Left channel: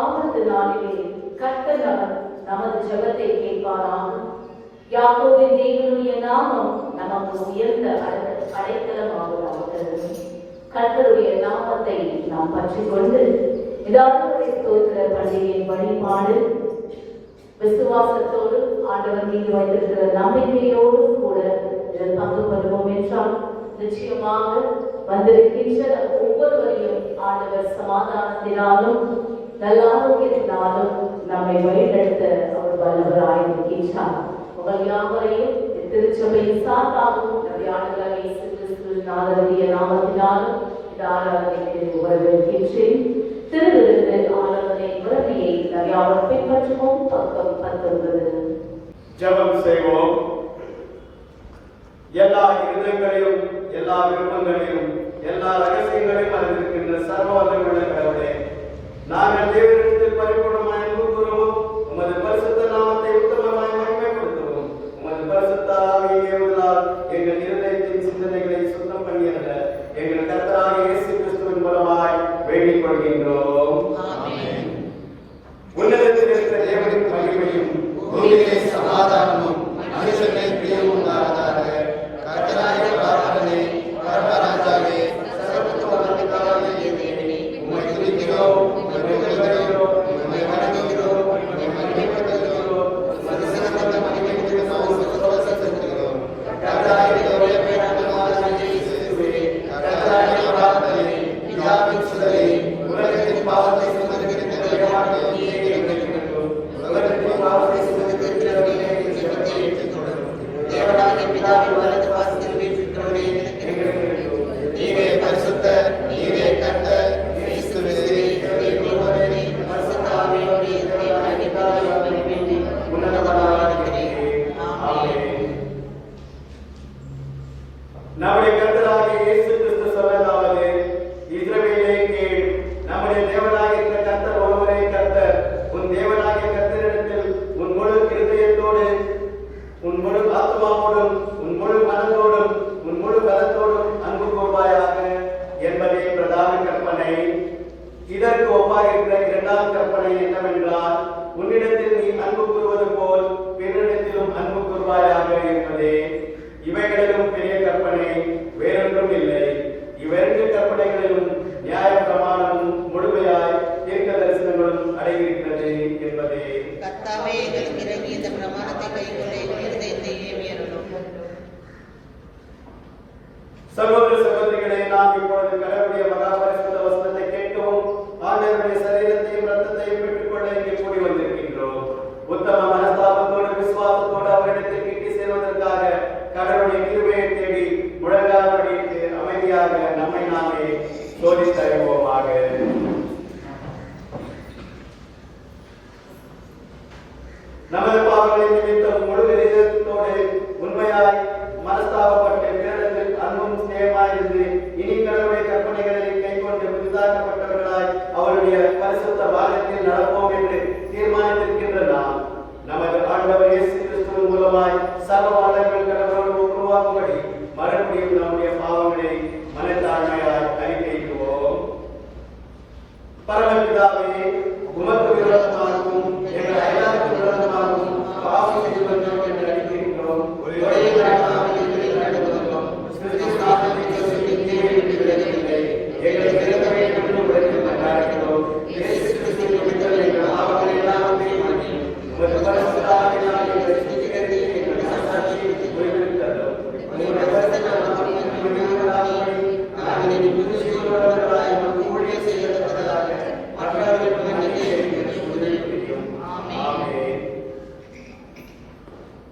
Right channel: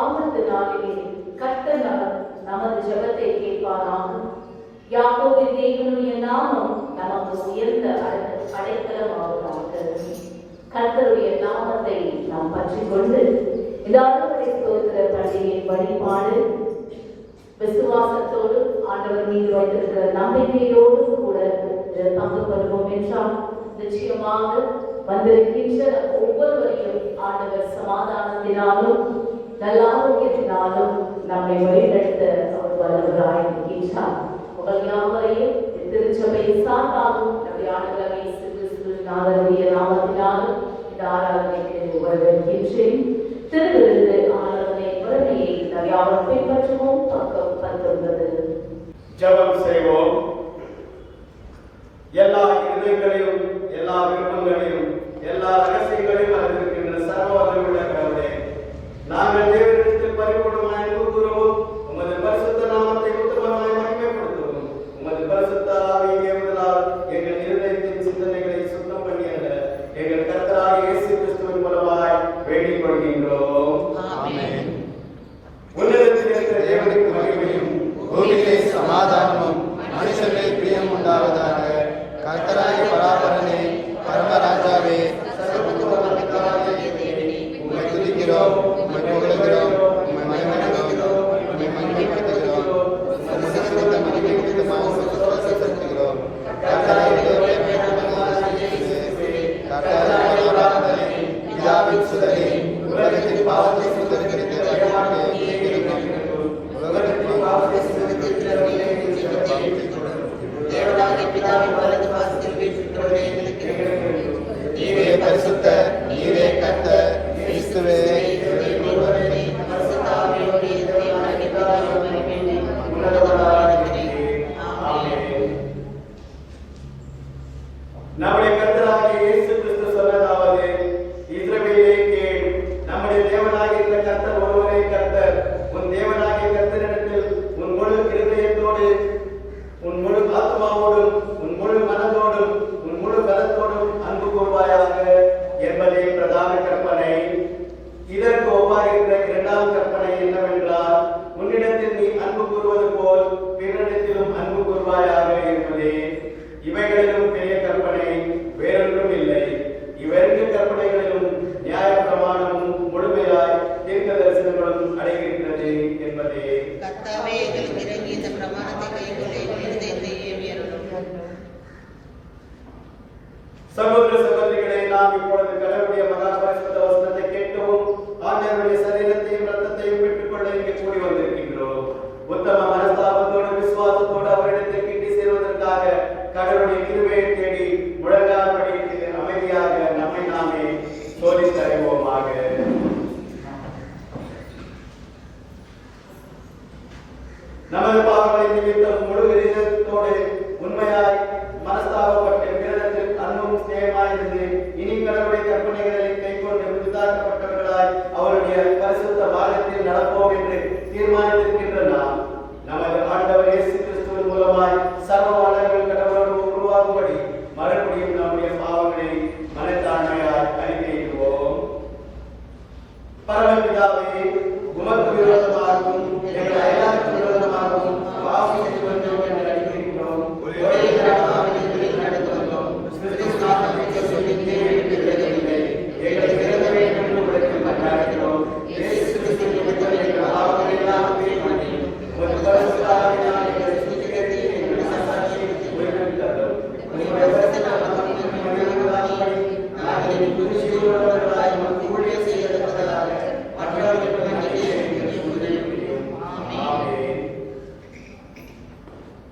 ஆபத்தினாலே கர்த்தர் நமது ஜெபத்தை கேட்பாராக. யாக்கோபின் தேவனுடைய நாமம் நமக்கு உயர்ந்த அடைக்கலமாவதாக. கர்த்தருடைய நாமத்தை நாம் பற்றிக் கொண்டு இதாகப்படி ஸ்தோத்திர பள்ளியின் வழிபாடு விசுவாசத்தோடு ஆண்டவர் மீது வைத்திருக்கிற நம்பிக்கையோடு கூட பங்கு பெறுவோம் என்றால் நிச்சயமாக வந்திருக்கின்ற ஒவ்வொருவரையும் ஆண்டவர் சமாதானத்தினாலும் நல்லாரோக்கியத்தினாலும் நம்மை வழிநடத்த அவர் வல்லவராய் இருக்கின்றார். உங்கள் யாவரையும் திருச்சபையின் சார்பாகவும் நபியாண்டவர் இயேசு கிறிஸ்துவின் நாமத்தினாலும் இந்த ஆராதனைக்கு வரவேற்கின்றேன். திருவிருந்து ஆராதனை முறைமையை நபியாளர் பின்பற்றுவோம். பக்கம் 19. ஜெபம் செய்வோம். எல்லா இருதயங்களிலும் எல்லா விருப்பங்களிலும் எல்லா ரகசியங்களிலும் அறிந்திருக்கின்ற சர்வவல்லமையுள்ள கடவுளே, நாங்கள் தேவனிடத்தில் பரிபூர்ணமாய் அன்பு கூறுவோம். உமது பரிசுத்த நாமத்தை உத்தமமாய் மகிமைப்படுத்துவோம். உமது பரிசுத்த ஆவியை ஏவுதலால் எங்கள் இருதயத்தின் சிந்தனைகளை சுத்தம் பண்ணியத எங்கள் கர்த்தராகிய இயேசு கிறிஸ்துவின் மூலமாய் வேண்டிக் கொள்கின்றோம். உன்னதத்தில் இருக்கிற தேவனின் மகிமையும் பூமியிலே சமாதானமும் மனுஷர்களே பிரியமும் உண்டாவதாக. கர்த்தராகிய ஆராதனை கர்த்தராஜாவே சர்வத்துக்கு வல்லமையுள்ளவரே, உம்மை துதிக்கிறோம், உம்மை புகழ்கிறோம், உம்மை வணங்குகிறோம், உம்மை மகிமைப்படுத்துகிறோம், உமது சிறந்த மகிமைக்கு சோசத்துகிறோம். கர்த்தராகிய ஒரே பேரானவராகிய இயேசுவே, கர்த்தராகிய ஆராதனை பிதாவின் சுடரே, உலகத்தின் பாவத்தை சுமந்திருக்கிற நம்முடைய கர்த்தராகிய இயேசு கிறிஸ்து சொல்வதாவது, இஸ்ரவேலே கேள், நம்முடைய தேவனாகிய கர்த்தர் ஒருவரே கர்த்தர். உன் தேவனாகிய கர்த்தரிடத்தில் உன் முழு இருதயத்தோடு, உன் முழு ஆத்மாவோடும், உன் முழு மனதோடும், உன் முழு பலத்தோடும் அன்பு கூர்வாயாக என்பதே பிரதான கற்பனை. இதற்கு ஒப்பாயிருக்கிற இரண்டாம் கற்பனை என்னவென்றால், உன்னிடத்தில் நீ அன்பு கூறுவது போல் பிறரிடத்திலும் அன்பு கூர்வாயாக என்பதே. இவைகளிலும் பெரிய கற்பனை வேறொன்றும் இல்லை. இவ்விரண்டு கற்பனைகளிலும் நியாய பிரமாணமும் முழுமையாய் தீர்க்க தரிசனங்களும் அடங்கியிருக்கிறது என்பதே. சகோதர சகோதரிகளை, நாம் இப்பொழுது கடவுளுடைய மகாபரிசுத்த வசனத்தை கேட்கவும் ஆண்டவருடைய சரீரத்தையும் ரத்தத்தையும் பெற்றுக்கொள்ள இங்கே கூடி வந்திருக்கின்றோம். உத்தம மனஸ்தாபத்தோடு விசுவாசத்தோடு அவரிடத்தில் கிட்டி சேர்வதற்காக கடவுளுடைய கிருபையை தேடி முழங்கால் படித்து அமைதியாக நம்மை நாமே சோதித்தருவோமாக. நமது பாவங்களை நிமித்தம் முழு இதயத்தோடு உண்மையாய் மனஸ்தாபப்பட்டு பிறரிடத்தில் அன்பும் சேமாயிருந்து இனி கடவுளுடைய கற்பனைகளை கைக்கொண்டு விசாரிக்கப்பட்டவர்களாய் அவருடைய பரிசுத்த பாகத்தில் நடப்போம் என்று தீர்மானித்திருக்கின்ற நாம் நமது ஆண்டவர் இயேசு கிறிஸ்துவின் மூலமாய் சர்வ வல்லமையுள்ள கடவுளோடு ஒப்புரவாகும்படி மறுபடியும் நம்முடைய பாவங்களை மனத்தாழ்மையாய் அறிக்கையிடுவோம். பரமபிதாவே, உமக்கு விரோதமாகவும் எங்கள் அயலாருக்கு விரோதமாகவும் பாவம் செய்து கொண்டோம் என்று அறிவிக்கிறோம்.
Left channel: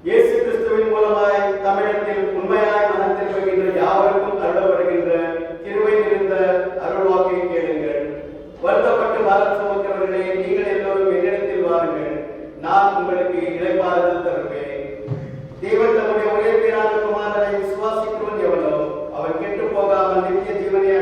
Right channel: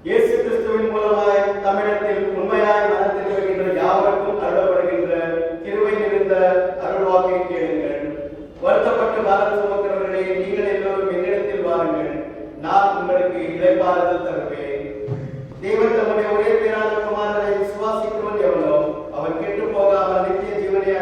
இயேசு கிறிஸ்துவின் மூலமாய் தமிழத்தில் உண்மையாய் மனத்தில் வருகின்ற யாவருக்கும் அருளப்படுகின்ற கிருபை நிறைந்த அருள்வாக்கை கேளுங்கள். வருத்தப்பட்டு மனம் சுமக்கிறவர்களே, நீங்கள் எல்லோரும் என்னிடத்தில் வாருங்கள், நான் உங்களுக்கு இளைப்பாறுதல் தருவேன். தேவன் தன்னுடைய ஒரே பேரான குமாரனை விசுவாசிக்கிறவன் எவனோ அவர் கெட்டு போகாமல் நித்திய ஜீவனை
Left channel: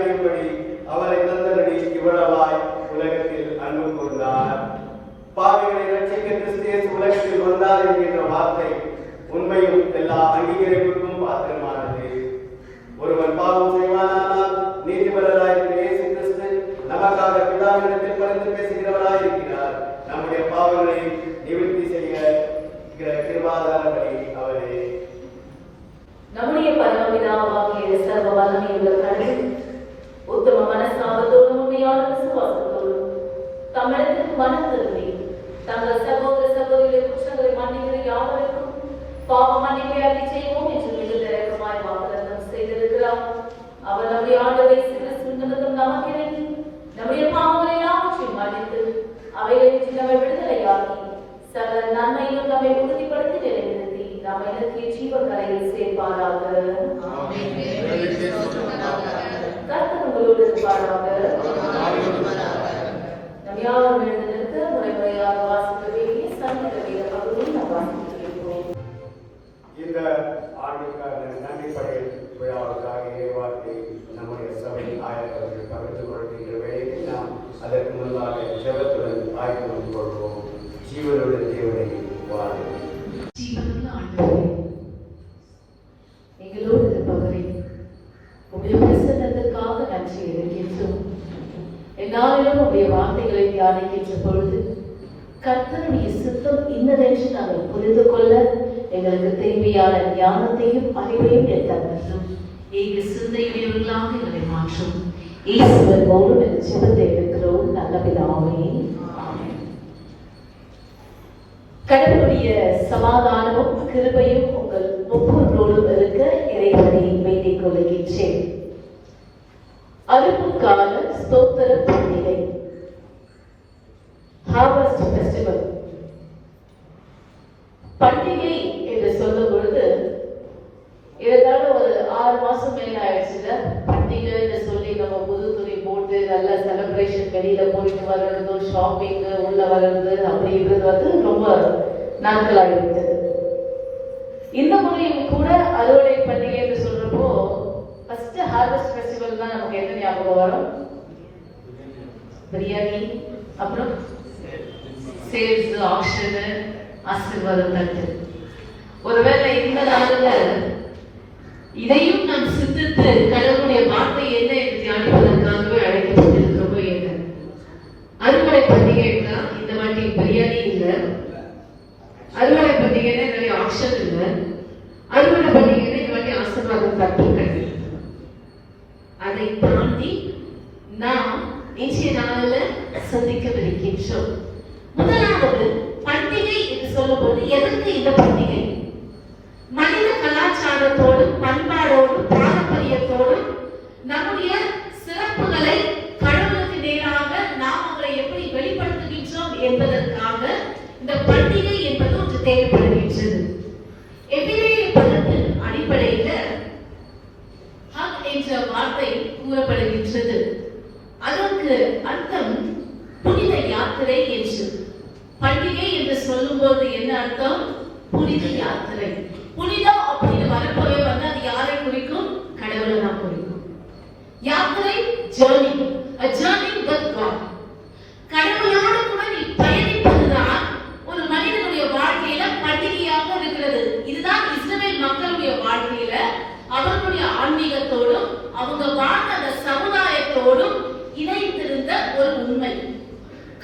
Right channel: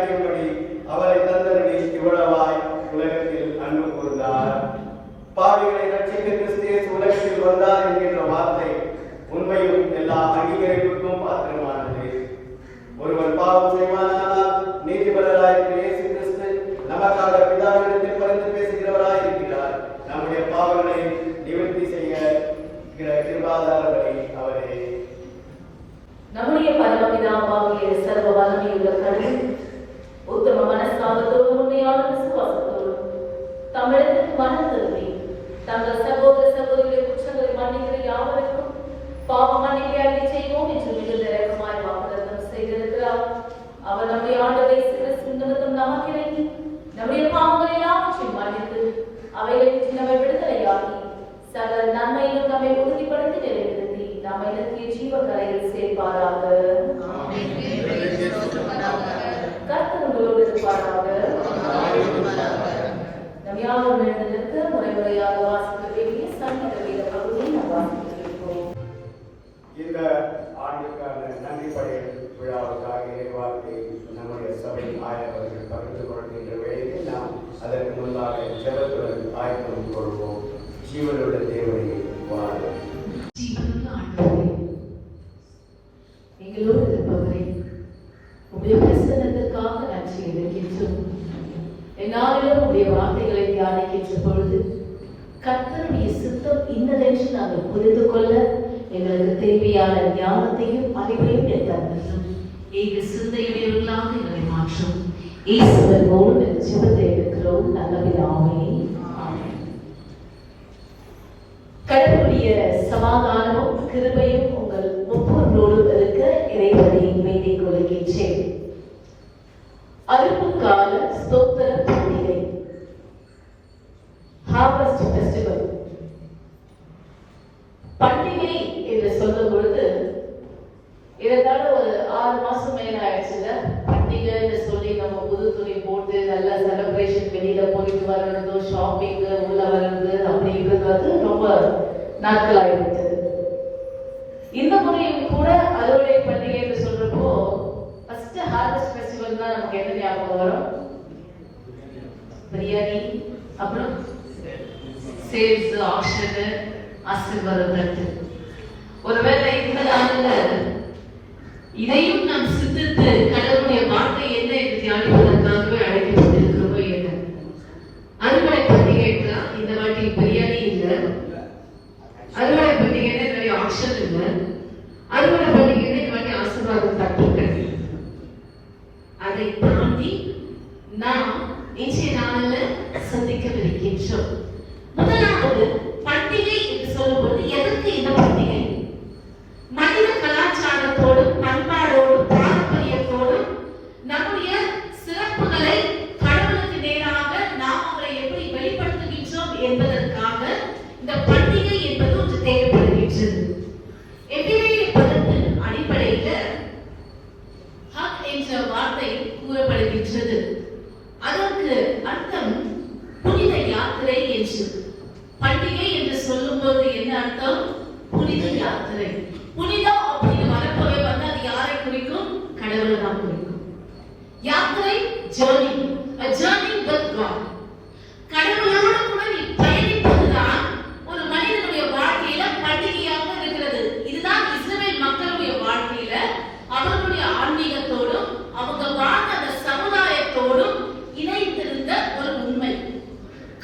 ஒப்புக்கொள்வோம். ஜீவனுள்ள தேவனை வாழ்வோம். ஜீவனுள்ள ஆண்டவரே, எங்களோடு இருப்பவரே, உடைய பிரசன்னத்திற்காக நன்றி இருக்கின்றோம். என்னாலும் உடைய வார்த்தைகளை தியானிக்கின்ற பொழுது கர்த்தருடைய சித்தம் இன்னதென்று நாங்கள் புரிந்து கொள்ள எங்களுக்கு தேவையான ஞானத்தையும் அறிவையும் தருகிறோம். எங்க சிந்தையுடையவர்களாக எங்களை மாற்றும். இயேசுவோடு ஜெபத்தை எடுக்கிறோம் நல்ல பிதாவே. ஆமென். கடவுளுடைய சமாதானமும் கிருபையும் உங்கள் ஒவ்வொருவரோடும் இருக்க இறைவனை வேண்டிக் கொள்கின்றேன். அறுப்பு கால ஸ்தோத்திர பண்டிகை, ஹார்வெஸ்ட் ஃபெஸ்டிவல். பண்டிகை என்று சொல்லும் பொழுது இருந்தாலும் ஒரு 6 மாசம் மேல ஆயிடுச்சுங்க. பண்டிகைன்னு சொல்லி நம்ம புது துணி போட்டு நல்ல செலிப்ரேஷன் வெளியில போயிட்டு வர்றது, ஷாப்பிங், உள்ள வர்றது அப்படின்றது ரொம்ப நாட்கள் ஆகிவிட்டது. இந்த முறையும் கூட அறுவடை பண்டிகை என்று சொல்றப்போ ஃபர்ஸ்ட் ஹார்வெஸ்ட் ஃபெஸ்டிவல் தான் நமக்கு என்ன ஞாபகம் வரும்? பிரியாணி, அப்புறம் சேல்ஸ், ஆக்ஷன், ஆசீர்வாதம் தட்டு. ஒருவேளை இந்த நாளில் இதையும் நாம் சிந்தித்து கடவுளுடைய வார்த்தை என்ன என்று தியானிப்பதற்காகவே அழைக்கப்பட்டிருக்கிறோமோ என்ன. அறுவடை பண்டிகை தான் இந்த வாட்டி பிரியாணி இல்லை, அறுவடை பண்டிகை என்னுடைய ஆக்ஷன் இல்லை, அறுவடை பண்டிகை இந்த வாட்டி ஆசீர்வாதம் தட்டுங்கள். அதை தாண்டி நாம் இன்றைய நாளில் சந்திக்கவிருக்கின்றோம். முதலாவது பண்டிகை என்று சொல்லும்போது எதற்கு இந்த பண்டிகை? மனித கலாச்சாரத்தோடும் பண்பாடோடும் பாரம்பரியத்தோடும் நம்முடைய சிறப்புகளை கடவுளுக்கு நேராக நாம் அவரை எப்படி வெளிப்படுத்துகின்றோம் என்பதற்காக இந்த பண்டிகை என்பது ஒன்று தேவைப்படுகின்றது. எபிரேய பதத்தின் அடிப்படையில் ஹக் என்ற வார்த்தை கூறப்படுகின்றது. அதற்கு அர்த்தம் புனித யாத்திரை என்று. பண்டிகை என்று சொல்லும்போது என்ன அர்த்தம்? புனித யாத்திரை. புனிதம் அப்படின்னு வரப்போவே வந்து அது யாரை குறிக்கும்? கடவுளை தான் குறிக்கும். யாத்திரை, journey, a journey with God. கடவுளோடு கூட நீ பயணிப்பதுதான் ஒரு மனிதனுடைய வாழ்க்கையில பண்டிகையாக இருக்கிறது. இதுதான் இஸ்ரவேல் மக்களுடைய வாழ்க்கையில அவர்களுடைய ஆன்மீகத்தோடும் அவங்க வாழ்ந்த அந்த சமுதாயத்தோடும் இணைந்திருந்த ஒரு உண்மை.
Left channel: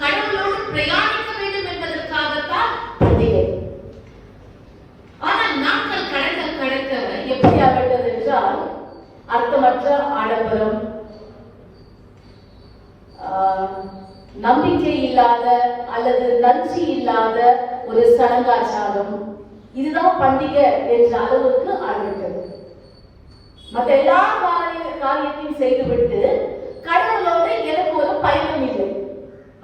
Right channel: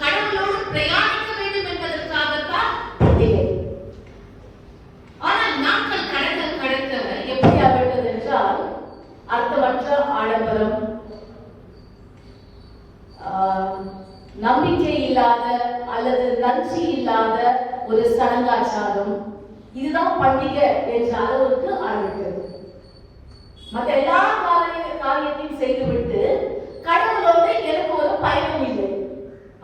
கடவுளோடு பிரயாணிக்க வேண்டும் என்பதற்காகத்தான் பண்டிகை. ஆனால் நாட்கள் கடக்க கடக்க எப்படி ஆகிவிட்டது என்றால் அர்த்தமற்ற ஆடம்பரம், நம்பிக்கை இல்லாத அல்லது நன்றி இல்லாத ஒரு சடங்காச்சாரம், இதுதான் பண்டிகை என்ற அளவுக்கு ஆரம்பித்தது. மற்ற எல்லா காரியத்தையும் செய்துவிட்டு கடவுளோடு எனக்கு ஒரு பயணம் இல்லை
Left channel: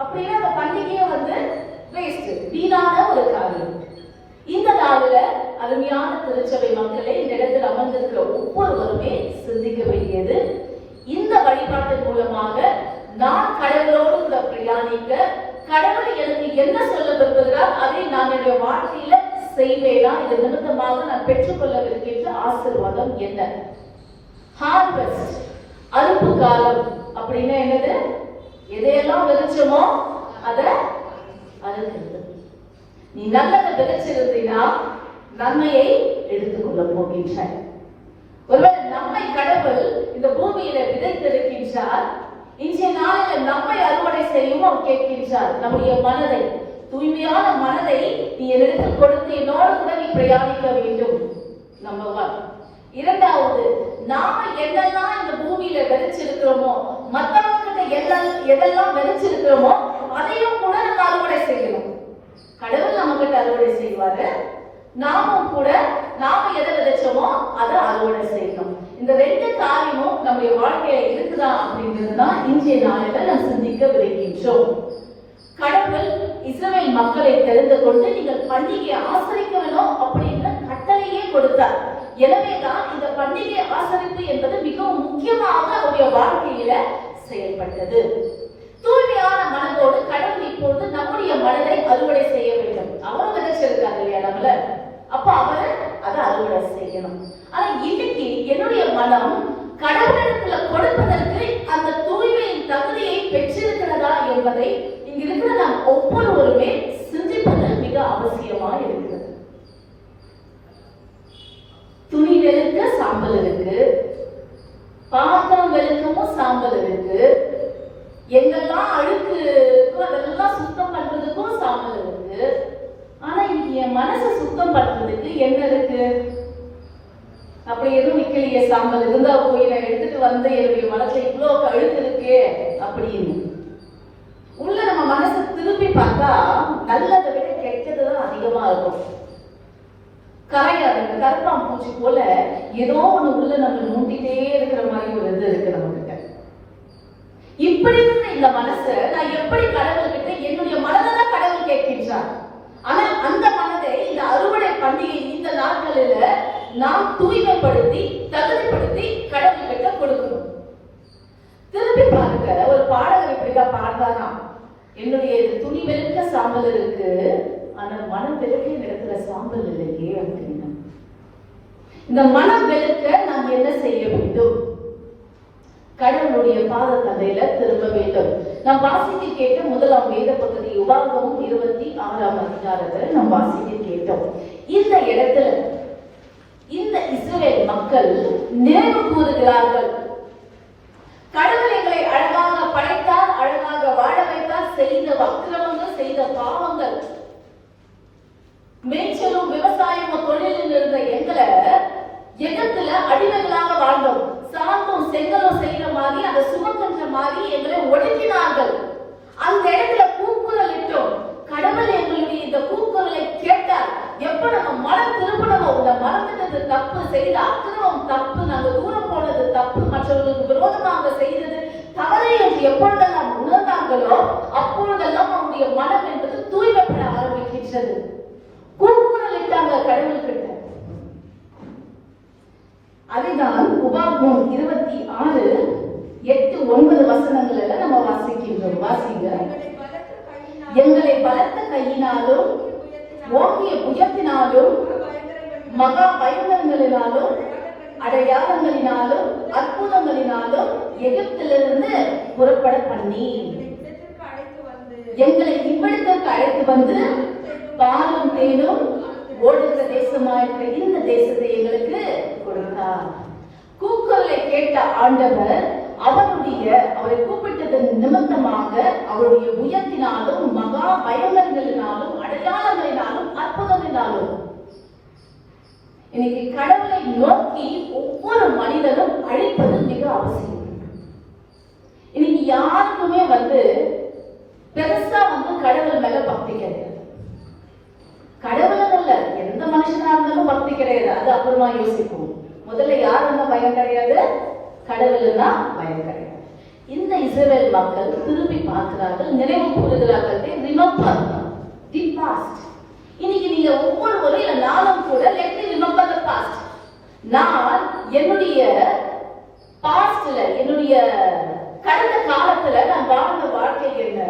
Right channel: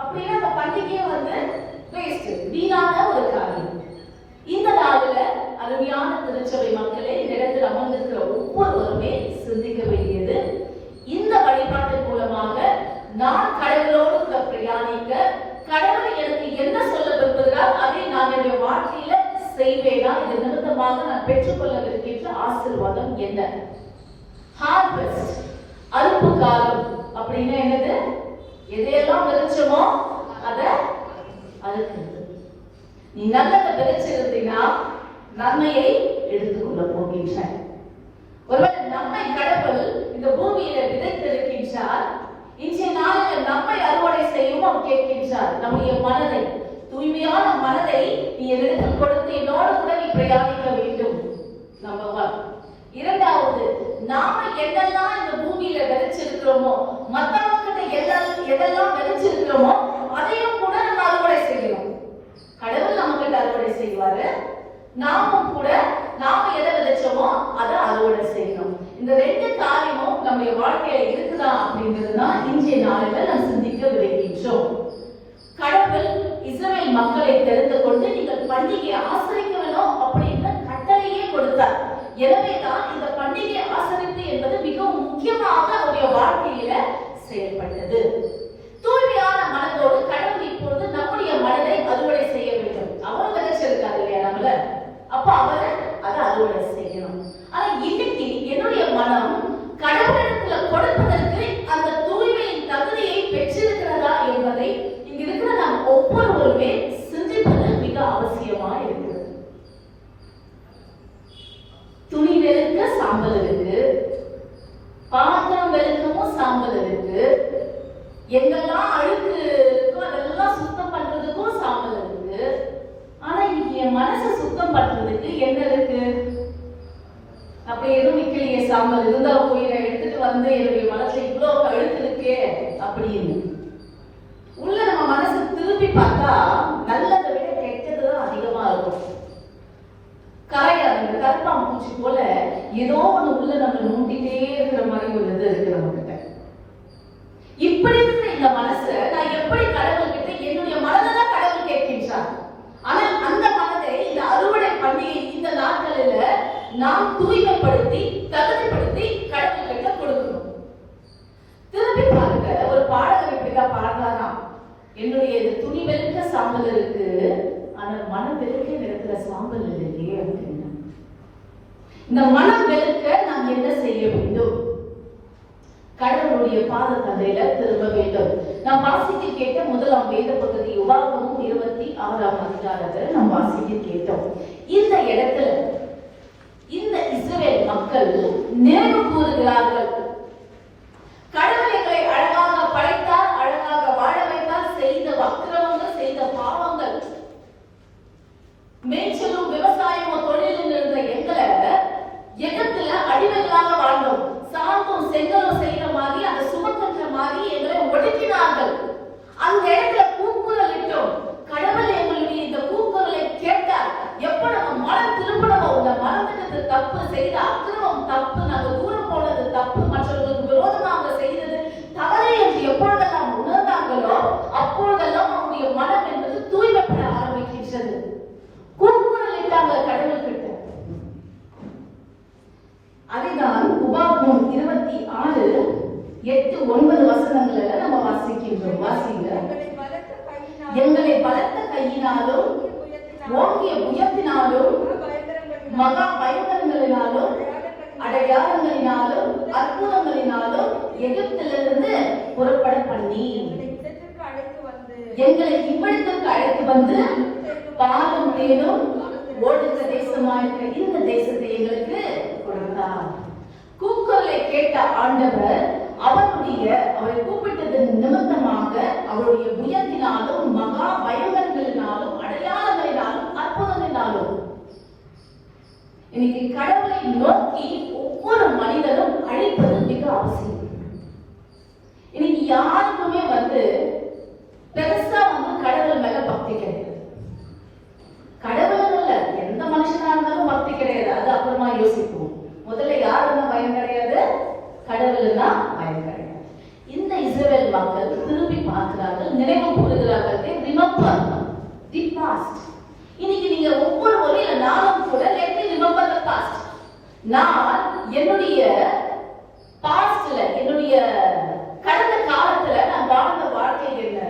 அப்படின்னா அந்த பண்டிகையை வந்து வேஸ்ட், வீணான ஒரு காரியம். இந்த நாளில் அருமையான திருச்சபை மக்களை இந்த இடத்தில் அமர்ந்திருக்கிற ஒவ்வொருவருமே சிந்திக்க வேண்டியது, இந்த வழிபாட்டின் மூலமாக நான் கடவுளோடு கூட பிரயாணிக்க கடவுள் எனக்கு என்ன சொல்ல விரும்புகிறார் அதை நான் என்னுடைய வாழ்க்கையில செய்வேனா, இது நிமித்தமாக நான் பெற்றுக்கொள்ளவிருக்கின்ற ஆசீர்வாதம் என்ன? ஹார்வெஸ்ட், அறுப்பு காலம் அப்படின்னா என்னது? எதையெல்லாம் விதைச்சோமோ அதை அறுக்கிறது. நீ நல்லதை விதைச்சிருந்தீங்கன்னா நன்மையை எடுத்துக்கொள்ள போகின்ற. ஒருவேளை நம்மை கடவுள் இந்த பூமியில விதைத்திருக்கின்றார், இன்றைய நாளில் நம்மை அறுவடை செய்யவும் கேட்கின்றார். நம்முடைய மனதை, தூய்மையான மனதை நீ என்னிடத்தில் கொடுத்து என்னோடு கூட நீ பிரயாணிக்க வேண்டும். நம்பர் 1. இரண்டாவது, நாம என்னெல்லாம் இந்த பூமியில விதைச்சிருக்கிறோமோ, மற்றவங்க எதெல்லாம் விதைச்சிருக்கிறோமோ அதையும் கூட நம்ம அறுவடை செய்யணும். கடவுள் நம்ம கிட்ட அறுவடை செய்வாரு, நாமும் கூட நாம எதை விதைச்சோமோ அதை அறுவடை செய்யணும். இந்த 2 காரியமும் நம்முடைய வாழ்க்கையில இருக்குதா அப்படின்றதுதான் இன்றைய நாளில நாம் சிந்திக்க விரும்புகின்றோம். கடவுள் இஸ்ரவேல் மக்களை தெரிந்து கொண்டு நீங்கள் பண்டிகையை ஆசரிக்க வேணும் அப்படின்ற கட்டளையே கொடுத்தார். எனவேதான் இந்த பண்டிகை ஆசரிப்பு என்பது மிகவும் முக்கியமாக அவருடைய வாழ்க்கையில செயல்பட்டது. தூய்மையான மனதோடு கடவுள் இப்பொழுது நம்முடைய மனதை அறுவடை செய்ய வேண்டும். அவர் விதைச்சிருக்காரு இல்லையா நம்மள, அப்ப அவரை அதை அறுவடை செய்யணும். ஆனா இன்னைக்கு என்னுடைய மனம் கடவுளுக்குள்ள கொடுப்பதற்கு அந்த தூய்மையின் தகுதியை பெற்றிருக்கிறதா என்பதை இங்க இருக்கிற நாம் ஒவ்வொருவருமே சாம்பல் இருக்கு, எங்கெல்லாம் அழுக்கு இருக்கோ அதெல்லாம் சுத்தம் பண்றதுக்கும் சாம்பல் இருக்கு. ஆனா இன்னைக்கு என் மனசை சுத்தம் பண்றதுக்கு என்ன இருக்கு? அப்ப எதுவும் வைக்கலையே, சாம்பல் இருந்தா போய் நான் எடுத்துட்டு வந்து என்னுடைய மனசுல இவ்வளவு அழுக்கு இருக்கே அப்படின்னு. உள்ள நம்ம மனசை திருப்பி பார்த்தா நல்லதை விட கெட்டதுதான் அதிகமா இருக்கும். கரையாத கருப்பான் பூச்சி போல ஏதோ ஒண்ணு உள்ள நம்ம நோண்டிட்டே இருக்கிற மாதிரி ஒரு இது இருக்கு நம்ம கிட்ட. இப்படி இருந்த இந்த மனசை நான் எப்படி கடவுள் கிட்ட என்னுடைய மனதை கடவுள் கேட்கின்றார். ஆனால் அந்த மனதை இந்த அறுவடை பண்டிகை இந்த நாட்களில நாம் தூய்மைப்படுத்தி தகுதிப்படுத்தி கடவுள் கிட்ட கொடுக்கணும். திருப்பி பாருங்க, ஒரு பாடகர் இப்படிதான் பாடுறாராம், என்னுடைய துணி வெளுக்க சாம்பல் இருக்கு, ஆனா மனம் வெளுக்க இடத்துல சாம்பல் இருக்கே அப்படின்னா. இந்த மனம் வெளுக்க நாம் என்ன செய்ய வேண்டும்? கடவுளுடைய பாதத்தண்டையில திரும்ப வேண்டும். நாம் வாசித்து கேட்ட முதலாம் வேத பகுதி உபாகமம் 26ஆம் அதிகாரத்தில் நாம் வாசித்து கேட்டோம். இந்த இடத்துல இந்த இஸ்ரவேல் மக்கள் நினைவு கூறுகிறார்கள், கடவுள் எங்களை அழகாக படைத்தார், அழகாக வாழ வைத்தார், செய்த வக்கிரமங்கள், செய்த பாவங்கள், மேய்ச்சலும் விவசாயமும் தொழிலில் இருந்த எங்களை எகத்துல அடிமையாக வாழ்ந்தோம், சாந்தம் செங்கலும் செய்யற மாதிரி அதை சுமக்கின்ற மாதிரி எங்களை ஒடுக்கினார்கள். அந்த இடத்துல கூக்குரல் இட்டோம். கடவுள் எங்களுடைய இந்த கூக்குரலை கேட்டார். எப்ப நம்ம மனம் திருப்பணமோ, இந்த மனத்துக்கு தப்பு செய்த அக்கிரமம் தப்பு, நாங்க தூரம் போனது தப்பு, மற்றவர்களுக்கு விரோதமாக செய்தது தவறு என்று எப்பொழுதெல்லாம் உணர்ந்தாங்களோ அப்பொழுதெல்லாம் நம்முடைய மனம் என்பது தூய்மைப்பட ஆரம்பிக்கின்றது. கூக்குரல் இட்டாங்க கடவுள் கிட்ட. அதுதான் உபாகமம் 26:8-9 வசனங்களை நம்ம வாசிக்கின்றோம். வாசிங்க. எங்களை பலத்த கையினாலும் ஓங்கிய புயத்தினாலும் மகா பயங்கரங்களினாலும் அடையாளங்களினாலும் அற்புதங்களினாலும் எகிப்திலிருந்து புறப்பட பண்ணி எங்களை இவ்விடத்திற்கு அழைத்து வந்து பாலும் தேனும் ஓடுகிற தேசமாயிருக்கிற இந்த தேசத்தை எங்களுக்கு கொடுத்தார். கூக்குரலை கேட்ட ஆண்டவர் அவரை கூப்பிட்டதன் நிமித்தமாக அவருடைய உயர்த்தினாலும் மகா பயங்கரங்களினாலும் அடையாளங்களினாலும் அற்புதங்களினாலும். இன்னைக்கு கடவுளை நோக்கி ஒவ்வொரு மனிதனும் அழைப்பது மிக அவசியம். இன்னைக்கு யாருக்குமே பெருசா கடவுள் மேல பக்தி கிடையாது. கடவுள் இல்ல, எந்த மனுஷனா இருந்தாலும் பக்தி கிடையாது. அது அப்புறமா யோசிப்போம். முதல்ல யாருன்னா பயம் கிடையாது, கடவுள்னா பயம் கிடையாது. இந்த இஸ்ரவேல் மக்கள் திரும்பி பார்க்கிறார்கள், நினைவு கூறுகிறார்கள். இன்னைக்கு நீங்க ஒவ்வொரு முறையில நானும் கூட let me remember the past. நான் என்னுடைய பாஸ்ட்ல, என்னுடைய கடந்த காலத்துல நான் வாழ்ந்த வாழ்க்கை என்ன,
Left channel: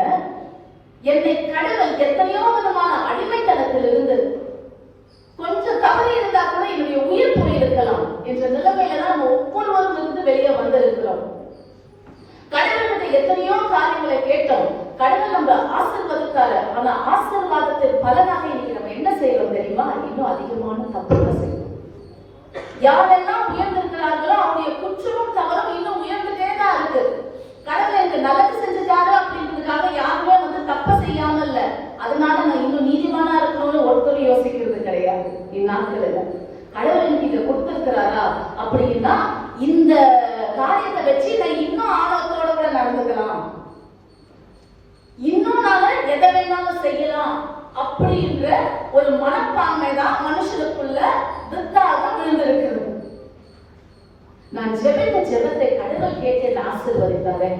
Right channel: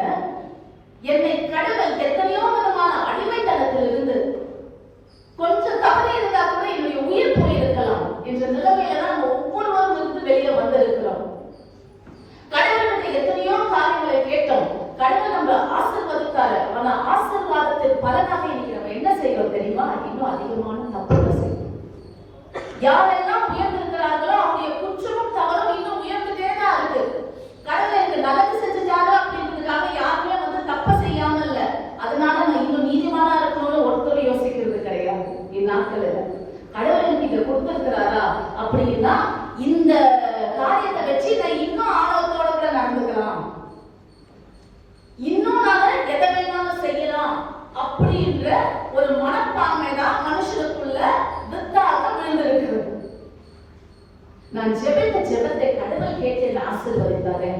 என்னை கடவுள் எத்தனையோ விதமான அடிமைத்தனத்தில் இருந்து கொஞ்சம் தவறு இருந்தா கூட என்னுடைய உயிர் போயிருக்கலாம் என்ற நிலைமையில தான் ஒவ்வொருவரும் இருந்து வெளியே வந்திருக்கிறோம். கடவுளுடைய எத்தனையோ காரியங்களை கேட்டோம். கடவுள் நம்ம ஆசீர்வாதத்தாரு. ஆனா ஆசீர்வாதத்தின் பலனாக இன்னைக்கு நம்ம என்ன செய்யறோம் தெரியுமா? இன்னும் அதிகமான தப்புகள் செய்யணும். யாரெல்லாம் உயர்ந்திருக்கிறார்களோ அவருடைய குற்றமும் தவறும் இன்னும் உயர்ந்துட்டே தான் இருக்கு. கடவுள் எனக்கு நல்லது செஞ்சுட்டாங்க அப்படின்றதுக்காக யாருமே தப்ப செய்யாம இல்ல, அதனால நான் இன்னும் நீதிமானா இருக்கணும்னு ஒருத்தர் யோசிக்கிறது கிடையாது. இந்நாட்கள் கடவுள் எனக்கு இதை கொடுத்திருக்கிறாரா அப்படின்னா இந்த காரியத்தை வச்சு நான் இன்னும் ஆர்வத்தோட நடந்துக்கலாம், இன்னும் நான் எதை வேணாலும் செய்யலாம் அப்படின்ற ஒரு மனப்பான்மை தான் மனுஷனுக்குள்ள வித்தாக விழுந்திருக்கிறது. நான் ஜெபித்த ஜெபத்தை கடவுள் கேட்டு ஆசீர்வதித்தாரு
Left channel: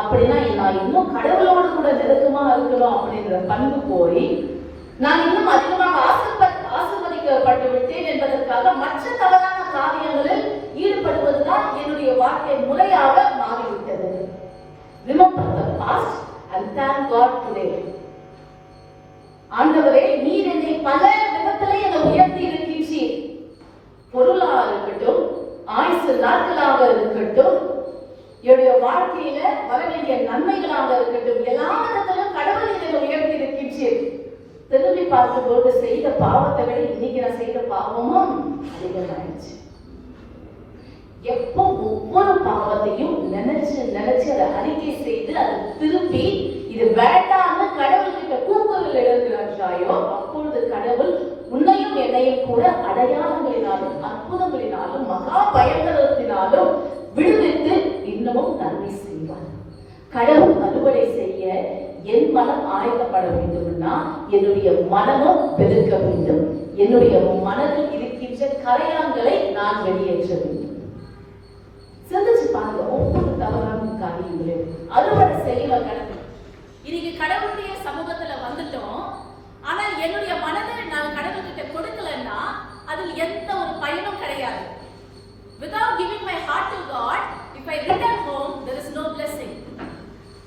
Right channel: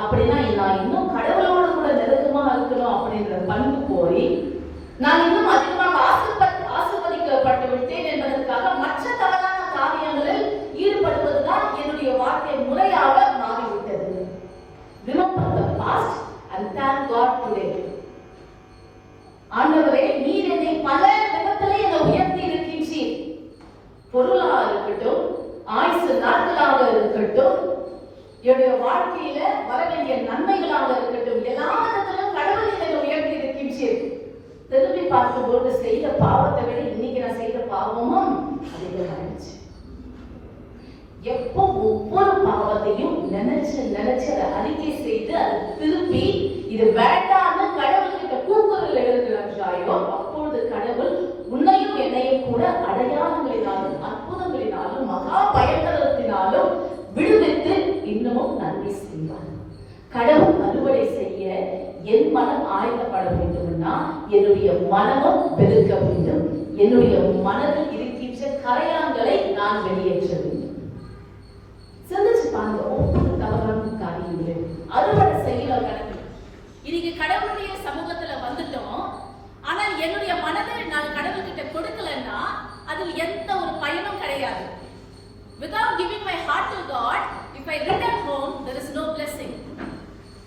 அப்படின்னா நான் இன்னும் கடவுளோடு கூட நெருக்கமா இருக்கணும் அப்படின்ற பண்பு போய் நான் இன்னும் அதிகமாக ஆசீர்வதிக்கப்பட்டு விட்டேன் என்பதற்காக மற்ற தவறான காரியங்களில் ஈடுபடுவதுதான் என்னுடைய வாழ்க்கை முறையாக மாறிவிட்டது. Remember the past and thank God today. ஆண்டவரே, நீர் என்னை பல விதத்திலே உயர்த்தி இருக்கின்றீர். பொருளாக இருக்கட்டும், ஆயுசு நாட்களாக இருக்கட்டும், என்னுடைய வாழ்க்கையில வர வேண்டிய நன்மைகளாக இருக்கட்டும், எல்லா விதத்திலும் கடவுள் என்னை உயர்த்தி இருக்கின்றீர். திரும்பி பார்க்கும்போது செய்த பாவத்தை விட இன்னைக்கு நான் செய்த பாவமும் அதிகமாயிடுச்சு. எப்போ ஒவ்வொரு பாவத்தையும் நினைச்சு அதை அறிக்கை செய்து அதை திரும்பி இது வேண்டாம்னு கடவுள்கிட்ட கூக்குரல் எழுதுகிறாயோ, அப்பொழுது கடவுள் உன்னையும் என்னையும் கூட அடையாளங்களினாலும் அற்புதங்களினாலும் மகா பயங்கரத்தினாலும் விடுவித்து இன்னமும் நன்மை செய்வார். கடவுள் அறுவடை செய்ய என் மனம் ஆயத்தப்பட வேண்டும்னா என்னுடைய மனமும் வெளுக்க வேண்டும். என்னுடைய மனதில் இருக்கின்ற கரையான்களை நான் வெளியேற்ற வேண்டும். சிந்திச்சு பாருங்க, ஒவ்வொரு தவறான காரியங்களும் அறுவடை செய்யல கடவுள். இன்னைக்கு கடவுளுடைய சமூகத்துல வந்துட்டோம், ஆனால் என்னுடைய மனதை நான் கடவுள்கிட்ட கொடுக்கலன்னா அதில் எந்த ஒரு பயனும் கிடையாது. Without giving my heart to God, if I return home, there is no blessing.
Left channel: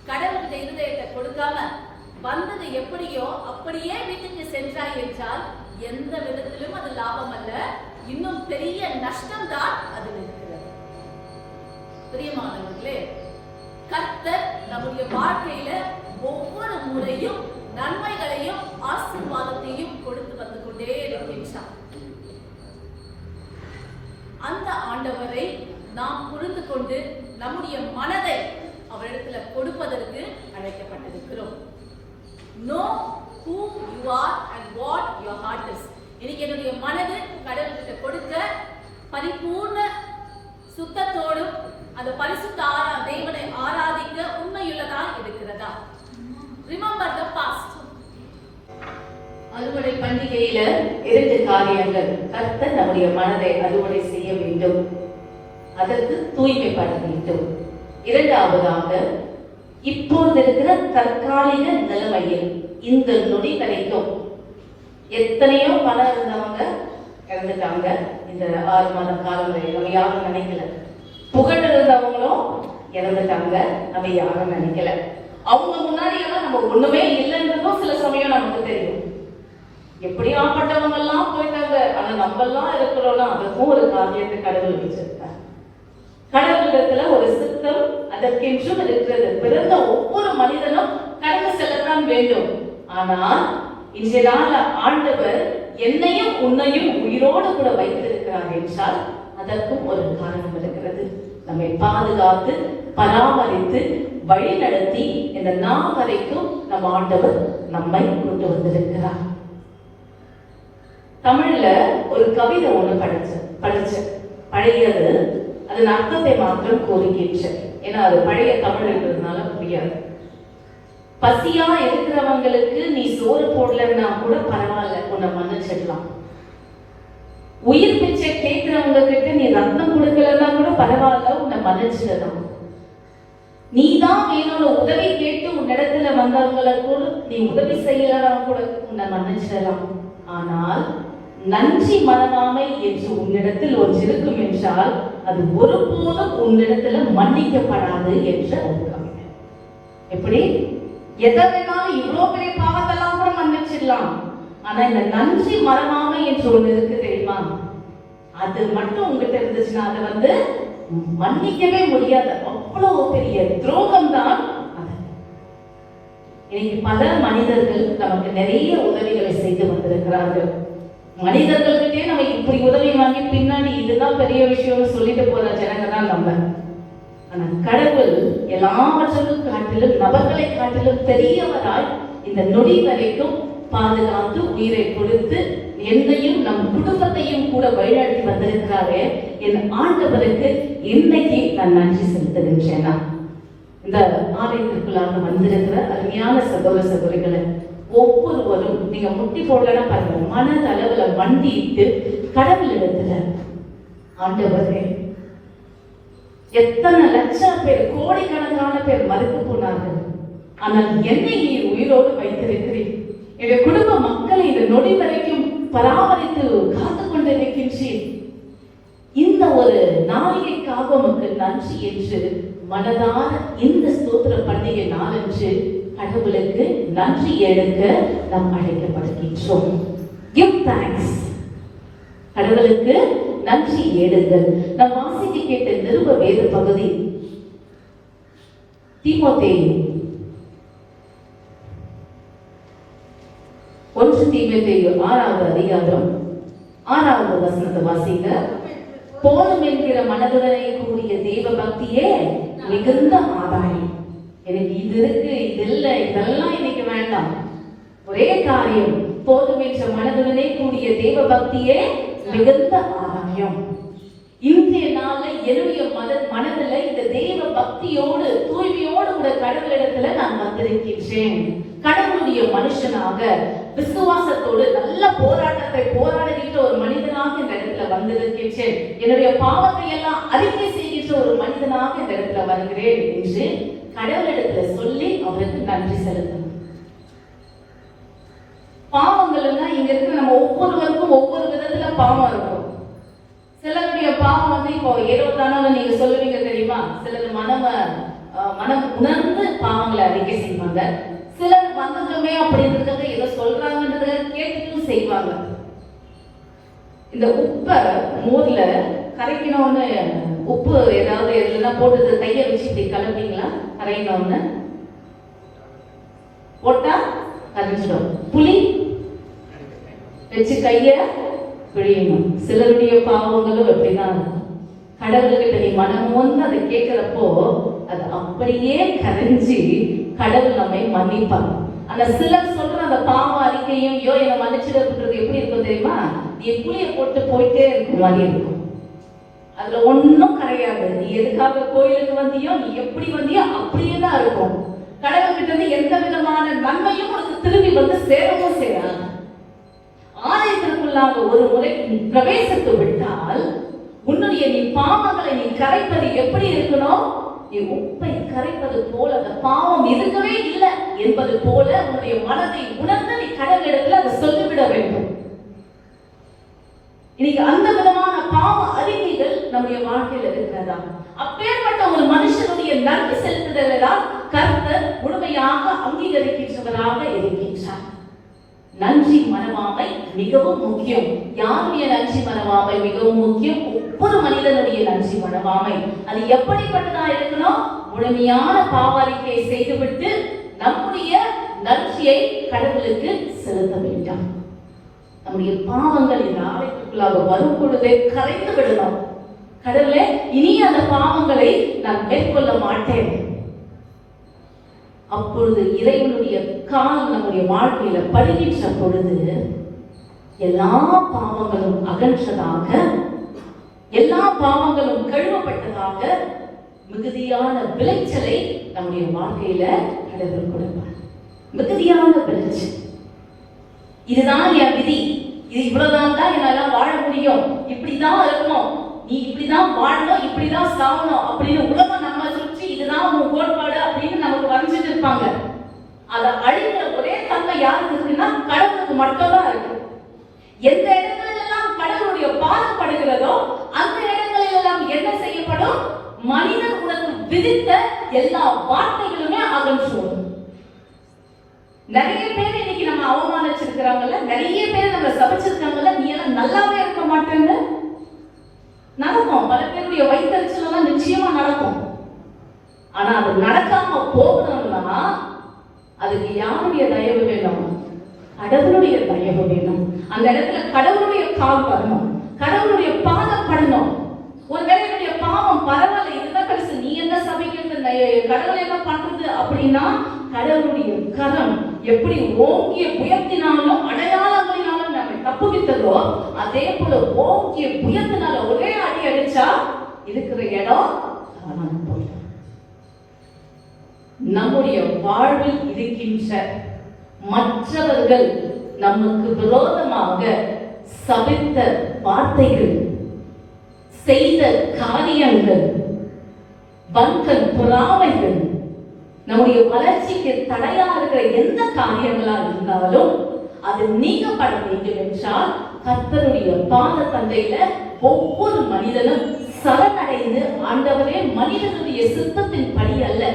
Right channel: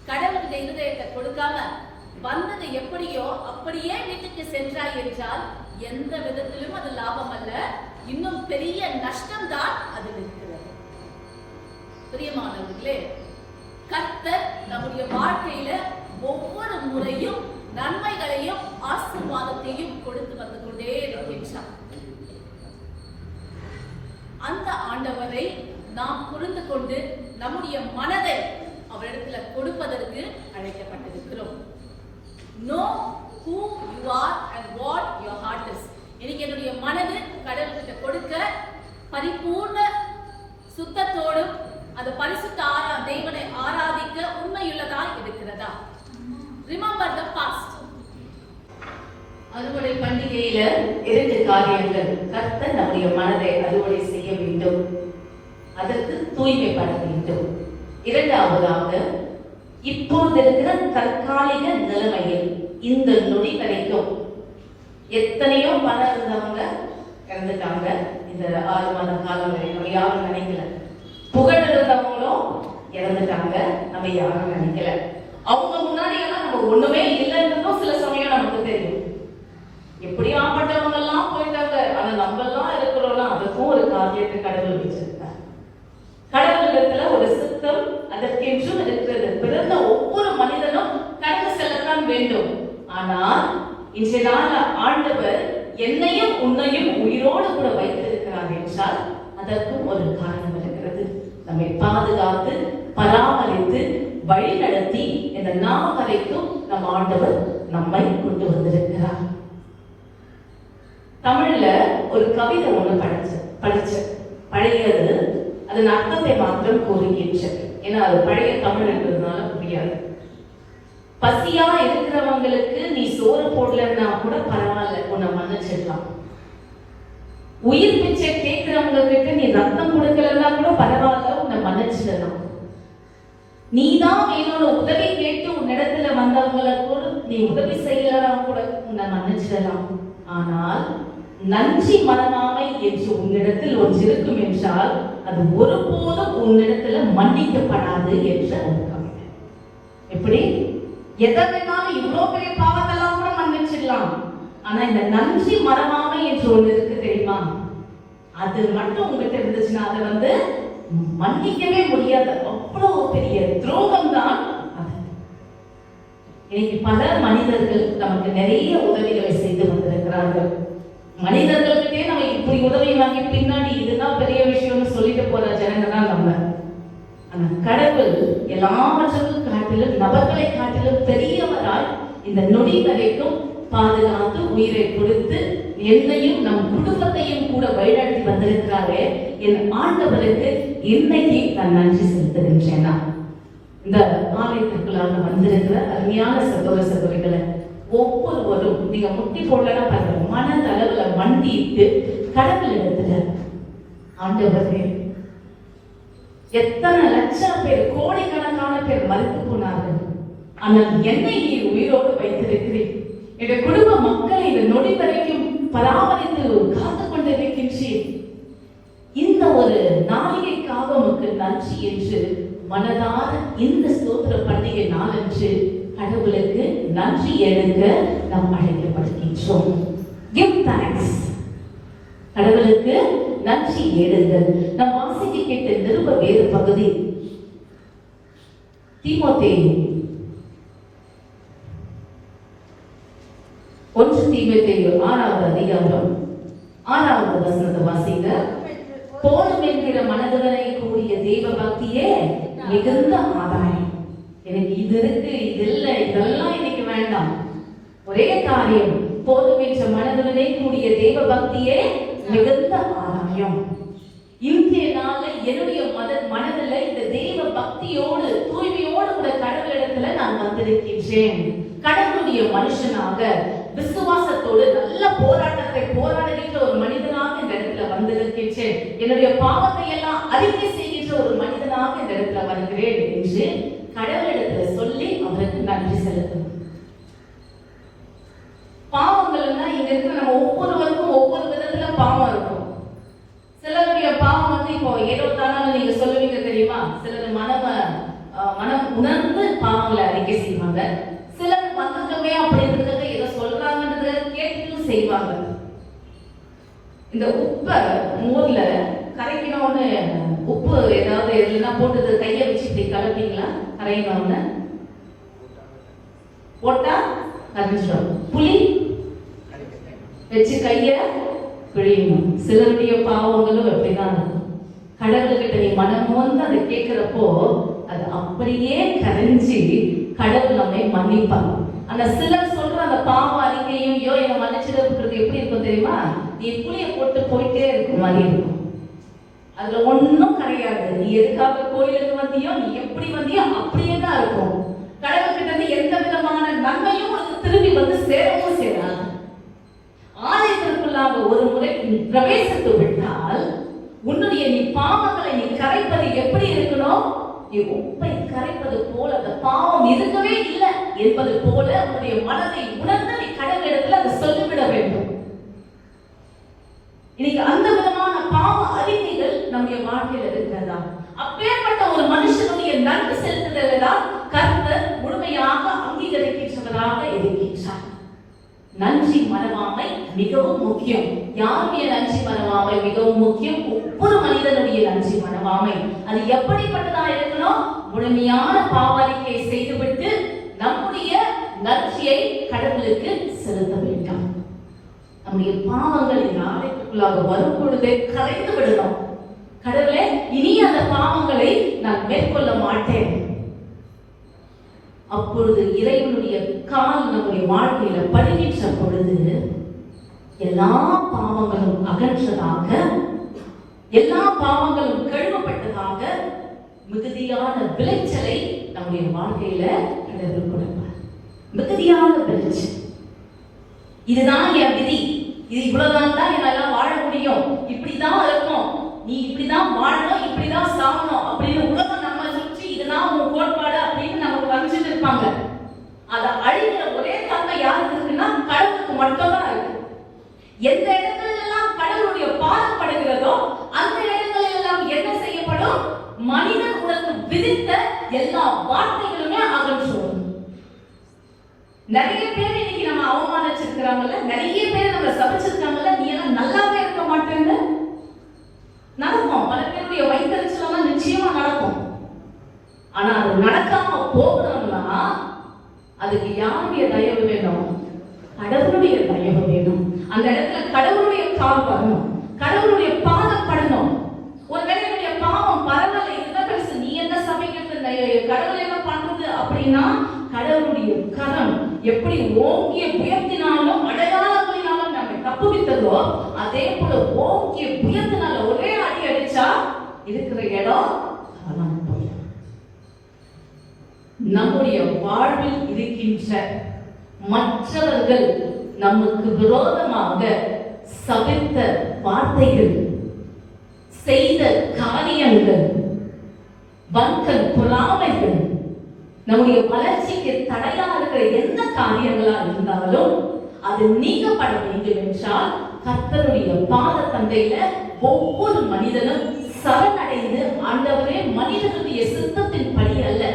கடவுளுடைய இருதயத்தை கொடுக்காம வந்தது எப்படியோ அப்படியே வீட்டுக்கு சென்றாய் என்றால் எந்த விதத்திலும் அது லாபம் அல்ல, இன்னும் பெரிய நஷ்டம் தான் அது இருக்கிறது. பிரியமானவர்களே, கர்த்தர் நம்முடைய வாழ்க்கையில ஒவ்வொரு முறையும் நன்மைகளையும் ஆசீர்வாதத்தையும் கொடுத்து வந்து கொண்டே இருக்கின்றார். அந்த ஆண்டவரை நாம் புரிந்து கொண்டு நம்முடைய மனதை அவரிடத்துல கொடுப்பதற்கு அழைக்கப்பட்டிருக்கிறோம். Know who you are and what your heart is. இன்னைக்கு என்னுடைய மனது கடவுள்கிட்ட கொடுக்க பரிபூர்ண சுத்தத்தோடும் அந்த பரிசுத்த தேவனை ஆராதிக்க உண்மையுள்ளதா இருக்கிறதா? Remember the past. அறுவடை பண்டிகையில 2 காரியங்கள். கர்த்தர் நம்முடைய மனதை அறுவடை செய்ய வேண்டும், அதற்கு தூய்மைப்பட வேண்டும். இரண்டாவதாக, இப்போது இருக்கிற தற்காலிக நிலைமையில் இந்த நொடி வரைக்கும் எத்தனையோ பணம் இருந்தவங்க இறந்துட்டாங்க. இந்த 6 மாத காலம் வரை நம்ம யாரும் நினைக்கல. புகழ் இருந்தவங்களும் இறந்துட்டாங்க, நம்ம யாரும் நினைக்கல. அவங்க முன்னாடி நம்ம ஒண்ணுமே இல்லைன்றதும் சில சமயம் நமக்கு தெரியும். எப்படி ஆப்பட்டவங்க எல்லாம் போயிட்டாங்க, ஆனா நம்ம எல்லாம் இருக்கிறோம்னா அதுக்கும் ஒரு காரியத்தை கடவுள் வச்சிருக்காங்க. கடவுளிடத்துல ஒரு சித்தம் அதற்கென்றும் இருக்கிறது. பிறந்த ஒவ்வொரு மனிதனும் கடந்து செல்லத்தான் வேண்டும். ஆனால் இன்றைய நாள் ஆண்டவர் என்னையும் உன்னையும் உயிரோடு கூட வைத்திருக்கிறார் என்றால் அதற்கும் ஒரு காரணம் இருக்கிறது. நம்மை பாதுகாத்து பராமரித்து வழி நடத்தி இந்த நாள் வரைக்கும் நம் ஆண்டவர் நம்மை கொண்டு வந்திருக்கிறார். தமிழ்ல ஒரு கவிதை ஒண்ணு படிச்சேன். பழையது, அதன் அர்த்தத்தை மாத்திரம் கூறுகின்றேன். ஏன்னா அது பழைய தமிழ் என்பதனால புரியாது. பசியா இருக்கிறவங்களுக்கு நீ சோறு போடலன்னா கூட பரவாயில்ல, உன்னை மன்னிச்சிடலாம். உயிர் பிச்சை கேட்கிறவங்க கிட்ட நீ ரத்தம் கொடுக்கலன்னா கூட பரவாயில்ல, உன்னை மன்னிச்சிடலாம். நீதான் வேறொரு உதவி கேட்டு உன்னிடத்துல வந்தவங்களை கூட நீ உதவி செய்யலாம் கூட உன்னை மன்னிச்சிடலாம். ஆனால் நன்றி மனமாமை என்று உன்னிடத்தில் ஒன்று இருக்கும் என்றால் அது ஒருபோதும் உன்னிடத்துல மன்னிக்கப்படாது என்று அர்த்தம். எப்படி? எதை வேணாலும் இவ்வளவு பெரிய பாவத்தெல்லாம் கூட மன்னிச்சிடலாம், ஆனா இந்த நன்றி மனமாமை என்று ஒன்று இருக்கு தெரியுமா? அது மட்டும் உங்ககிட்ட இருந்துச்சுன்னா அதை மன்னிக்கவே முடியாது. அவ்வளவு பெரிய துரோகம் தான். இன்னைக்கு பல மனிதர்கள் நமக்கு நிறைய உதவிகளை செய்து வந்திருக்கிறார்கள். மனிதர்கள்கிட்டே நம்ம இப்படி உதவி வாங்கி பின்னாடி இதுதான் பெரிய விஷயம்னு சொல்லிட்டு போற ஜனங்க தான் நம்ம. ஆனா கடவுள் எல்லாவற்றுக்கும் காட்டிலும் நபர்களை காட்டிலும் பெரியவரால் இந்த நொடி வரைக்கும் பாதுகாத்து உயிரை கொடுத்து என்னையும் நம் குடும்பத்தையும் கூட வழிநடத்தி வந்திருக்காரு. என் ஆண்டவருக்கு இன்னைக்கு நான் நன்றி செலுத்துகின்றேன். இந்த ஆலயத்திற்குள்ளாக வந்திருக்கிற அருமையான சகோதர சகோதரிகளை ஒவ்வொருவரும் நீங்க முட்டி போடலன்னா பாருங்க, மனதளவுல மண்டிட்டு கடவுள் இடத்துல ஆண்டவரே, எத்தனை லட்சம் பேர் கோடிக்கணக்கான பேர் மறுத்து போனார்கள், ஆனால் என்னை நீ உயிரோடு வைத்திருக்கிறேன். என்னுடைய குடும்ப மக்களை இந்த நொடி வரைக்கும் பராமரித்து காத்து கொண்டிருக்கின்றேன். இந்த ஒரு நாளிகைக்காக உமக்கு நன்றி என்று மனதார இந்த ஸ்தோத்திர பண்டிகை நாளன்று கடவுளுக்கு நன்றி எடுக்க நாம் அழைக்கப்படுகின்றோம். Give thanks. கடவுளுக்கு நன்றி எடுங்கள். நாம் வாசிக்க கேட்ட நிருப வேத பகுதி தீமோத்தேயு 1 தீமோத்தேயு 6வது அதிகாரம் 6வது வசனத்தை வாசிங்க. போதும் என்கிற மனதுடனே கூடிய தெய்வ பக்தியே மிகுந்த ஆதாயம். எனக்கு இது இருக்கு, இது இல்ல, இதெல்லாம் இன்னைக்கு வேண்டாம். ஒரே காரியம், போதும் என்ற மனதுடனே கூடிய தெய்வ பக்தியே மிகுந்த ஆதாயம். இன்றைய நாள்ல என்னுடைய மனதில் இந்த தெய்வ பக்தியோடு தூய்மையோடு கூட கடவுளிடத்துல நான் வந்திருக்கின்றேன். கடவுளுடைய மனுஷனாக விசுவாசத்தோடு நல்ல போராட்டத்தை போராடுகின்ற ஒரு மனிதனாக இந்த இடத்துல வந்திருக்கின்றேன். என்னுடைய பாவத்தை எல்லாம் அறிக்கை செய்கின்ற ஒரு மனிதனாக இந்த இடத்துல வருகிறேன் என்று கடவுளிடத்துல சொல்லி அவருக்கு நன்றி செலுத்தணும். பாவங்கள்னா இங்க இருக்கு, நம்ம ஒவ்வொருவருக்கும் ஒவ்வொரு விதத்துல பாவம் இருக்கும். சிலருடைய பாவம் வந்து இப்போ ஏதோ தானால நீங்க சொல்லுவீங்க தெரியுமா, சிலர் மனம் உணர்ந்து பாவங்களை அறிக்கை செய்வாங்க. சிலர் வந்துட்டோமே அப்படின்றதுக்கு ஏதோ சொல்றாங்கன்றத கேட்டுட்டும் செய்வாங்க. இந்த உப்பை மோர்ல கரைக்கணும்னு உப்பு ஏதாவது எதுனா போட்டு கையை வச்சு இப்படி கலப்பீங்களா? கரையணும்னு போட்டா கரைஞ்சிடும். புளி வச்சு கைய பிழியணும். சிலருடைய பாவங்களும் எப்படிதான் கடவுள்கிட்ட நீ மனம் வந்து அதை கேட்கிறப்போ அது அப்படியே கரைஞ்சி கடவுள் நம்மை மன்னிப்பார். அந்த சிலர் சொல்ற அந்த பாவ அறிக்கையும் யோ என்ன மன்னிச்சிடறது எப்படி இருக்கும் தெரியுமா? நீ புளிய போட்டு போயிட்டே இருக்க மாதிரி இருக்கும். அதுல ஒன்னும் கிடையாது. நீ எதுக்காக கோயிலுக்கு வந்தியோ, நீ எப்படி வந்தியோ அப்படியே தான் இருக்கும். கடவுள் கிட்ட இருந்து எந்த விதமான நன்மையும் உனக்கு திரும்பி வந்து சேரவும் செய்யறாங்க. ஆலயத்திற்குள்ளாக ஒரு முறை பிரவேசித்து விட்டால் உன்னுடைய நீ பாவங்களை நீ கரைப்பது எப்படி இருக்கணும்? நீ உப்பை கரைப்பது போல, அந்த பாவம் இருக்கவே இல்லை என்பது போல உன்னுடைய மனதை உணர்ந்து நீ கடவுளிடத்தில் அதை சொல்லிவிட வேண்டும். இன்னைக்கு அந்த விதமான பாவ அறிக்கைகள் நம்முடைய வாழ்க்கையில் இருக்கிறதா? அப்பேற்பட்ட ஒரு மனுஷனுடைய நன்றி செலுத்துதலை தான் கர்த்தர் முழுமையாக அங்கீகரிக்கின்றவராக இருக்கின்றார். நன்றி மனவாமை மிகவும் முக்கியம். யாருடைய நன்றி மனவாமை மிகவும் முக்கியம்? ஒவ்வொரு மனிதனுடைய நன்றி மனவாமை அது எப்படிப்பட்டதா இருக்கணும்? முழுமையான பாவறிக்கை செய்துவிட்டு நம்முடைய நன்றியை கடவுளுக்கு செலுத்த வேண்டும். நம்முடைய பாவங்கள் இந்த ஆலயத்துக்குள்ளாக வரும் பொழுதே கரைந்து விடணும். கடவுளே, இனி அந்த பாவங்களை நான் மேற்கொள்ள மாட்டேன். அப்பொழுது இறைவனுடைய கால் நம்முடைய வாழ்க்கையில படுகின்ற பொழுது எல்லா பாவங்களும் அகற்றதாக, எல்லா பாவங்களும் கழுவப்பட்டதாக மிகுதியான விளைச்சலை நம்முடைய வாழ்க்கையில கடவுள் கொடுப்பார். மிகுதியான விளைச்சல். இதுதான் என் விதி, இது இவ்வளவுதான் தான் என்னால வாழ முடியும், இப்படிதான் இருக்கும், நீ இப்படிதான் வாழணும், இப்படிதான் சாகணும் அப்படின்னு உலகம் நம்ம சுற்றி இதுதான் உன் கோட்பாடு அப்படின்னு நமக்கு வரைஞ்சிட்டு இருப்பாங்க. அதை அழிக்கிற ஒரே தன்மை யாருக்கு இருக்குன்னா கடவுளுக்கு மட்டும்தான் இருக்கு. எந்த இடத்துல எல்லாம் கடவுளுடைய பாதம் படுகிறதோ அந்த இடங்களில் எல்லாம் என்ன செய்யப்படும்? மனிதன் உனக்கு விதித்த எல்லா வார்த்தைகளுமே அகற்றுவோம். நிறைய பேர் இன்னைக்கு நம்ம அவமானிச்சிருக்கிறவங்கள, நிறைய பேர் நம்ம சபிச்சிருக்காங்கல்ல, நீ எல்லாம் நல்லாவே இருக்க மாட்டாங்க. நடக்கும், பல பேருடைய வைத்தறிச்சலாம் நிச்சயமா நடக்கும். ஆனா அது நடக்காம போகணும்னா அதுக்கு யாருடைய தயவு வேணும்? கடவுளுடைய தயவு வேணும். அந்த இடத்துல கடவுளுடைய கால் வரணும், கடவுளுடைய பாதம் படணும். ஒருவேளை என்னுடைய பாவம் பரவாயில்ல, இதுதான் கடைசி, நீ என்ன சபைக்கிறது, கடவுள் என்ன பண்றது அப்படின்னா கடவுளுடைய கரம் எப்படி ஓங்கிய உயர்த்தினாலும் அடையாளங்களினாலும் நம்மை தப்புவித்ததோ அதே போல ஓங்கிய உயர்த்தினால ஒரே அடி அடிச்சா இருக்கிற இடம் நம்முடைய வாழ்வில் இருக்கின்ற மற்றவர்கள் நமக்கு விரோதமாக சபித்த வார்த்தைகள், செய்த காரியங்கள், வங்கல் பொறாமைகள், நம்முடைய வளர்ச்சிக்கு தடையா இருக்கிற எந்த காரியங்களா இருந்தாலும் அது நீக்கப்பட வேண்டும் என்றால் கர்த்தருடைய பாத தந்தையில ஒவ்வொரு மனிதனும் சரணடைந்து, ஆண்டவரே மனிதனுடைய சித்தத்தின் படி அல்ல,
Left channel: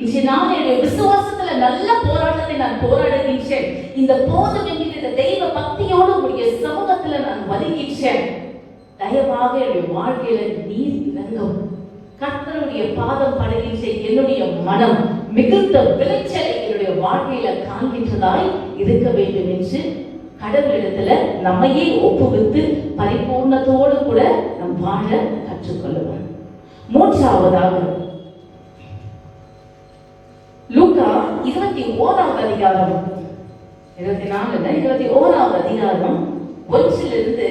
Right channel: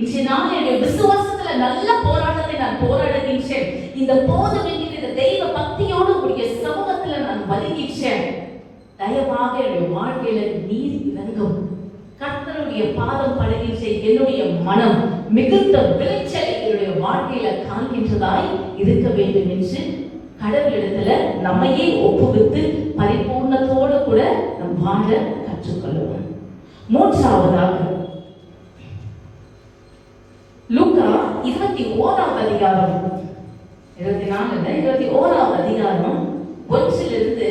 இன்று நான் என்னுடைய விசுவாசத்துல நல்ல போராட்டத்தை நான் போராடுகின்றேன், இந்த போதும் என்கிற தெய்வ பக்தியோடு உடைய சமூகத்துல நான் வருகின்றேன், தயவாக என்னுடைய வாழ்க்கையில நீர் இறங்கும், கர்த்தருடைய பாதம் படுகின்ற என்னுடைய மனம் மிகுந்த விளைச்சலை என்னுடைய வாழ்க்கையில காண்கின்றதாய் இருக்க வேண்டும் என்று கடவுளிடத்துல நம்மையே ஒப்புவித்து பரிபூர்ணத்தோடு கூட நம் வாழ கற்றுக்கொள்வோம். மூன்றாவதாக லூக்கா 21வது அதிகாரம் 21வது அதிகாரம் 1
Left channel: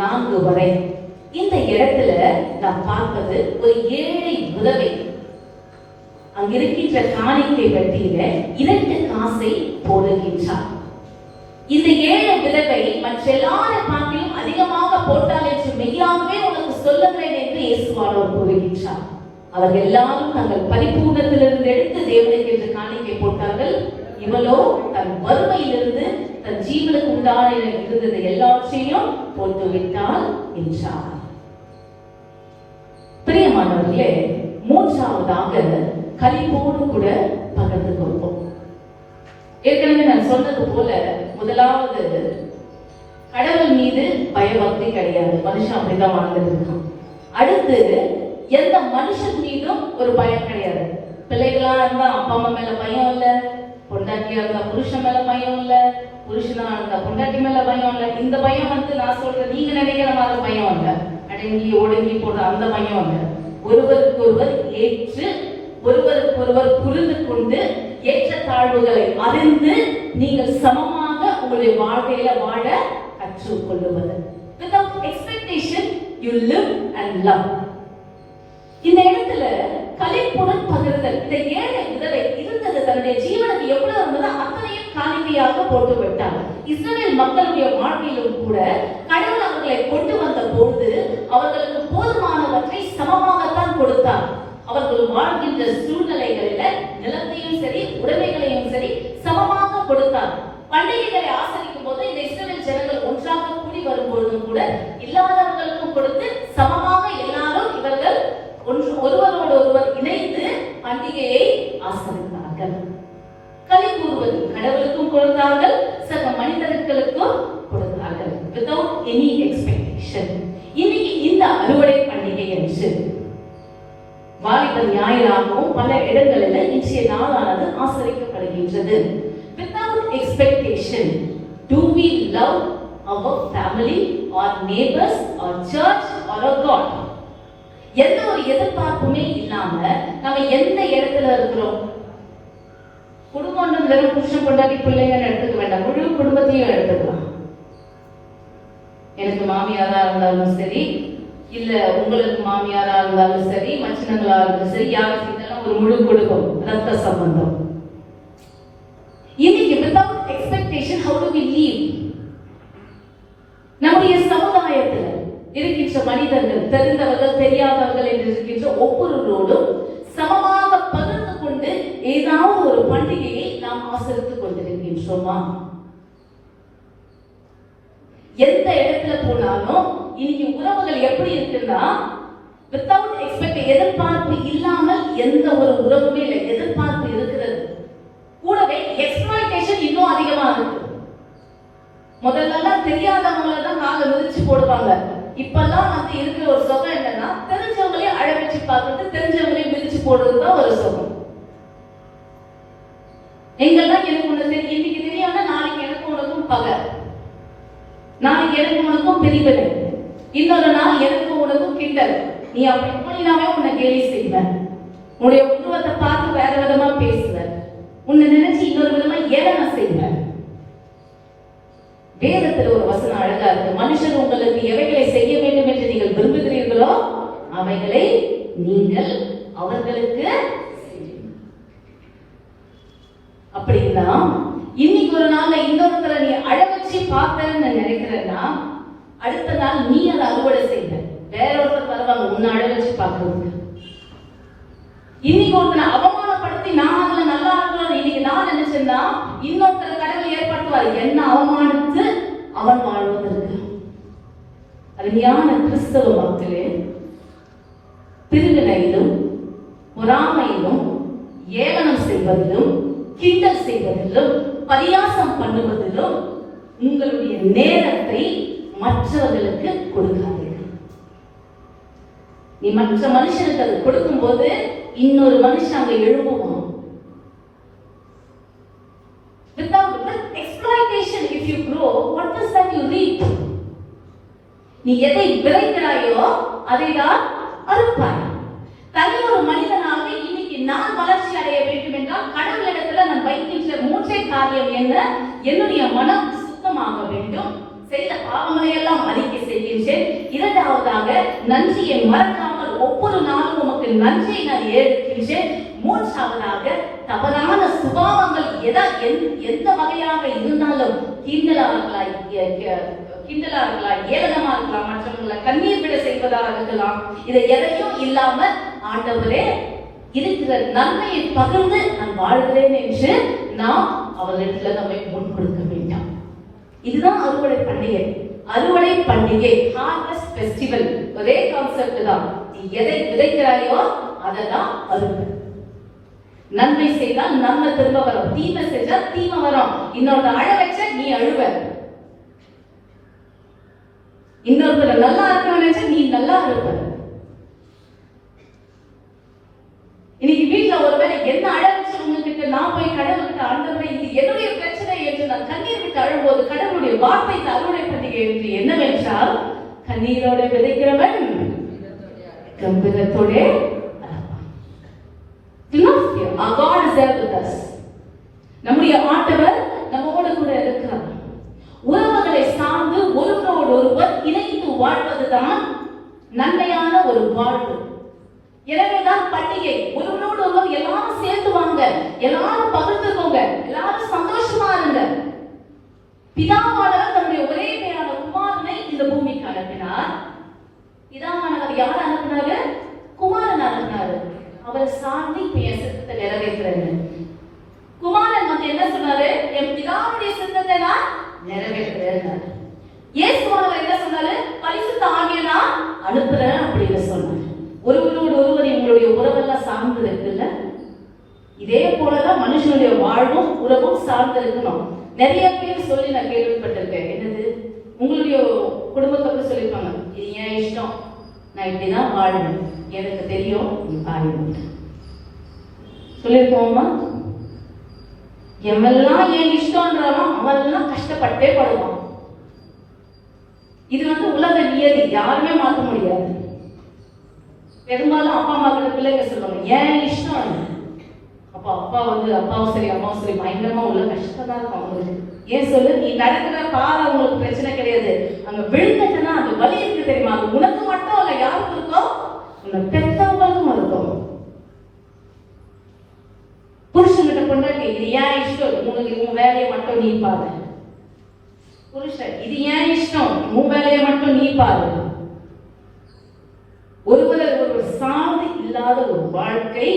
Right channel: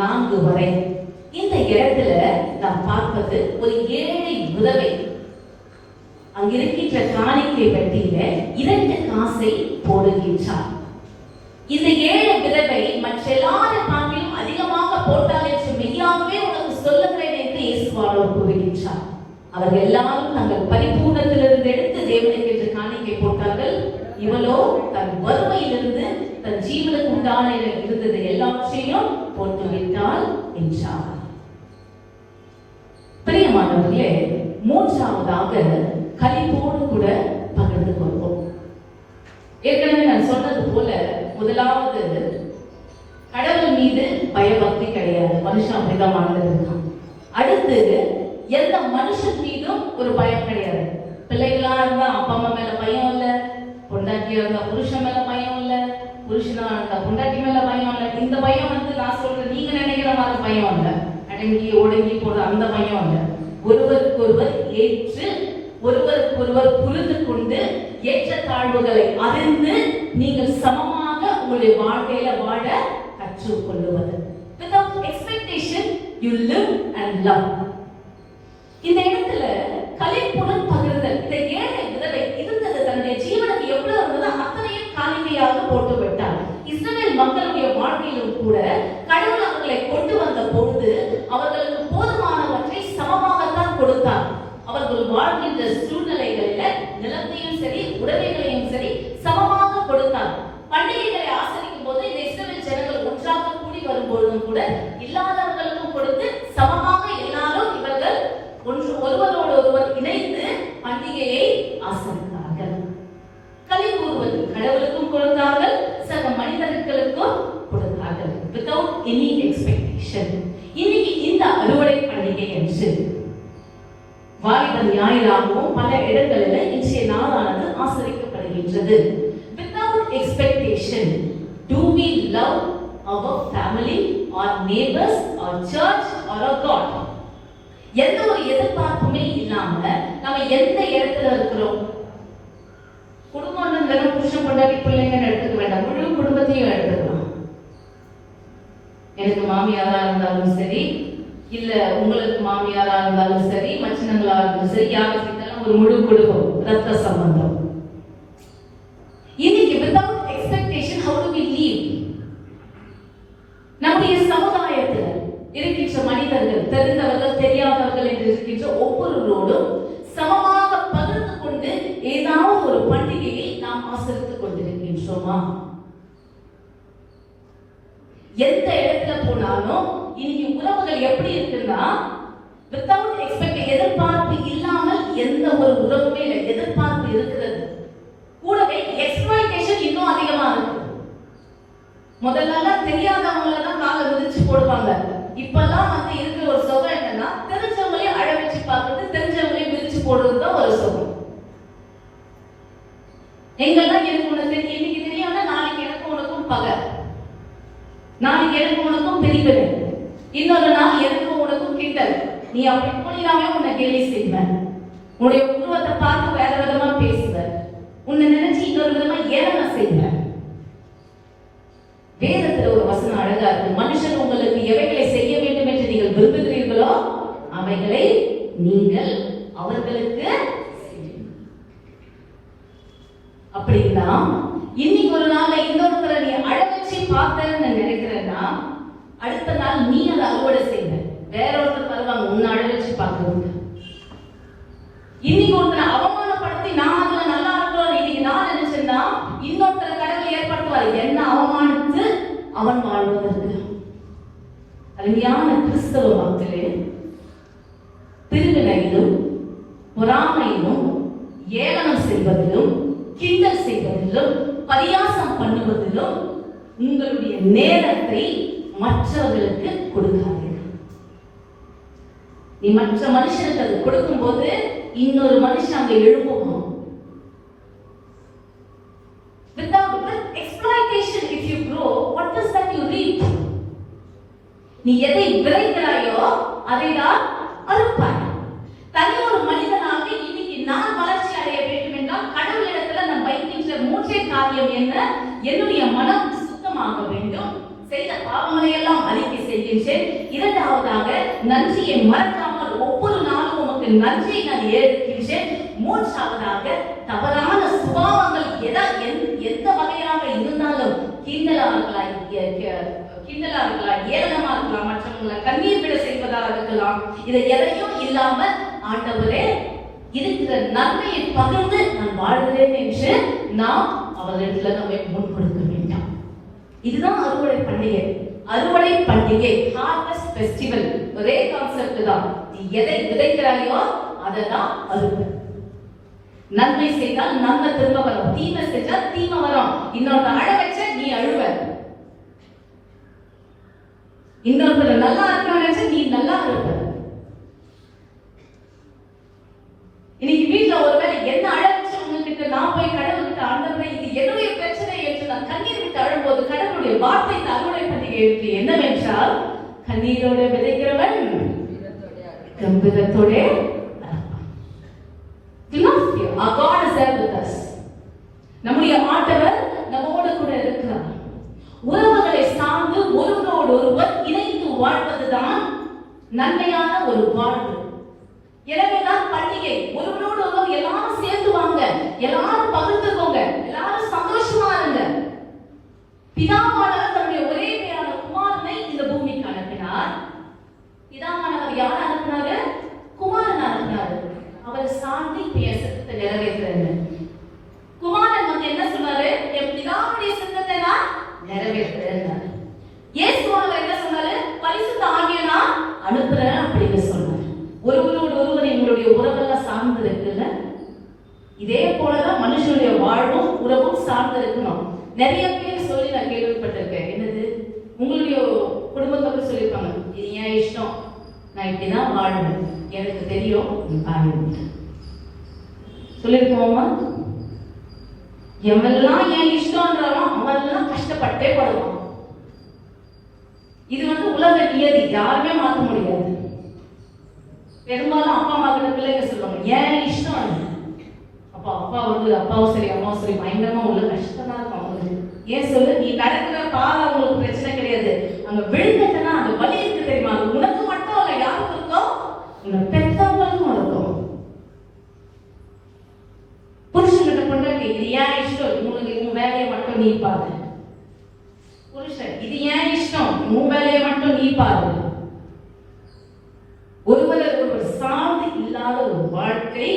4 வரை. இந்த இடத்துல நாம் பார்ப்பது ஒரு ஏழை விதவை அங்கிருக்கின்ற காணிக்கை பெட்டியில 2 காசை போடுகின்றார். இந்த ஏழை விதவை மற்ற எல்லாரும் பார்க்கையும் அதிகமாக போட்டால் என்று மெய்யாகவே உனக்கு சொல்லுகிறேன் என்று இயேசுவானவர் கூறுகின்றார். அவர்கள் எல்லாரும் தங்கள் பரிபூர்ணத்திலிருந்து எடுத்து தேவனுக்கு என்று காணிக்கை போட்டார்கள். இவளோ தன் வறுமையிலிருந்து தன் ஜீவனுக்கு உண்டான இருந்தது எல்லாவற்றையும் போட்டுவிட்டாள் என்றார். பிரியமானவர்களே, மூன்றாவதாக களிப்போடு கூட பகிர்ந்து கொள்வோம். ஏற்கனவே நான் சொன்னது போல முதலாவது கடவுள் மீது பயபக்தி கிடையாது. மனுஷன் அப்படிதான் வாழ்ந்துருக்கான். அடுத்து எந்த மனுஷன் மீதும் ஒரு பயம் கிடையாது. பிள்ளைகளா இருந்தா அப்பா அம்மா மேல பயம் இல்ல, பொண்டாட்டியா இருந்தா புருஷன் மேல பயம் இல்ல, புருஷனா இருந்தா பொண்டாட்டி மேல பயம் இல்ல. இந்த பயம் நான் சொல்றேன், நீங்க நினைக்கிற மாதிரி பயம் இல்ல, அடங்கி ஒடுங்கி போடுற அந்த பயம் இல்ல. ஒருவருக்கு ஒருவர் ஏற்று ஒருவருக்கு ஒருவர் புரிந்து கொண்டு ஏற்ற தாழ்வுகளை அறிந்து நீங்கள் சமமாக உங்களுடைய வாழ்க்கையில வாழ கற்றுக்கொள்வது. Without expectation you live and love. இந்த இடத்துல கலைப்புடன் பகிர்தல். இந்த ஏழை விதவை இருந்தது தன்னுடைய ஜீவனுக்கு எவ்வளவு இருந்ததோ அத்தனையும் காணிக்கையாக போட்டு விட்டார். இஸ்ரவேல் மக்களுடைய வாழ்க்கையிலும் கூட கடவுள் அவர்களை கொண்டு வந்த பொழுது அவர்களுக்கு போதுமானவற்றை சமமாகத்தான் கொடுத்தார். அவர்கள் வாழ்கின்ற சூழ்நிலைகளில நிலத்தையும் சரி உடைமைகளையும் சரி சமமாக கொடுத்தார். பண்டிகைகளை ஆசரிக்கும் போது இந்த இஸ்ரவேல் ஜனங்கள் ஒன்றாக கூடி வரும்போதும் கூட இல்லாதவர்களுக்கும் கொடுத்து சமமாக எல்லாரும் இவர்கள் ஒருவரோடு ஒருவர் இணைந்து பண்டிகையை ஆசரித்தார்கள். களிகூறுவது கடவுளுக்கும் கொடுத்தார்கள், சக மனிதர்களுக்கும் கொடுத்தார்கள். without any expectation. இன்னைக்கு இந்த அறுவடை பண்டிகை என்று வாலிபர் ஞாயிறாகவும் பல இடங்களில் இன்றைய நாளானது ஆசரிக்கப்படுகின்றது. without expectation, do we love our family, our neighbors, our church, our God? எந்த ஒரு எதிர்பார்ப்புமே இல்லாம நம்ம எந்த இடத்துல இருக்கிறோம்? குடும்பம் வெறும் புருஷன் பொண்டாட்டி பிள்ளைங்கன்னு எடுத்துக்க வேண்டாம், முழு குடும்பத்தையும் எடுத்துக்கலாம். எனக்கு மாமியாரா இருந்தாலும் சரி, இல்ல உங்களுக்கு மாமியாரா இருந்தாலும் சரி, மச்சினங்களா இருந்தாலும் சரி, யாருக்கு இருந்தாலும் ஒரு முழு குடும்பம், ரத்த சம்பந்தம். இன்னைக்கு without expectation how do we live? நம்முடைய சமுதாயத்தில் இருக்கின்ற மனிதர்கள், தெரிந்தவர்கள் தெரியாதவர்கள் என்று இருக்கின்ற ஒவ்வொருவரோடும் சமமாக பகிர்ந்து கொண்டு ஏதாவது ஒரு பண்டிகையை நாம் ஆசரித்துக் கொண்டிருக்கின்றோமா? எந்த இடத்துல போனாலும் இன்னைக்கு உறவுகள் எப்படி இருக்குன்னா வித்தவுட் எக்ஸ்பெக்ட், எதிர்பார்ப்பு இல்லாமல் எந்த ஒரு உறவுமே இல்லை. எதிர்பார்ப்பு இருக்கிறது, கூடவே எக்ஸ்பிளாய்டேஷன் இன்னும் அதிகமா இருக்கு. முதல்ல தெரியாதவங்கள தான் காலை மிதிச்சு போடுவாங்க. இப்பெல்லாம் இருக்கிற ஒரு சுகம் என்னன்னா தெரிஞ்சவங்களே அழ வச்சு பார்க்கறது, தெரிஞ்சவங்களே மிதிச்சு போடுறதுதான் ஒரு சுகம். எங்கெல்லாம் எனக்கு ஒண்ணு தெரியும், இன்னைக்கு தெரியாம நாளைக்கு எனக்கு உனக்கும் பகை, நாளைக்கு எனக்கு உனக்கும் பிரிவினை, இன்னொரு நாள் எனக்கும் உனக்கும் கிண்டல். நீ அப்படி போனாவே உன்னை கேலி செய்வ, உன்னுடைய உருவத்தை பார்த்து வேற விதமா பேசுவ, உன்னை நினைச்சு இன்னொரு விதமா ஏளனம் செய்வ. வேதத்தில் ஒரு வசனம் அழகா இருக்கு. மனுஷன் உங்களுக்கு எவைகளை செய்ய வேண்டும் என்று நீங்கள் விரும்புகிறீர்களோ அவைகளை நீங்கள் அவர்களுக்கு செய்யுங்கள். அப்படின்னா இன்னைக்கு ஒரு நாள்ல இந்த பக்கத்துல நீ அழ வச்சு பார்த்தன்னு நினைக்கிறேன்னா அடுத்த நாள் நீ அதை அறுவடை செய்வ. வேற ஒருத்தர் வருவாங்க உன்னை அழ வச்சு பார்க்கறதுக்கு. இன்னைக்கு ஒருத்தனை அவமானப்படுத்தி நான் அதுல நல்லா இருக்கணும் இன்னைக்கு நான் நினைச்சேன்னா இன்னொருத்தர் கடவுள் ஏற்படுத்துவார் என்ன அவமானித்து அவன் வாழ்வதற்கு. அருமையான கிறிஸ்தவ மக்களே, பிரிவினையிலும் பொறாமையிலும் ஏளனம் செய்வதிலும் கிண்டல் செய்வதிலும் பரியாசம் பண்ணுவதிலும் உங்களுடைய நேரத்தை மற்றவர்களுக்கு கொடுக்காதீர்கள். நீ மற்ற மனுஷனுக்கு கொடுக்கும் போது இன்னொரு மனுஷன் அங்க எழுப்புவோம். Without exploitation, if you grow, what does that you reap? நீ எதை விதைக்கிறாயோ அதைதான் அறுப்பாய். தனி ஒரு மனிதனாக இன்னைக்கு நான் வளர்ச்சி அடைய வேண்டும் என்றால் கடவுளிடத்துல நான் வைக்கின்ற மூன்றே காரியம் என்ன? என்னுடைய மனம் சுத்தமாக வேண்டும், செய்த பாவங்களை எல்லாம் அறிக்கை செய்கின்றேன். இரண்டாவதாக நன்றியை மறக்காமல் ஒவ்வொரு நாளும் உமக்கு நன்றியை நான் ஏற்கின்றேன். மூன்றாவதாக தவறான சுபாவங்கள் எந்த வகையாக இருந்தாலும் கிண்டலார்களாய், ஏளனமா இருக்கலாம், மற்றவங்களை கண்ணீர் விட செய்வதாக இருக்கலாம், இதை எதையும் இல்லாமல் ஆண்டவரே இருக்கிற நன்மையை பகிர்ந்து நான் வாழ்கிறேன் என்று நாம் அவர்களிடத்துல நம்மை முன் கொடுக்க வேண்டாம். இதுதான் அறுவடை பண்டிகை. அறுவடை பண்டிகை, ஹார்வெஸ்ட் ஃபெஸ்டிவல், ஒரே கான்செப்ட் தான். நீ எதை விதைக்கிறாயோ அதை தான் அறுவடை. நன்மை செய்தால் நன்மை திரும்ப வரும், தீமை செஞ்சால் தீமை வரும். இன்னொரு அழ வச்ச நீ அழுவ, இன்னொருத்தர் நல்லா இருக்கணும் நீ நல்லா இருப்ப. இன்னைக்கு வீட்டுல ஒருவேளை என்ன அழ வச்சு உங்ககிட்ட நான் போய் கடவுள்கிட்ட ஆண்டவரே இது என்னுடைய பிரச்சனை என்று நான் கண்ணீர் விட்டு அழும்போது கடவுளுடைய வார்த்தை அறுவடை பண்டிகை என்னவென்றால், கண்ணீரோட விதைக்கிறவன் கம்பீரத்தோட நம்முடைய ஆண்டவர் நம்மோடு கூட இருக்கிறார். உறவுகளை சார்ந்து ஒருவரோடு ஒருவர் இணைந்து வாழ்வதுதான் நன்மையான ஒரு வாழ்வு. எனவேதான் பண்டிகை. ஒருவரோடு ஒருவர் எல்லாரும் சேர்ந்து வாங்க, எல்லாரும் பகிர்ந்துக்கோங்க, எல்லாரும் சந்தோஷமா இருங்க. பிதாவானவர் தன்னுடைய ஒரே பேரான குமாரனை இந்த பூமிக்கு அனுப்பினார். பிதாவானவர் யார் அனுப்பினாரு? குமாரன் அனுப்பினாரு. அவரை சார்ந்து பேசத்தை நிறைவேற்றுறது. குமாரன் வந்து என்ன சொன்னாரு? என் பிதாவுடைய சித்தத்தை நான் நிறைவேற்றுறேன். இயேசுவானவர் என்ன சொன்னாரு? பரிசுத்த ஆவியை நான் அனுப்புறேன் அப்படின்னு சொன்னார். ஒருவரோடு ஒருவர் எங்களுடைய உறவெல்லாம் சார்ந்து இருக்குல்ல, இதே போலதான் மனுஷனுடைய வாழ்வும் உறவும் சார்ந்து இருக்கணும். நிறைய பேர் சொல்லி நான் கேள்விப்பட்டிருக்கேன். என்னது, உங்களுடைய குடும்பத்தை சொல்லியிருப்பாங்க, இது ஏன் இஷ்டம், நான் இப்படிதான் வாழணும், எனக்கு தெரியும், நீ பாருங்க சொல்லிருக்கோமா? எவெல்லாம் ஏன் இஷ்டம்ன்றாலும் அவெல்லாம் கஷ்டப்பட்டே படுவான். இது வந்து உலக நியதி, யாருமே மாற்ற முடியாது. பெரும்பாலும் அப்பா அம்மா பிள்ளைங்க சொல்லுவாங்க ஏன் இஷ்டம். அப்ப அப்பா வந்து அப்பாவும் சரி அம்மாவும் சரி பயங்கரமா உள்ள கஷ்டமா இருக்கும் அவங்களுக்கு. ஏன் சொல்லு, நீ நடக்கிற பாதை அவங்களுக்கு பிரச்சனை கிடையாது, அங்க விழுந்துட்டனா அந்த வலி இருக்கு தெரியுமா, அது உனக்கு மட்டும் இல்ல யாருக்கு இருக்கும், இந்த பெற்றவங்களுக்கும் இருக்கும். புருஷன்கிட்ட கொண்டாடி இது ஏன் இஷ்டம், உன் வேலையை மட்டும் நீ பாரு. புருஷன் இது ஏன் இஷ்டம், உன் வேலையை மட்டும் நீ பாரு. ஒருவரை ஒருவர் சார்ந்து இல்லாத ஒரு வாழ்க்கை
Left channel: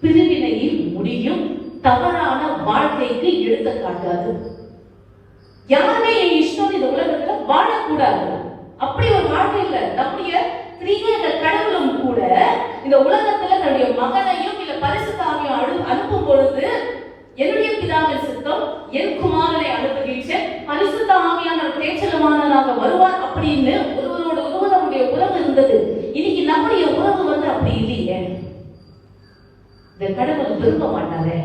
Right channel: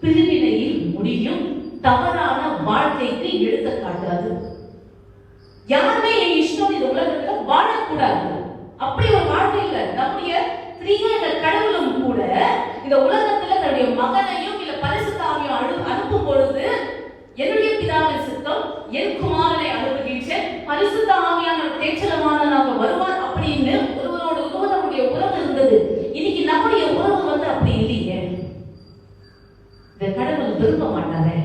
பிரிவினையில் முடியும். தவறான வாழ்க்கைக்கு எடுத்துக்காட்டாது. யாருமே என் இஷ்டம் இந்த உலகத்துல வாழக்கூடாது, அப்படி ஒரு வாழ்க்கை இல்லை. நம்முடைய கிரியேட்டர் கடவுளும் கூட இந்த உலகத்துல தன்னுடைய மகனையும் இல்ல பரிசுத்த ஆவியையும் அனுப்பும் பொழுது என்னுடைய பிதாவின் சித்தம், என் குமாரனை அனுப்புகின்றேன், பரிசுத்த ஆவியான தேச்சலமானவராக வருவார் அப்படின்னு ஒருவரோட ஒருவருடைய உறவு இருந்தது. இன்னைக்கு நம்முடைய உறவு வந்து அப்படி இல்லையே. இந்த கடவுள் விரும்ப மாட்டாரே.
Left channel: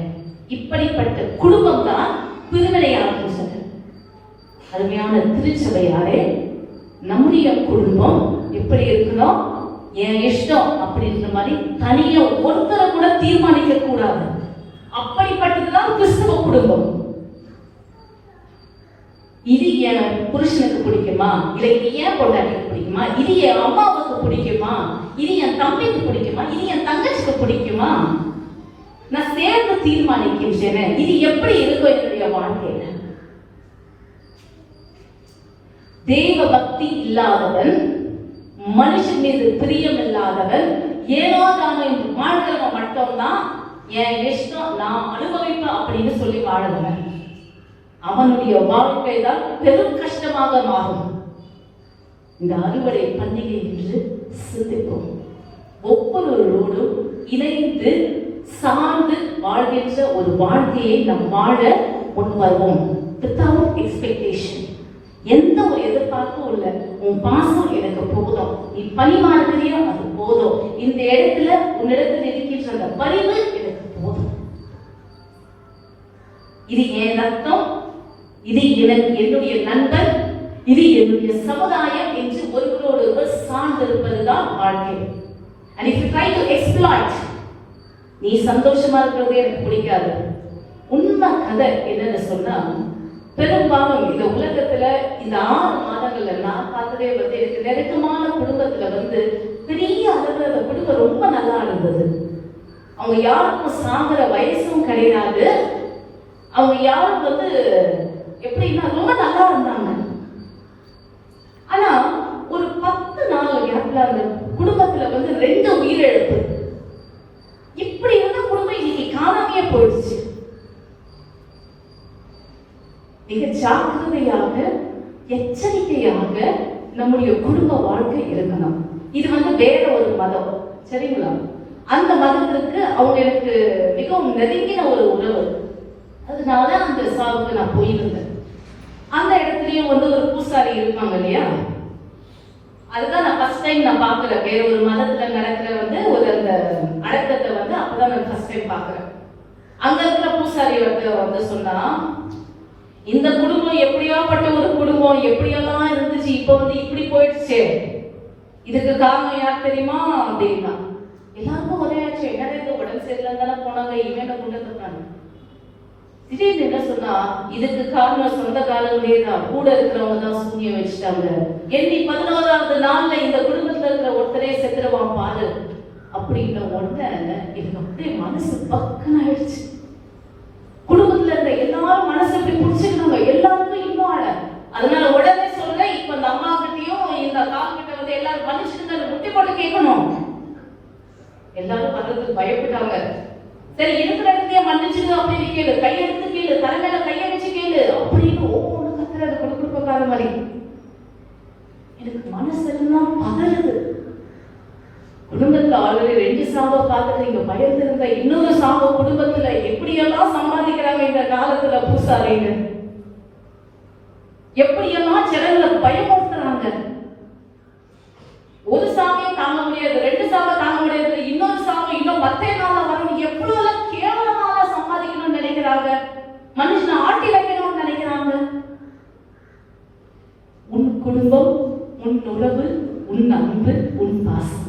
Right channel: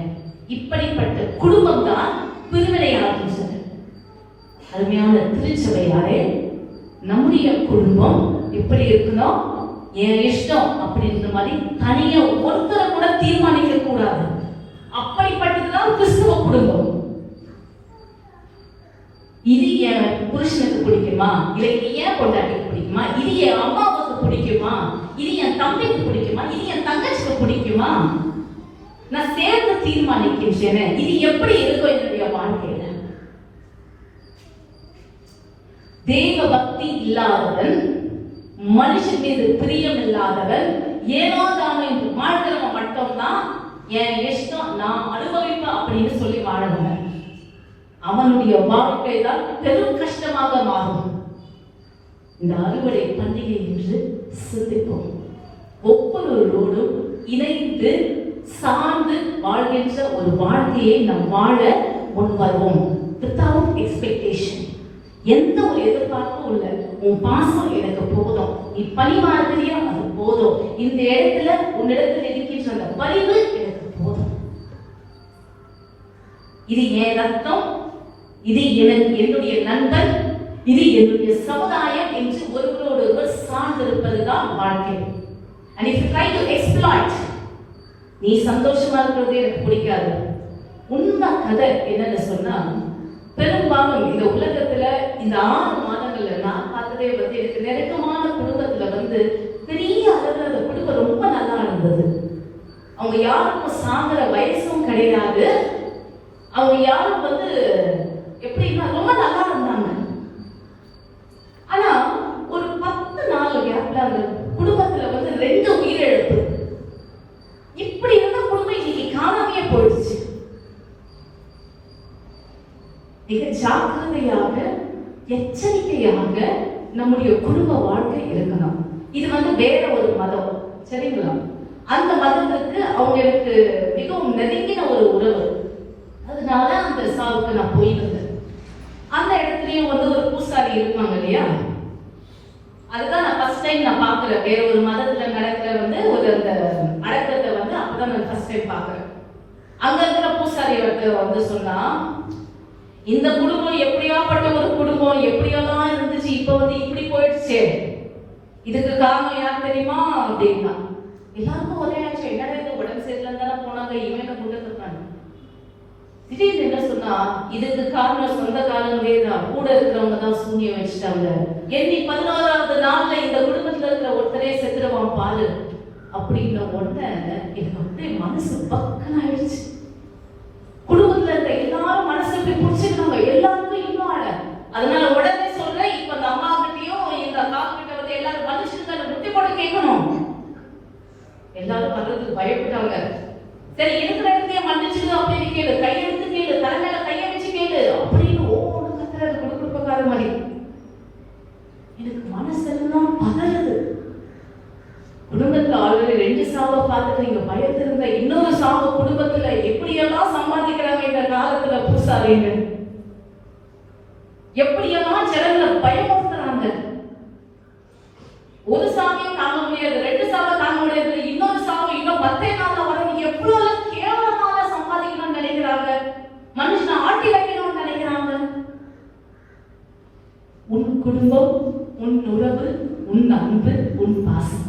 இப்படிப்பட்ட குடும்பம் தான் பிரிவினையாகின்றது. அருமையான திருச்சபையாரே, நம்முடைய குடும்பம் எப்படி இருக்கணும், என் இஷ்டம் அப்படின்ற மாதிரி தனியா ஒருத்தரை கூட தீர்மானிக்க கூடாது. அப்படிப்பட்டதுதான் கிறிஸ்துவ குடும்பம். இது என் புருஷனுக்கு பிடிக்குமா, இல்லை ஏன் பொண்டாட்டிக்கு பிடிக்குமா, இது என் அம்மாவுக்கு பிடிக்குமா, இது என் தம்பிக்கு பிடிக்குமா, இது என் தங்கச்சிக்கு பிடிக்குமா, நான் சேர்ந்து தீர்மானிக்கின்றேன். இது எப்படி இருக்கும் என்னுடைய வாழ்க்கையில? தெய்வ பக்தி இல்லாதவன், மனுஷன் மீது பிரியம் இல்லாதவன், ஏனோ தானே வாழ்கிறவன் மட்டும்தான் என் இஷ்டம் நான் அனுபவிப்பேன் அப்படின்னு சொல்லி வாழுகிறவன். அவனுடைய வாழ்க்கை தான் பெரும் கஷ்டமாக மாறும். இந்த அறுவடை பண்டிகை என்று சிந்திப்போம். ஒவ்வொருவரோடும் இணைந்து சார்ந்து வாழ்கின்ற ஒரு வாழ்க்கையை நாம் வாழ முன்வருவோம். வித்தவுட் எக்ஸ்பெக்டேஷன், எந்த ஒரு எதிர்பார்ப்பும் இல்ல. உன் பாசம் எனக்கு போதும், நீ பணிமாறுகிறியா அது போதும், இந்த இடத்துல உன்னிடத்தில் இருக்கின்ற அந்த பரிவு எனக்கு போதும். இது என் ரத்தம், இது என்னுடைய நண்பன், இது என்னுடைய சமுதாயம் என்று ஒருவரோடு ஒருவர் சார்ந்திருப்பதுதான் வாழ்க்கை. And if you try to exploit, நீ சந்தோஷமா இருக்கிறது எனக்கு பிடிக்காது. உண்மை கதை என்னன்னு சொன்னா, பெரும்பாலும் இந்த உலகத்துல இந்த 6 மாதங்கள்ல நான் பார்த்ததே எனக்கு நெருக்கமான குடும்பத்துல பெரிய அளவுல அந்த குடும்பம் ரொம்ப நல்லா இருந்தது. அவங்க யாருக்கும் சாகிற வயசும் கிடையாது. அவங்க யாரும் எப்படின்னா ரொம்ப நல்லா இருந்தாங்க. ஆனா ஒரு 10 நாள் கேப்ல அந்த குடும்பத்துல 2 உயிரிழப்பு. இப்படி குடும்பம் இன்னைக்கு காணாமையே போயிடுச்சு. மிக ஜாக்கிரதையாக எச்சரிக்கையாக நம்முடைய குடும்ப வாழ்க்கை இருக்கணும். இது வேற ஒரு மதம், சரிங்களா? அந்த மதத்துக்கு அவங்களுக்கு மிகவும் நெருங்கின ஒரு உறவு. அதனால அந்த சாவுக்கு நான் போயிருந்தேன். அந்த இடத்துலயும் ஒரு பூசாரி இருப்பாங்க இல்லையா? அதுதான் நான் ஃபர்ஸ்ட் டைம் நான் பாக்குறேன். வேற ஒரு மதத்துல நடக்கிற ஒரு அந்த அடக்கத்தை அப்பதான் நான் ஃபர்ஸ்ட் டைம் பாக்குறேன். அங்க இருக்கிற பூசாரி சொன்னா, இந்த குடும்பம் எப்படியாப்பட்ட ஒரு குடும்பம், எப்படியெல்லாம் இருந்துச்சு, இப்ப இப்படி போயிடுச்சு. இதுக்கு காரணம் எனக்கு தெரியுமா அப்படின்னா எல்லாருக்கும் உதவியாச்சு. என்ன உடம்பு சரியில்லை போனாங்க, இவன் கொண்டு வந்தாங்க. திடீர்னு என்ன சொன்னா, இதுக்கு காரணம் சொந்த காலங்களே தான், கூட இருக்கிறவங்க தான் சூன்யம் வச்சுட்டாங்க. எண்ணி 11வது நாள்ல இந்த குடும்பத்துல இருக்கிற ஒருத்தரே செத்துருவான் பாரு அப்படின்ன உடனே எனக்கு அப்படியே மனசு பக்குன்னு ஆயிடுச்சு. குடும்பத்துல இருந்த எல்லாரும் மனசை போய் பிடிச்சிருக்காங்க, எல்லாருக்கும் இன்னும் ஆள. அதனால உடனே சொல்றேன், இப்ப அந்த அம்மா கிட்டையும் இந்த அக்கா கிட்ட எல்லாரும் மனுஷங்க முட்டி போட்டு கேட்கணும். எல்லாரும் வர்றதுக்கு பயப்பட்டாங்க. சரி, இருக்கிற இடத்தையே மன்னிச்சுடு அப்படின்னு கேளு, கையெடுத்து கேளு, தலைமையில கைய வச்சு கேளு அப்படின்னு ஒவ்வொரு கத்துறாரு குடும்பக்கார மாதிரி. எனக்கு மனசெல்லாம் பதறுது. குடும்பத்துல ஆல்ரெடி 2 சாவை பார்த்துட்டு நீங்க பயத்துல இருந்த இன்னொரு சாவை குடும்பத்துல எப்படியெல்லாம் சமாளிக்கிறாங்க இந்த காலத்துல பூசாரிங்க. எப்படியெல்லாம் ஜனங்களை பயமுறுத்துறாங்க. ஒரு சாவையும் தாங்க முடியாது, 2 சாவை தாங்க முடியாது, இன்னொரு சாவை இன்னும் 10 நாள் வரும். எவ்வளவு கேவலமாக சம்பாதிக்கணும்னு நினைக்கிறாங்க, மனுஷனை ஆட்டி வைக்கணும்னு நினைக்கிறாங்க. உன் குடும்பம், உன் உறவு, உன் அன்பு, உன் பாசம்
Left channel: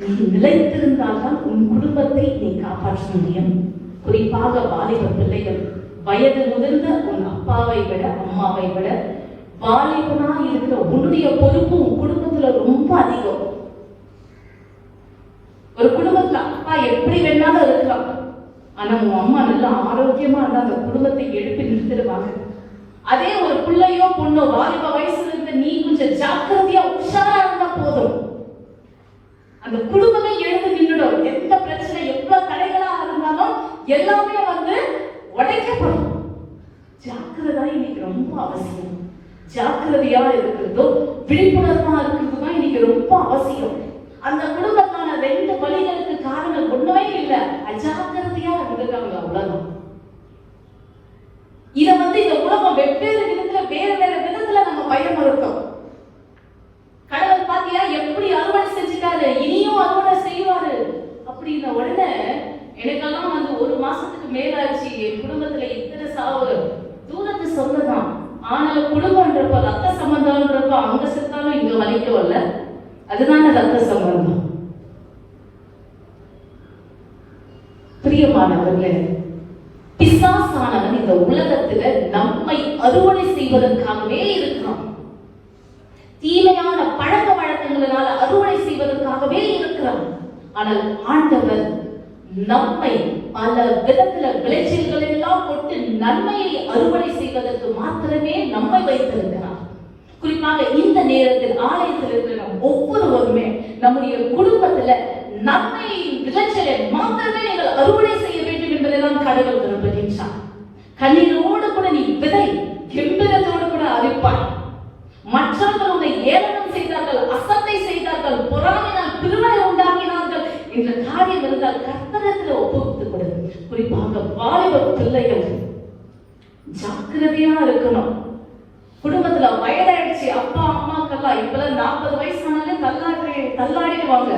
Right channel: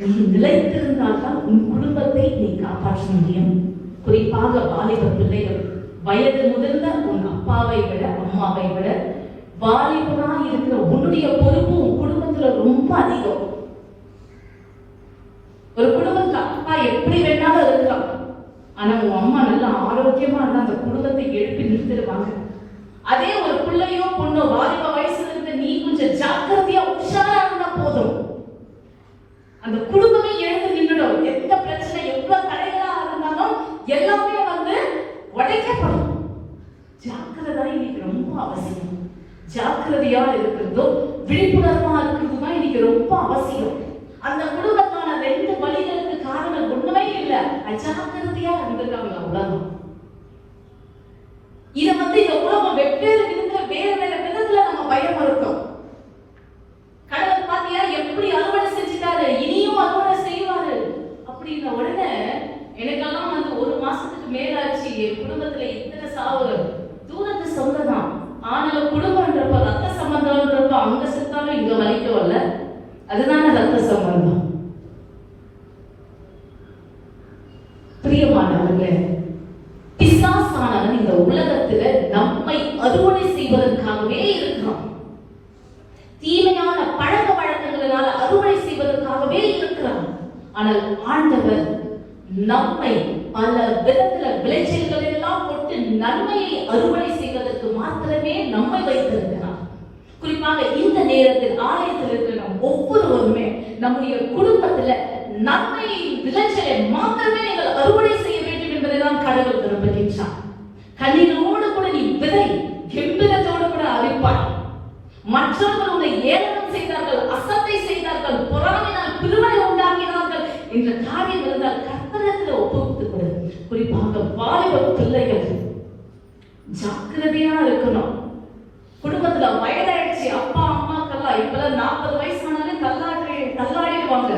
நீ நிலைத்திருந்தால்தான் உன் குடும்பத்தை நீ காப்பாற்ற முடியும். குறிப்பாக வாலிப பிள்ளைகள், வயது முதிர்ந்த உன் அப்பாவை விட அம்மாவை விட வாலிபனா இருக்கிற உன்னுடைய பொறுப்பு உன் குடும்பத்துல ரொம்ப அதிகம். ஒரு குடும்பத்துல அப்பா எப்படி வேணாலும் இருக்கலாம், ஆனா உன் அம்மா நல்லா ஆரோக்கியமா இருந்தா அந்த குடும்பத்தை எழுப்பி நிறுத்திடுவாங்க. அதே ஒரு பிள்ளையோ பொண்ணோ வாலிப வயசுல இருந்து நீ கொஞ்சம் ஜாக்கிரதையா உஷாரா இருந்தா போதும், அந்த குடும்பமே எழுந்து நின்றுடும். எந்த பிரச்சனை எவ்வளவு தடைகளா இருந்தாலும் எல்லாமே உடைக்கப்படும். ஜாக்கிரதா இன்னைக்கு ரொம்ப அவசியம். ஜாக்கிரதையா இருக்கிறதோ விழிப்புணர்வா இருக்கிறதுமா இன்னைக்கு ரொம்ப அவசியம். அந்த குடும்பத்தான 2 வழிகளுக்கு காரணம் ஒண்ணுமே இல்லை, அஜாக்கிரதையா இருந்திருக்காங்க உலகம். இத இந்த உலகம் வெவ்வேறு விதத்துல வேற வேற விதத்துல நம்ம பயமுறுத்தோம். கடவுள் பாத்தியா எப்படி அறுவடை செஞ்சுட்டாரு, இனியும் அறுவடை செய்வாரு அப்படின்ன உடனே எனக்கெல்லாம் 1 மாசத்துக்கு மேலாச்சு. என் குடும்பத்துல இத்தனை சாவு தூரத்து சொந்ததான். ஆனாலும் குடும்பம்ன்றப்ப ரத்த சம்பந்தம்ன்றப்ப அங்க செத்தாலும் இங்க வலிக்கவில்ல, அதுதான ரத்த சம்பந்தம். பிரியமானவர்களே, பிசாசானவன் இந்த உலகத்துல நம்மை அறுவடை செய்வதற்காகவே இருக்கிறான். தீமையான பழக்க வழக்கங்களால அறுவடை செய்வதற்காகவே இருக்கிறான். ஆனால் ஆண்டவர் நம்மை பல விதத்துல விளைச்சல்கள் எல்லாம் போட்டு நன்மையை அறுவடை செய்வதற்கு மாத்திரமே நம்மை வைத்திருக்கிறார். குறிப்பாக இந்த நேரத்தில் ஆலயத்தில் இருக்கிற ஒவ்வொருவருமே நம்முடைய குடும்பத்துல நன்மையை விளைச்சலை மாத்திரமே நீங்கள் அறுவடை செய்ய வேண்டும் என்பதெல்லாம் கடவுள் விரும்புகின்றார். கண்ணீரோடு கூட நீ விதை கெம்பீரத்தோடு கூட அறிப்பார். மற்றவர்கள் உன்னை ஏளனம் செய்தார்கள், அசட்டை செய்தார்கள், பொறாமையினால் பிரிவினை உண்டாக்கினார்கள் என்ற காரியம் இருந்தால் கர்த்தரிடத்தில் ஒப்புவித்துக் கொடு. குறிப்பாக வாலிப பிள்ளைகள் ஜாக்கிரதையா இருக்கணும். குடும்பத்துல வயதாயிடுச்சு, அப்பா அம்மாக்கெல்லாம் இப்பெல்லாம் 40 வயசானாலே தள்ளாடிடுவாங்க.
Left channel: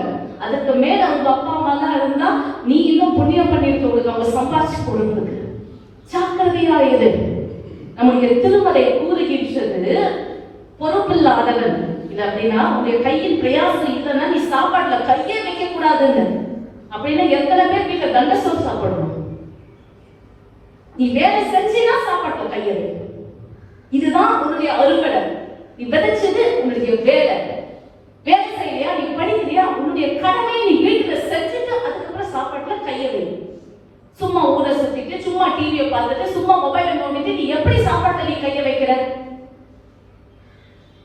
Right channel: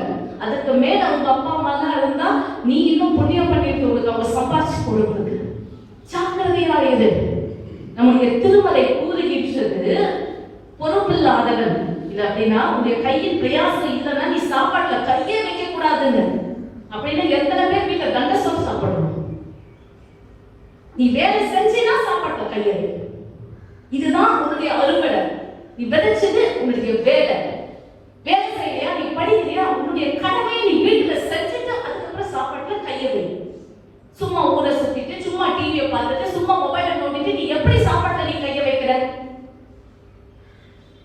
அதுக்கு மேல அவங்க அப்பா அம்மா எல்லாம் இருந்தா நீ இன்னும் புண்ணியம் பண்ணிட்டு அவங்க சம்பாதிச்சு கொடுக்குது. ஜாக்கிரதையா இரு. நம்முடைய திருமலை கூறுகின்ற இருக்கின்றது பொறுப்பில்லாதவன் இல்ல அப்படின்னா உன்னுடைய கையின் பிரயாசம் இல்லைன்னா நீ சாப்பாட்டுல கையே வைக்க கூடாதுன்னு. அப்படின்னா எத்தனை பேர் வீட்டுல தண்ட சோறு சாப்பிடணும்? நீ வேலை செஞ்சினா சாப்பாட்டுல கையை வை. இதுதான் உன்னுடைய அலுவலை. நீ விதைச்சது உன்னுடைய வேலை. வேலை செய்யலையா, நீ படிக்கலையா, உன்னுடைய கடமையை நீ வீட்டுல செஞ்சுட்டு அதுக்கப்புறம் சாப்பாட்டுல கையை வை. சும்மா ஊரை சுத்திட்டு சும்மா டிவியை பார்த்துட்டு சும்மா மொபைலை நோண்டிட்டு நீ எப்படி சாப்பாட்டுல நீ கையை வைக்கிற?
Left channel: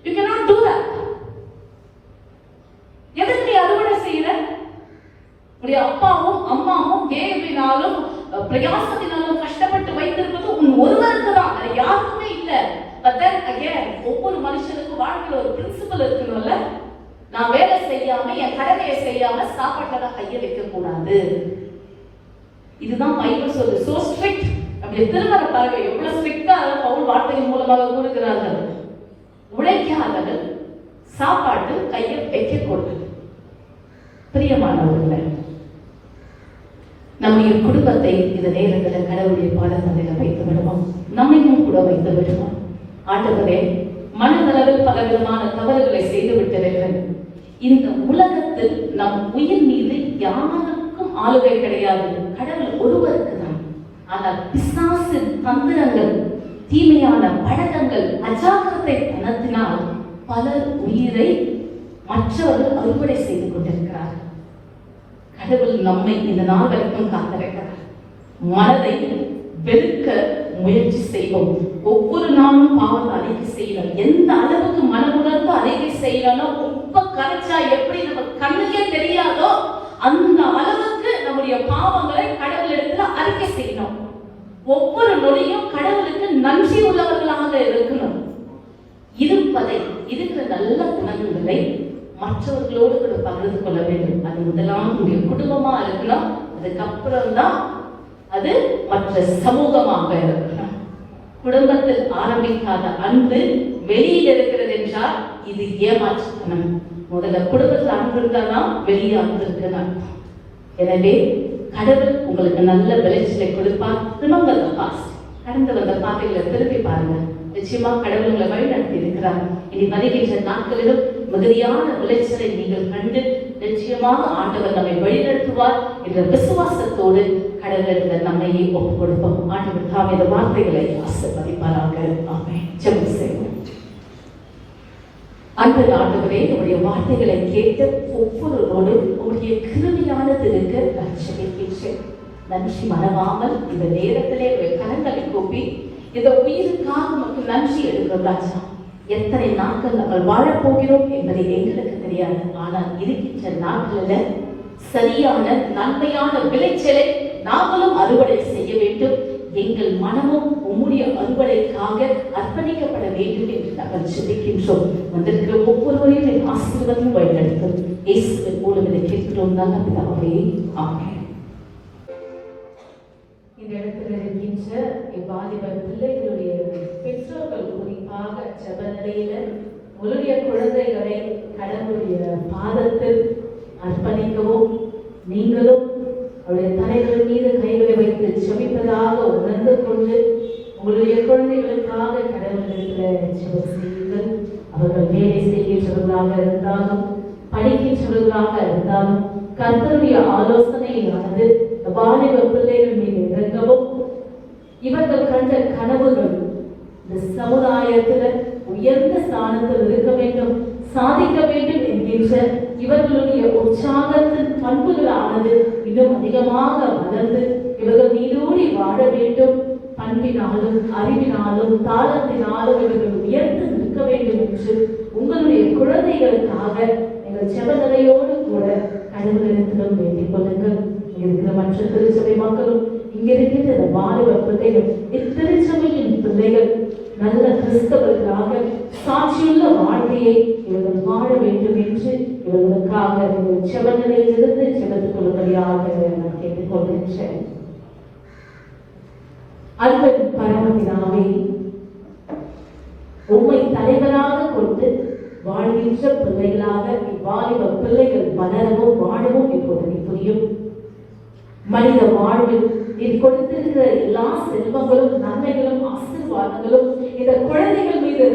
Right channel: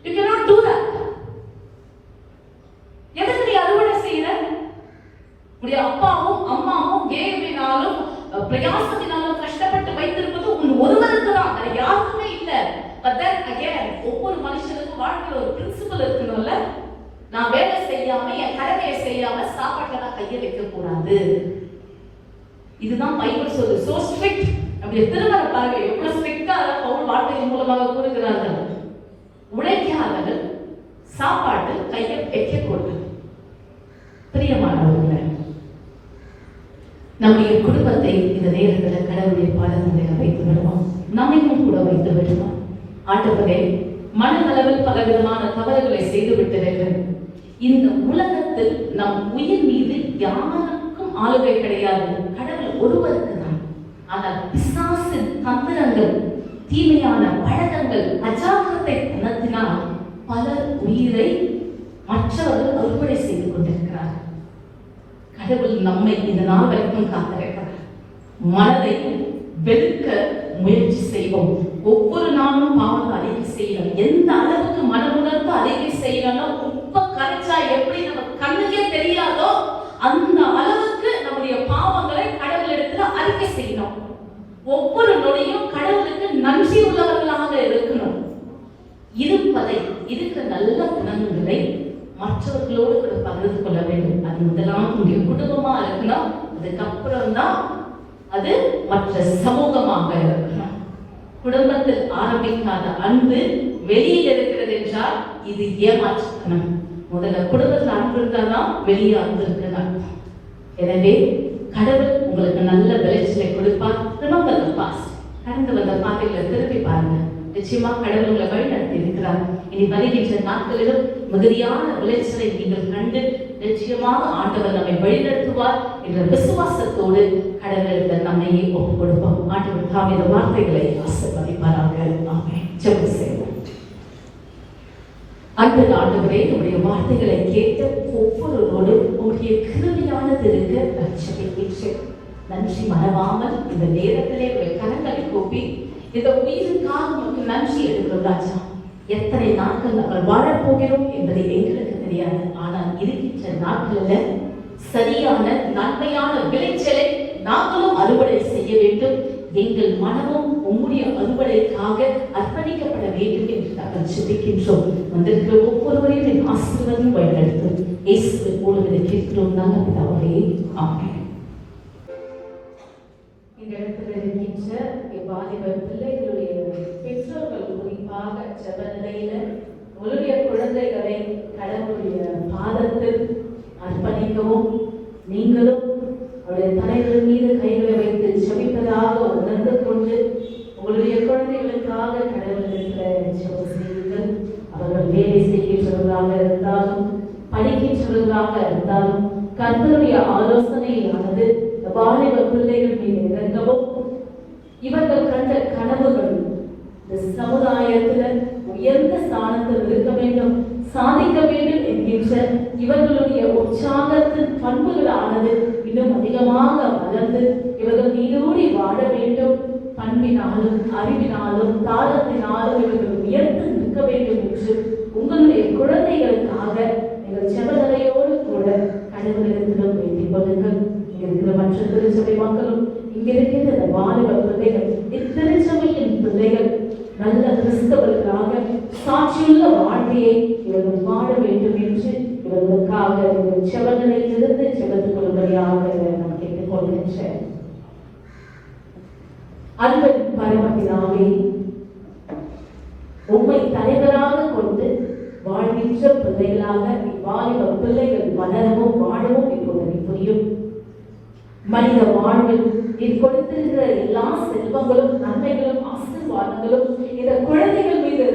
You cannot do that. எதுக்கு நீ அறுவடை செய்யற? உன்னுடைய அப்பாவும் அம்மாவும் வேலையினாலும் பிரயாசத்தினாலும் கஷ்டப்பட்டு வைத்திருப்பது உன் ஒருவருக்கு தான், அது யாருக்குமே இல்லை. But then again, ஒவ்வொரு மனுஷனுக்கு வாழ்க்கையில ஒரு பிரின்சிபல் இருக்கணும்ல. நான் வேலை செய்யாம என் கடமையை செய்யாம சாப்பாட்டுல கையை வைக்க கூடாது. இதுதான் பைபிள் சொல்லுது. So strict. அப்படி திருமண பாருங்க எவ்வளவு ஸ்ட்ரிக்டா பவுல் வார்த்தையின் மூலமாக கூறுகிறார்கள். உழைக்காதவர்கள் சாப்பாட்டு கையை வைக்க கூடாது. பிரியமானவர்களே, நம்முடைய குடும்பத்தை இந்த நேரத்தில் கடவுளுடைய பாதத்தில் வைத்து விடுவோம். நம்மையும் கூட வைத்து விடுவோம். ஆண்டவரே, மனதளவில் பலவிதமான தவறுகளை செய்துவிட்டவர்கள். இந்த உலகத்தில் நம் உயிர் மீது யாருக்கும் ஆளுகை கிடையாது, கடவுள் ஒருவருக்கு தான். ஆனால் பிசாசின் தந்திரங்கள், தீமையான பழக்கங்கள், அஜாக்கிரதை தனத்தினால் பலர் உயிரை மற்றவர்கள் அறுவடை செய்து கொண்டிருக்கிறார்கள். கடவுள் நம்மை இந்த நாள் வரைக்கும் காத்திருக்கிறார். மனதை வெறுக்க முயற்சி செய்வோம். ஒவ்வொரு நாளும் பாவத்தை அறிக்கை செய்யணும். எந்த அளவுக்கு மனமுணர்ந்து அறிக்கை செய்யணும், உப்ப கரைச்சா எப்படி நம்ம கண்ணுக்கே தெரியாதோ அந்த அளவுக்கு நம்முடைய பாவங்களை கடவுளிடத்துல அறிக்கை செய்யணும். ஒவ்வொரு நொடியும் கடவுளுக்கு நன்றி உள்ளவர்களாக இருக்கணும். இருப்பதை இருக்கிற நல்ல குணங்களை மற்றவர்களோடு கூட பகிர்ந்து கொள்ள வேண்டும். அது இதெல்லாம் உங்களுடைய குடும்பமா இருக்கணும். அதுக்கப்புறம் தான் அது மற்ற சமூகமாக இருக்கணும். குடும்பத்தில் ஆரம்பிக்காத அன்பு வெளியில் இருக்கிறது என்றால் இது ஏமாற்றணும். முதல்ல குடும்பத்தில் அன்பு இருக்காதான் வெளியே அன்பு இருக்கணும். எனவே கடவுள் உங்களுக்கு நல்ல விளைச்சலை கொடுப்பார். கடந்து வந்த பாதைகளை திருப்பி பாருங்க. நிச்சயமா கடவுள் உங்களை வழி நடத்தி இருக்கிறார். இனி வருகின்ற நாட்களிலும் மிகுதியான விளைச்சலை நீங்கள் கண்டு நிச்சயமாக ஆண்டவர் நம்மை வழிநடத்துவார் என்ற விசுவாசத்தோடு கடவுளுக்கு நம்மையே ஒப்புக் கொடுப்போம். ஆண்டவர் தாம் இந்த வார்த்தைகளை ஆசீர்வதிப்பாராக. ஆமென். ஜெபம் செய்வோம். அன்பு ஆண்டவரே, நம்முடைய வார்த்தைகளை கேட்ட ஒவ்வொருவரோடும் உங்களுடைய கிருபையானது இருக்க ஜெபிக்கின்றேன். நன்றி மறவாமல் இந்த நேரத்திலே கரங்களை கூப்பி இந்த உயிருக்காக நமக்கு நன்றி எடுக்கிறோம் ராஜா. எத்தனை நாட்கள் நாங்கள் வாழப்போகிறோம் என்பதை எங்களுக்கு தெரியாது. ஆனால் இருக்கின்ற நாட்களில் சரியான நன்மையான விளைச்சலை நாங்களும் அறுவடை செய்ய வேண்டும். எங்கள் மனமும் உங்களுடைய அறுவடைக்காக அர்ப்பணிக்கப்பட வேண்டும் என்று நாங்கள் ஜெபிக்கின்றோம். வந்திருக்கிற ஒவ்வொருவரையும் என் ஆசீர்வாதம் வழிநடத்தும். இயேசுவை போல கேட்கிறோம் நல்ல பிதாவே. ஆமென். இந்த இடத்துல இருக்கின்ற வாலிபர் பிள்ளைகளுடைய பெற்றோர்கள் குறிப்பாக ஜெப நிலையில உங்களுடைய குழந்தைகளை கடவுளுடைய பாதத்தில் அர்ப்பணிக்கவும், நீங்களும் அவருடைய தலைவர் மீது கைகளை வைத்து ஜெபிப்பதாக உணர்ந்து கொண்டு உங்களுடைய குழந்தைகளுக்காக கடவுள் இருக்கிற ஜெப செய்யுங்கள். அவர்கள் வேலை செய்கின்றவர்களாக இருந்தாலும் படிக்கின்றவர்களாக இருந்தாலும் கர்த்தருடைய ஆலோசனையானது வாலிப பிள்ளைகள் மீது இறங்கவும், இவர்கள் கண்ட கனவுகள் இந்த சமுதாயத்தில் உயர்ந்த ஸ்தானத்தில் இருக்க வேண்டும், சாதிக்க வேண்டும் என்கின்ற இவர்களுடைய உற்சாகத்தின் பண்புகளானது இன்னும் அதிகமாக வளர்ந்து இவர்கள் நீடோடி வாழ வேண்டும். பண்பினாலும் அறிவினாலும் தாளத்தினாலும் இவர்கள் உயர்ந்து நிற்க வேண்டும் என்று உங்களுடைய குழந்தைகளுக்காக எங்கள் ஜெபநிலையோடு கூட கடவுளிடத்திலும் வேண்டிக் கொள்ளுங்கள். இருக்கிற மற்ற திருச்சபை மக்களும் இங்க இருக்கிற இந்த வாலிப பிள்ளைகள், திருச்சபையின் பிள்ளைகள் நல்ல கிறிஸ்தவர்களாக சாட்சியுள்ள வாழ்க்கையை இவர்கள் வாழ வேண்டும் என்று இவர்களுக்காக ஜெபநிலையிலிருந்து ஜெபத்துக் கொள்வதையாக நான் கேட்டுக் கொள்கின்றேன். அன்பு பரமபிதாவே, உம்மை தலைவராக கொண்டு வாழ்கின்ற பிள்ளைகளாக வாலிப பிள்ளைகள் வளரவும் வாழவும் இப்போது புரியும். மனித வாழ்வில் இது கொடுத்திருக்கிற எல்லா செல்வங்களும் நன்மைகளும் ஆசீர்வாதங்களும் இந்த குழந்தைகள் மீது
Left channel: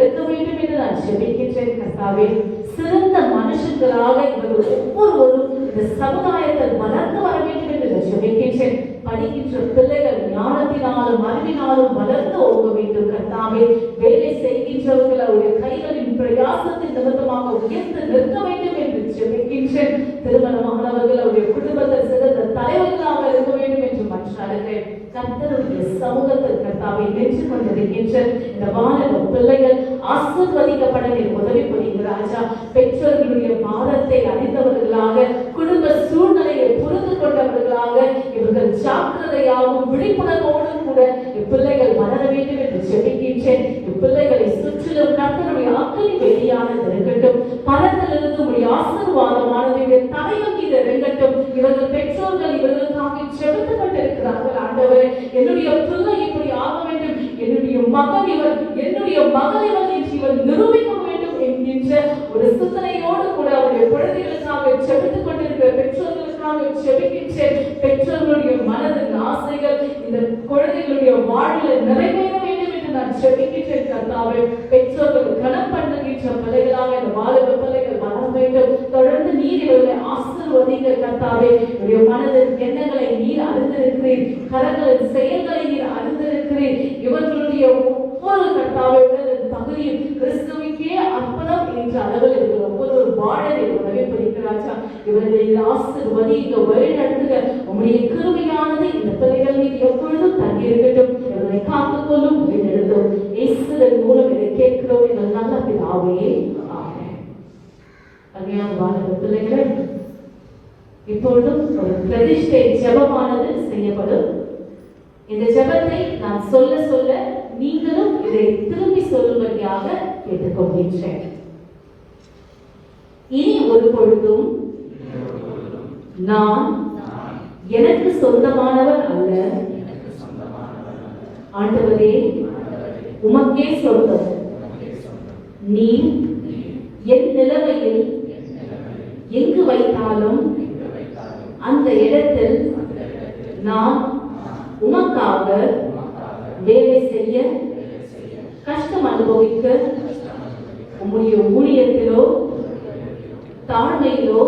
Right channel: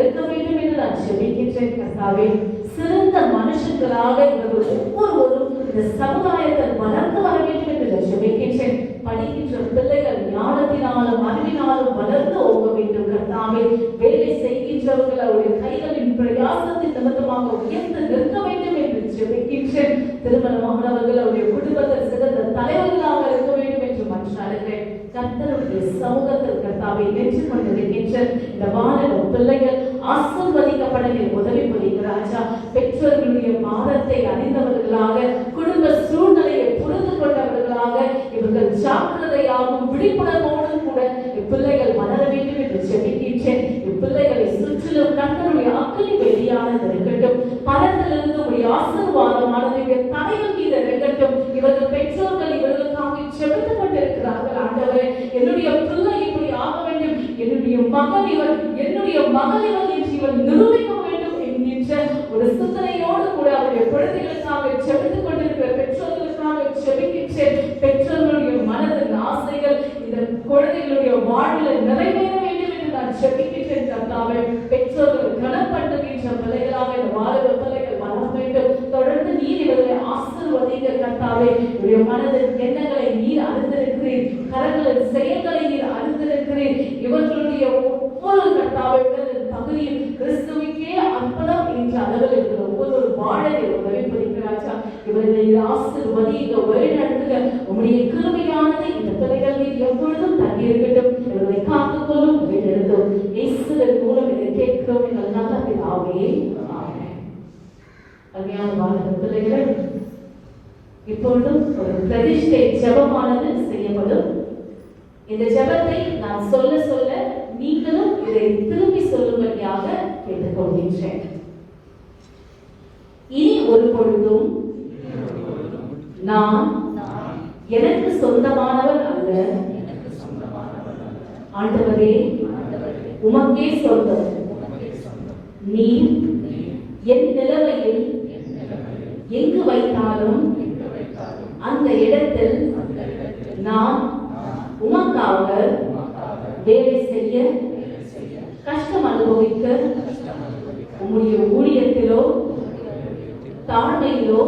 பிள்ளைகள் ஞானத்தினாலும் அறிவினாலும் வளர்ந்து ஓக வேண்டும் கர்த்தாவே. வேலை செய்கின்றவர்கள் அவருடைய கைகளின் பிரயாசத்தின் நிமித்தமாக உயர்ந்து நிற்க வேண்டும் என்று ஜெபிக்கின்றேன். திருமணமானவர்கள் அவருடைய குடும்பத்தை சிறந்த தலைவர்களாக இருக்க வேண்டும் என்று மன்றாடுகிறேன். கர்த்தருடைய சமூகத்தில் கர்த்தாவை நின்று கொண்டிருக்கின்ற இந்த வாலிப பிள்ளைகள் ஆசீர்வதிக்கப்பட உதவி புரிகிறாரா. பெற்றோர்களுடைய பாதத்தை அறிந்தவர்களாக, குடும்ப சூழ்நிலையை புரிந்து கொண்டவர்களாக இவர்கள் ஜாக்கிரதையாகவும் விழிப்புணர்வோடும் கூட இப்பிள்ளைகள் வளர வேண்டும் என்று ஜெபிக்கின்றேன். இப்பிள்ளைகளை சுற்றிலும் கர்த்தருடைய அக்கினி வெளியானது இருக்கட்டும். பலத்திலிருந்து உடைய ஆசீர்வாதமானது தடையம் மீது இருக்கட்டும். இவர்கள் பெற்றோர்கள் இவர்களுக்காக ஜெபித்துக் கொண்டிருக்கிறார்கள். ஆண்டவரே, என்னுடைய பிள்ளை இப்படி ஆக வேண்டும், என்னுடைய மகன் இவர் நிரூபிக்க வேண்டும் என்கின்ற ஒரு சிந்தனையோடு கூட அவருடைய குழந்தைகளுக்காக ஜெபித்துக் கொண்டிருக்கிற பெற்றோர்களுக்காக ஜெபிக்கின்றேன். பெற்றோர்களுடைய மனதின் ஆசைகள் இந்த குழந்தைகளுடைய வாழ்வில் நிறைவேற வேண்டும் என்று நான் ஜெபிக்கின்றேன் கர்த்தாவே. பெற்றோர்கள் கனப்படுகின்ற பிள்ளைகளாக இந்த வாலிப பிள்ளைகள் வர வேண்டும். தொடர்ந்து நீர் இவர்களை ஆசீர்வதிக்க கர்த்தாவே. இவருடைய மனதின் எண்ணங்களை நீர் அறிந்திருக்கிறீர், கரங்களின் செயல்களை நீர் அறிந்திருக்கிறீர். இவர்களுடைய ஒவ்வொரு கர்த்தாவை பகுதியில் கிறிஸ்துவுக்கே அர்ப்பணம் என்ற அளவில் இருக்கிற ஒவ்வொரு வாழலை வழிபடுகிறாச்சா. இவர்களை ஆசீர்வதிக்க வழிநடத்துக உங்களுடைய கிருபையானது இந்த பிள்ளைகளில் எப்பொழுதும் தங்கி இருக்கட்டும். இவர்களை காத்துக்கொள்ளும் வழிநடத்தும் இயேசுவின் மூலம் இதை கேட்கிறோம் எங்கள் நல்ல பிதாவே. ஆமென். அருமையான வாலிப பிள்ளைகளே, இப்பொழுதும் ஒரு பிரதிஷ்டை ஜெபமானது செய்யப்படும். இந்த ஜெபத்தை நான் சொல்ல சொல்ல நீங்களும் இதை திரும்பி சொல்லும்படியாக கேட்டுக்கொள்கின்றேன். இனி ஒரு பொழுதும் நான் எனக்கு சொந்தமானவர் அல்ல, ஆண்டவரே உமக்கே சொந்தம். நீ என் நிலைமையில் எங்கு வைத்தாலும் அந்த இடத்தில் நான் உமக்காக வேலை செய்ய, கஷ்டம் அனுபவிக்க, உம்முடைய ஊழியத்திலோ தாழ்மையிலோ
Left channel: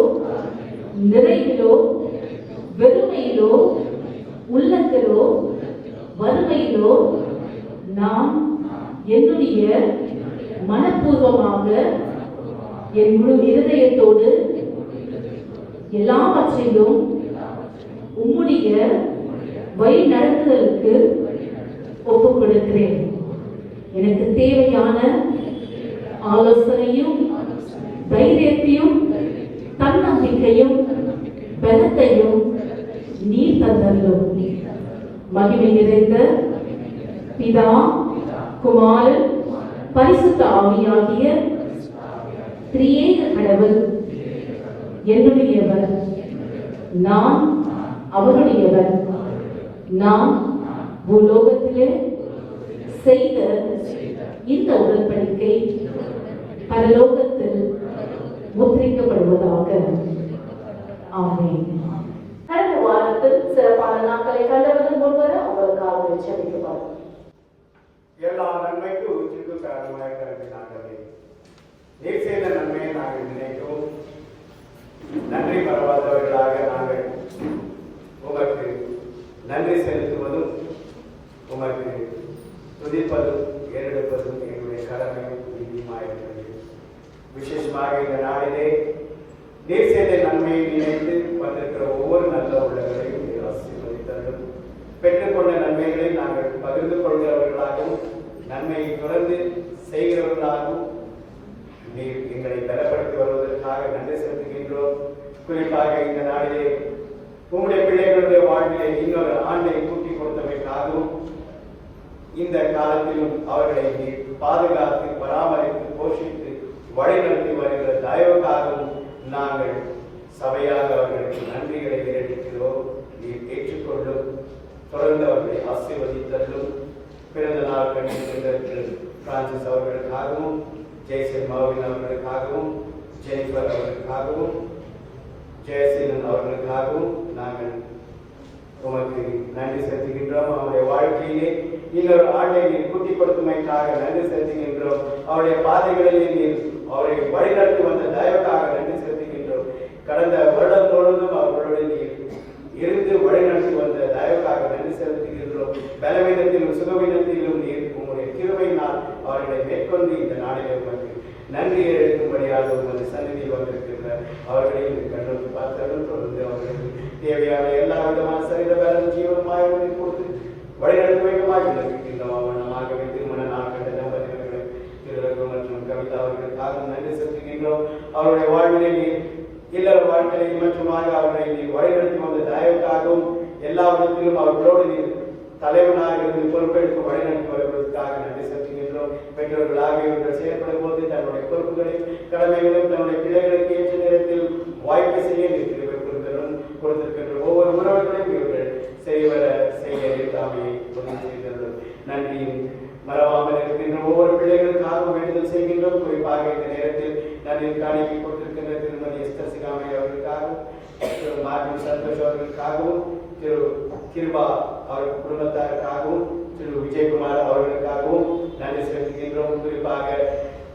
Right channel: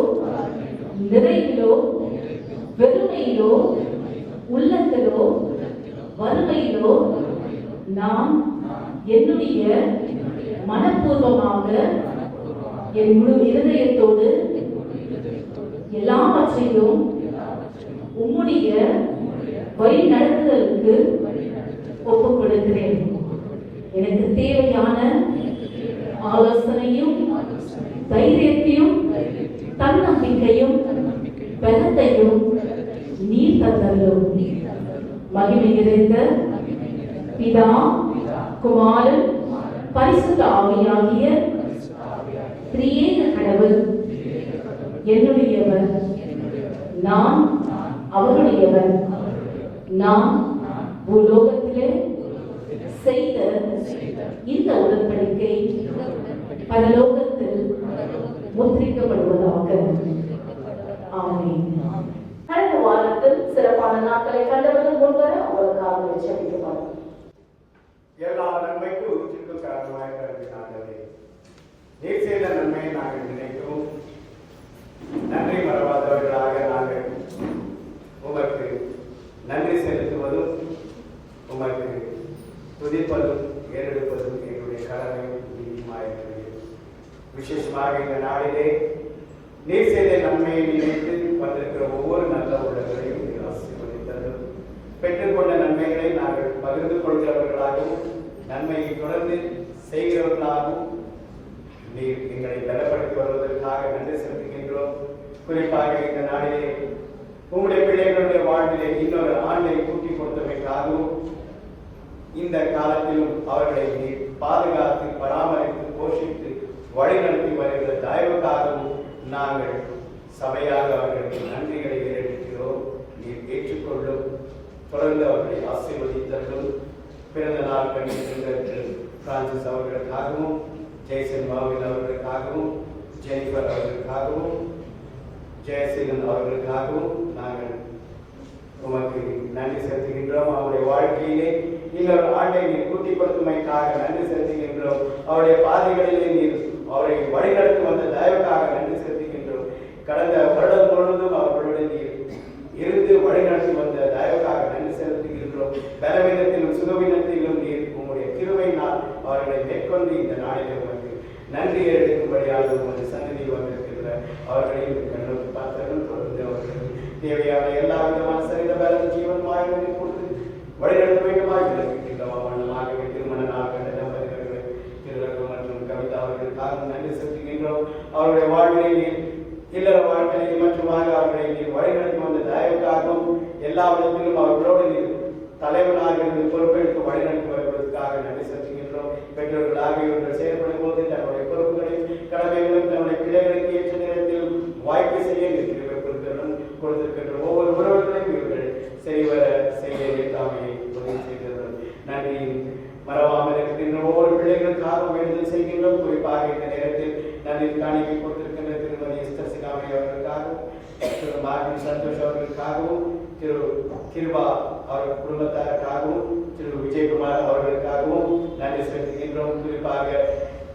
நிறைவிலோ வெறுமையிலோ உள்ளத்திலோ வறுமையிலோ நான் என்னுடைய மனப்பூர்வமாக என் முழு இருதயத்தோடு எல்லாவற்றையும் உம்முடைய வழி நடத்துதலுக்கு ஒப்புக் கொடுக்கிறேன். எனக்கு தேவையான ஆலோசனையும் தைரியத்தையும் தன்னம்பிக்கையும் பலத்தையும் நீ தந்தரும். மகிமை நிறைந்த பிதா, குமாரன், பரிசுத்த ஆவியாகிய திரியேக கடவுள் என்னுடையவர், நான் அவருடையவர். நான் பூலோகத்திலே செய்த இந்த உடன்படிக்கை பரலோகத்தில் முத்திரிக்கப்படுவதாக. ஆமென். கடந்த வாரத்தில் சிறப்பான நாட்களை கண்டவர்கள் முன்வர அவர்களுக்காக ஜெபிக்கப்படும். எல்லா நன்மைக்கும் உச்சித்துக்காரமாய் கருதினார்களே, நீர் செய்த நன்மையை நாங்கள் நினைக்கும் நன்றி மறவாதவர்களாக நாங்கள் உமக்கு நன்றி செலுத்துவதும் உமக்கு துதிப்பதும் ஏறெடுப்பதும் எங்களுடைய கடமையும் நீதியுமாயிருக்கிறது. விசேஷமாக இந்த நாளிலே நீர் செய்த நன்மையை நினைத்து வந்திருக்கிற ஒவ்வொரு நல்ல உள்ளவர்களையும் நீர் ஆசீர்வதித்தரும். பெற்றுக்கொண்ட நன்மைகளை நாங்கள் பகிர்ந்து கொள்கிறவர்களாகவும் நன்மையை தொடர்ந்து செய்கிறவர்களாகவும் நீர் எங்களை பலப்படுத்தி வருவதற்காக நன்றி செலுத்துகின்றோம். குறிப்பாக இந்த நாளிலே உங்களுடைய பிள்ளைகளுடைய வாழ்விலே இன்னொரு ஆண்டை கூட்டிக் கொடுத்தமைக்காகவும் இந்த காலத்திலும் அவர்களை நீர் பாதுகாத்து பராமரித்து போஷித்து வழிநடத்தி வருகிற தயவுக்காகவும் நாங்கள் சபையாக அவர்களுக்கு நன்றிகளை ஏறெடுக்கிறோம். நீர் ஏற்றுக்கொள்ளும், தொடர்ந்து அவர்களை ஆசீர்வதித்தலும். பிறந்த நாள் கண்டிருக்கின்ற பிரான்சிஸ் அவர்களுக்காகவும், ஜெயசன் மாவின் அவர்களுக்காகவும், ஜெனிஃபர் அவர்களுக்காகவும், ஜெயசீலன் அவர்களுக்காகவும் நாங்கள் உமக்கு நன்றி செலுத்துகின்றோம். அவருடைய வாழ்க்கையிலே இன்னொரு ஆண்டை நீர் கூட்டிக் கொடுத்தமைக்காக நன்றி செலுத்துகின்றோம். அவருடைய பாதைகளிலே நீர் அவரை வழிநடத்தி வந்த தயவுக்காக நன்றி செலுத்துகின்றோம். கடந்த வருடம் முழுவதும் அவர்களுடைய நீர் இருந்து வழிநடத்தி வந்த தயவுக்காக நன்றி செலுத்துகின்றோம். பலவீனத்திலும் சுகவீனத்திலும் நீர் உங்களுடைய கிருபையினால் அவர்களை மேற்கொண்டு இந்த நாளிலே உமக்கு நன்றியை எடுக்கும்படியாக உங்களுடைய சந்நிதி வந்திருக்கின்ற அவர்களையும் கண்டோக்கி பார்த்தவர்கள் தொடர்ந்து அவர்களுக்கு தேவையான எல்லா விதமான சரிந்த பலன் ஜீவனமாக கொடுத்து வழிநடத்த வேண்டுமாக இருக்கின்றோம். வண்ணமாக திருமண நாள் கண்ட தம்பதிகளுக்கு திருவள்ளுவர் மற்றும் கவிதா அவர்களுக்காக நன்றி செலுத்துகின்றோம். அவருடைய வாழ்வினை இல்லற வாழ்க்கையில் மற்றுமாக அவர்களை நீ வழிநடத்தி வந்த தயவுக்காகவும் எல்லா விதத்திலும் அவர்களோடு நீ தலைவனாக இருந்து பொறுப்பெடுத்து வழிநடத்தி வருவதற்காக நன்றி செலுத்துகின்றோம். பெற்றோர்களாக இவர்கள் செயல்படும் போது தன்னுடைய பொறுப்புகளையும் கடமைகளையும் தன்னுடைய பிள்ளைகளுக்கு ஏற்ற நேரத்தில் வாய்ப்பு செய்ய கொடுத்திருக்கின்ற ஒவ்வொரு உறவுகளையும் இவர்கள் செய்ய தாமே உதவி செய்கிறார்கள். நன்றியும் மறவாமல் இருக்கின்ற ஒவ்வொரு பிள்ளைகளுக்காக வேண்டுதல் செய்கின்றோம். குறிப்பாக இந்த நேரத்தில் நன்றி காணிக்கை கொடுத்திருக்கின்ற திருமதி எஸ்தர் சிகாமணி அவர்களுக்காகவும் திரு மார்பின் சந்தோஷ் அவர்களுக்காகவும் திரு கிருபா அவர்கள் குடும்பத்தாருக்காகவும் திரு விஜயகுமார் அவர்களுக்காகவும் நன்றி செலுத்துகின்றோம். குறிப்பாக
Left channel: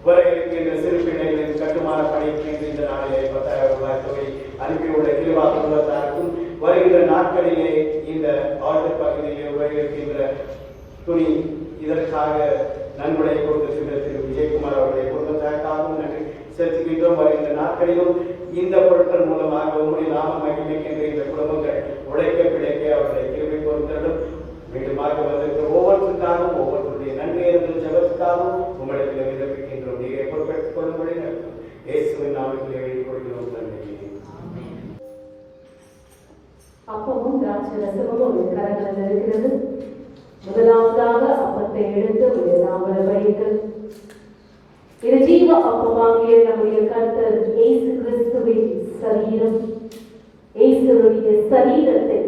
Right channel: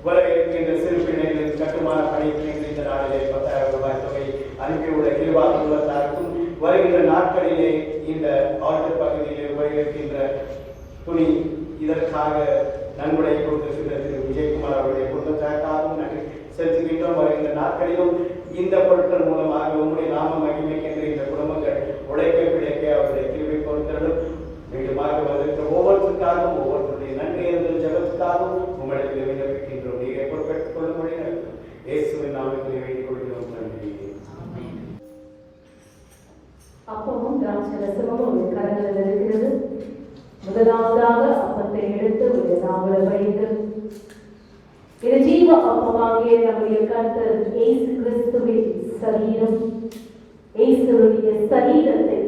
உலகிருக்கின்ற சிறு பிள்ளைகளின் கட்டுமான பணிக்கு இந்த நாளிலே 10,000 ரூபாய் தொகை அனுப்பியுள்ள கிருபா குடும்பத்தாருக்கும் வருகின்ற நாட்களிலே இந்த ஆர்டர் பகுதியிலே உபயோகிக்கின்ற துணி இதற்காக நன்கொடை கொடுத்திருக்கின்ற திரு விஜயகுமார் அவருடைய குடும்பத்தாருக்காகவும் நன்றி செலுத்துகின்றோம். வருகின்ற நாட்களிலும் இந்த பொருட்கள் மூலமாக உங்களுடைய நாம மகிமைக்கின்ற இந்த குடும்பங்கள் உழைக்க பிழைக்க அவருடைய கிருபை கொடுத்தலும் மீண்டுமாக வருகின்ற ஒவ்வொருத்தருக்காகவும் ஒவ்வொருத்தருடைய நன்றி என்ற ஜபத்துக்காகவும் உங்களுக்கு விண்ணப்பிக்கின்றோம். நீங்கள் பொறுப்பேற்றுக் கொள்ள முடியும். இயேசுவின் நாமத்தில் வேண்டிக் கொள்கிறோம். நன்றி. அப்பமும் திராட்சை ரசமும் ஒரு கரத்தில் இருக்கிறது. முதலாவதாக அப்பத்தை எடுத்து ஒரு தாமரை வைத்து இது ஜீவ அப்பமாகிய நம்முடைய கர்த்தர் இயேசு கிறிஸ்துவின் சரீரம். இயேசுடைய சரீரத்தை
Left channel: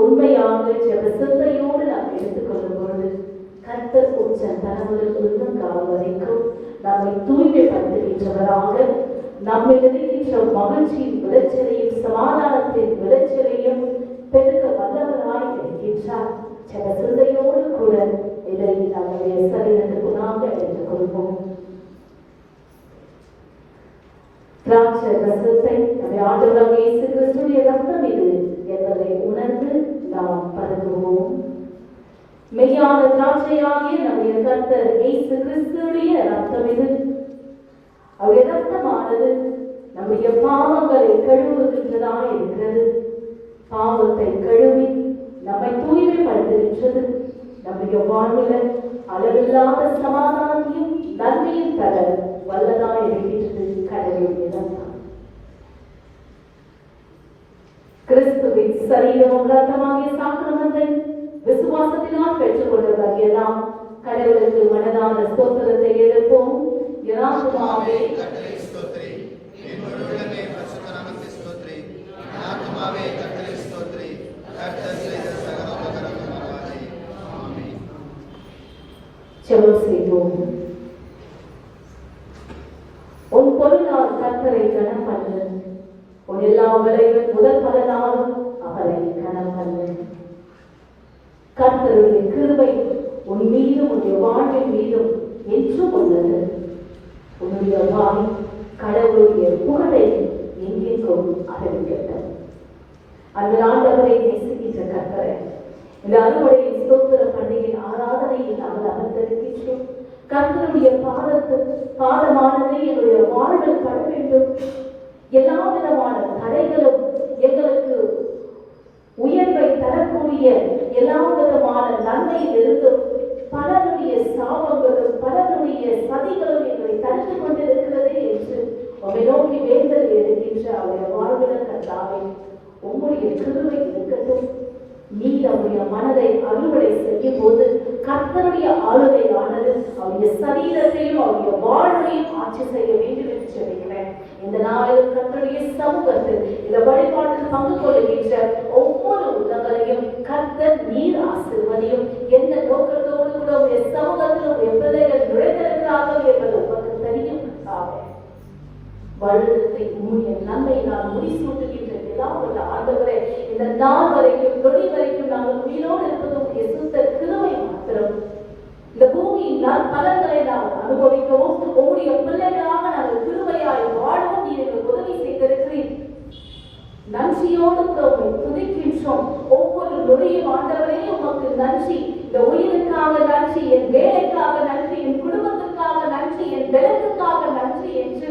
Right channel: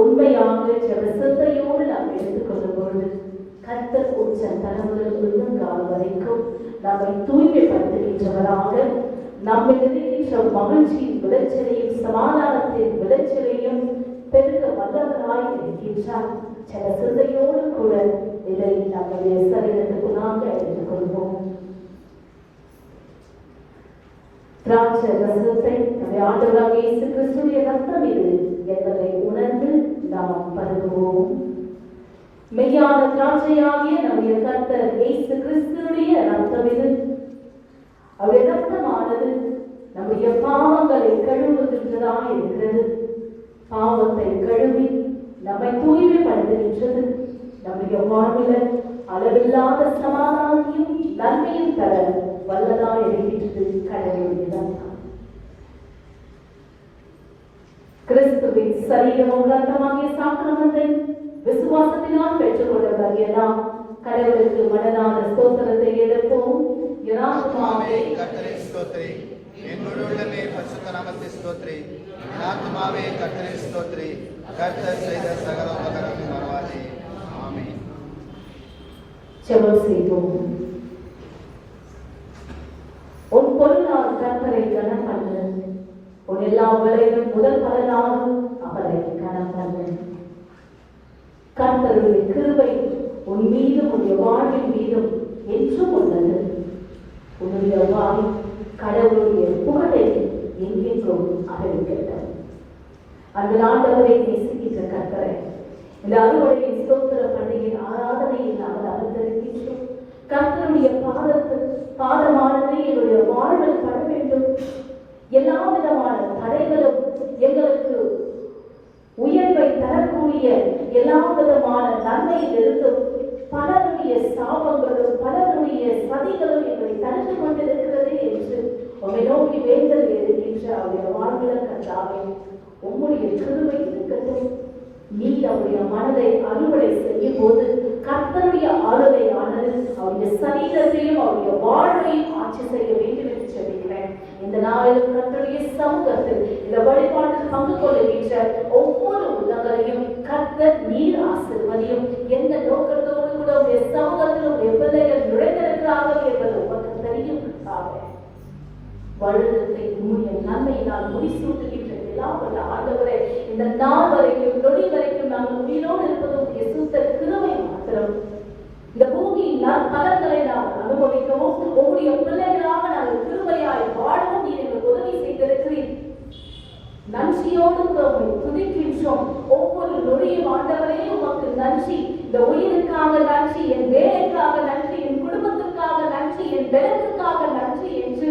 உண்மையாக ஜெபசத்தையோடு நாம் எடுத்துக்கொள்ளும் பொழுது கர்த்தர் உச்ச தலைமுறை காலம் வரைக்கும் நம்மை தூய்மைப்படுத்துகின்றவராக நம்மில் இருக்கின்ற மகிழ்ச்சியின் விளைச்சலையும் சமாதானத்தின் விளைச்சலையும் பெருக வல்லவராய் இருக்கின்றார். ஜெபசத்தையோடு கூட இதை நம்முடைய சரீரத்துக்கு நாம் எடுத்துக்கொள்வோம். திராட்சை ரசத்தை நம்முடைய ஆண்டவராகிய இயேசு கிறிஸ்துவின் ரத்தம் இது என்பதை உணர்ந்து நாம் பருகுவோம். மெய்யான திராட்சையாகிய நம்முடைய கர்த்தர் இயேசு கிறிஸ்துவின் ரத்தம் இது. அவருடைய ரத்தமானது நம்முடைய பாவங்களை கழுவுகின்றதாக இருக்கிறது. பாவத்தை கழுவி நம்மை தூய்மைப்படுத்துகின்றது. நம்முடைய வாழ்வில் அளவில்லாத சமாதானத்தையும் நன்மையும் தர வல்லதாய் இருக்கின்றது. கடவுளுடைய ரத்தம் கிறிஸ்துவின் சரீரமும் ரத்தமாகிய சாக்கிரமத்தை விசுவாசத்தினால் பெற்றுக் கொள்வதாக நாம் கடவுளுக்கு மனதான ஸ்தோத்திரத்தை எடுப்போம். யதார்த்தமாகவே கர்த்தரை ஸ்தோத்திரி, என்னோடு உள்ளமே பரிசுத்த நாமத்தை ஸ்தோத்திரி, யதார்த்தமாகவே கர்த்தரை ஸ்தோத்திரி, கர்த்தர் செய்த சகல உபகாரங்களுக்காக. ஆமென். ஜெபம் செய்வோம். உன் பொருளால் கர்த்தரை கனப்பண்ணு, உன் எல்லா வேலைகளும் முதல் பலனாக அவரை கனப்பண்ணு. கர்த்தருடைய கிருபை உன் மீதும் உன்னுடைய வாழ்வின் மீதும் என்றும் உள்ளது. உன்னுடைய வாழ் கடவுளுடைய புகழை எங்கெங்கும் அறிவிக்கட்டும். அந்த ஆண்டவரை நேசிக்கின்ற கர்த்தரை இந்த அறுவடை ஸ்தோத்திர பண்டிகை ஆராதனையில் நாங்கள் அமர்ந்திருக்கின்றோம். கர்த்தருடைய பாதமானதை என்னுடைய வாழ்வில் பட வேண்டும். எல்லா விதமான தடைகளும் எங்களுக்கு உயர்வை தரக்கூடிய எல்லா விதமான நன்மையில் இருந்தும் பலருடைய சாபங்களும் பலருடைய சதிகளும் எங்களை தடுத்து கொண்டிருக்கிறதே என்று உங்களை நோக்கி வேண்டல் இருக்கின்ற அவருடைய வாழ்வில் கண்டாவே உங்களுடைய கிருபை இருக்கட்டும். நீ அவருடைய மனதை அறுவடை செய்யும் போது கர்த்தருடைய ஆளுகையானது அவருடைய சரீரத்தையும் அவருடைய வாழ்வையும் ஆட்சி செய்ய வேண்டும் என்று சொல்கிறேன். இந்த நாளிலும் கர்த்தருடைய சமூகத்தில் இந்த வழிபாட்டில் பங்கு கொள்கின்ற ஒவ்வொரு உள்ளங்களையும் கர்த்தர் நீர் ஆசீர்வதியும். எந்த நோக்கத்தோடு கூட உடைய சமூகத்தில் எப்பதைகள் நுழைந்திருக்கிறார்கள் என்பது உங்களுக்கு தெரியும். வருடத்தை உண்மையை நன்மை நான் முடிசூட்டுகின்ற ஆண்டவரே, இந்த நாள் வரைக்கும் நொடி வரைக்கும் நாங்கள் உயிரோடு இருப்பது சுத்த கிருபை மாத்திரம். இந்த பூமியின் பலன்களை நாம் அனுபவிக்கவும் உங்களுடைய பிள்ளைகளாக நாங்கள் கிருபையாய் வாழவும் நீங்கள் உதவி செய்திருக்கிறீர். நன்றியோடு துதிக்கின்றோம். ஒவ்வொரு நொடியும் ஆண்டவரையும் உமக்கு நன்றி, இந்த உயிருக்காக நன்றி, என் வேலைக்காக நன்றி, என் குடும்பத்திற்காக நன்றி, என் பலனுக்காக நன்றி என்று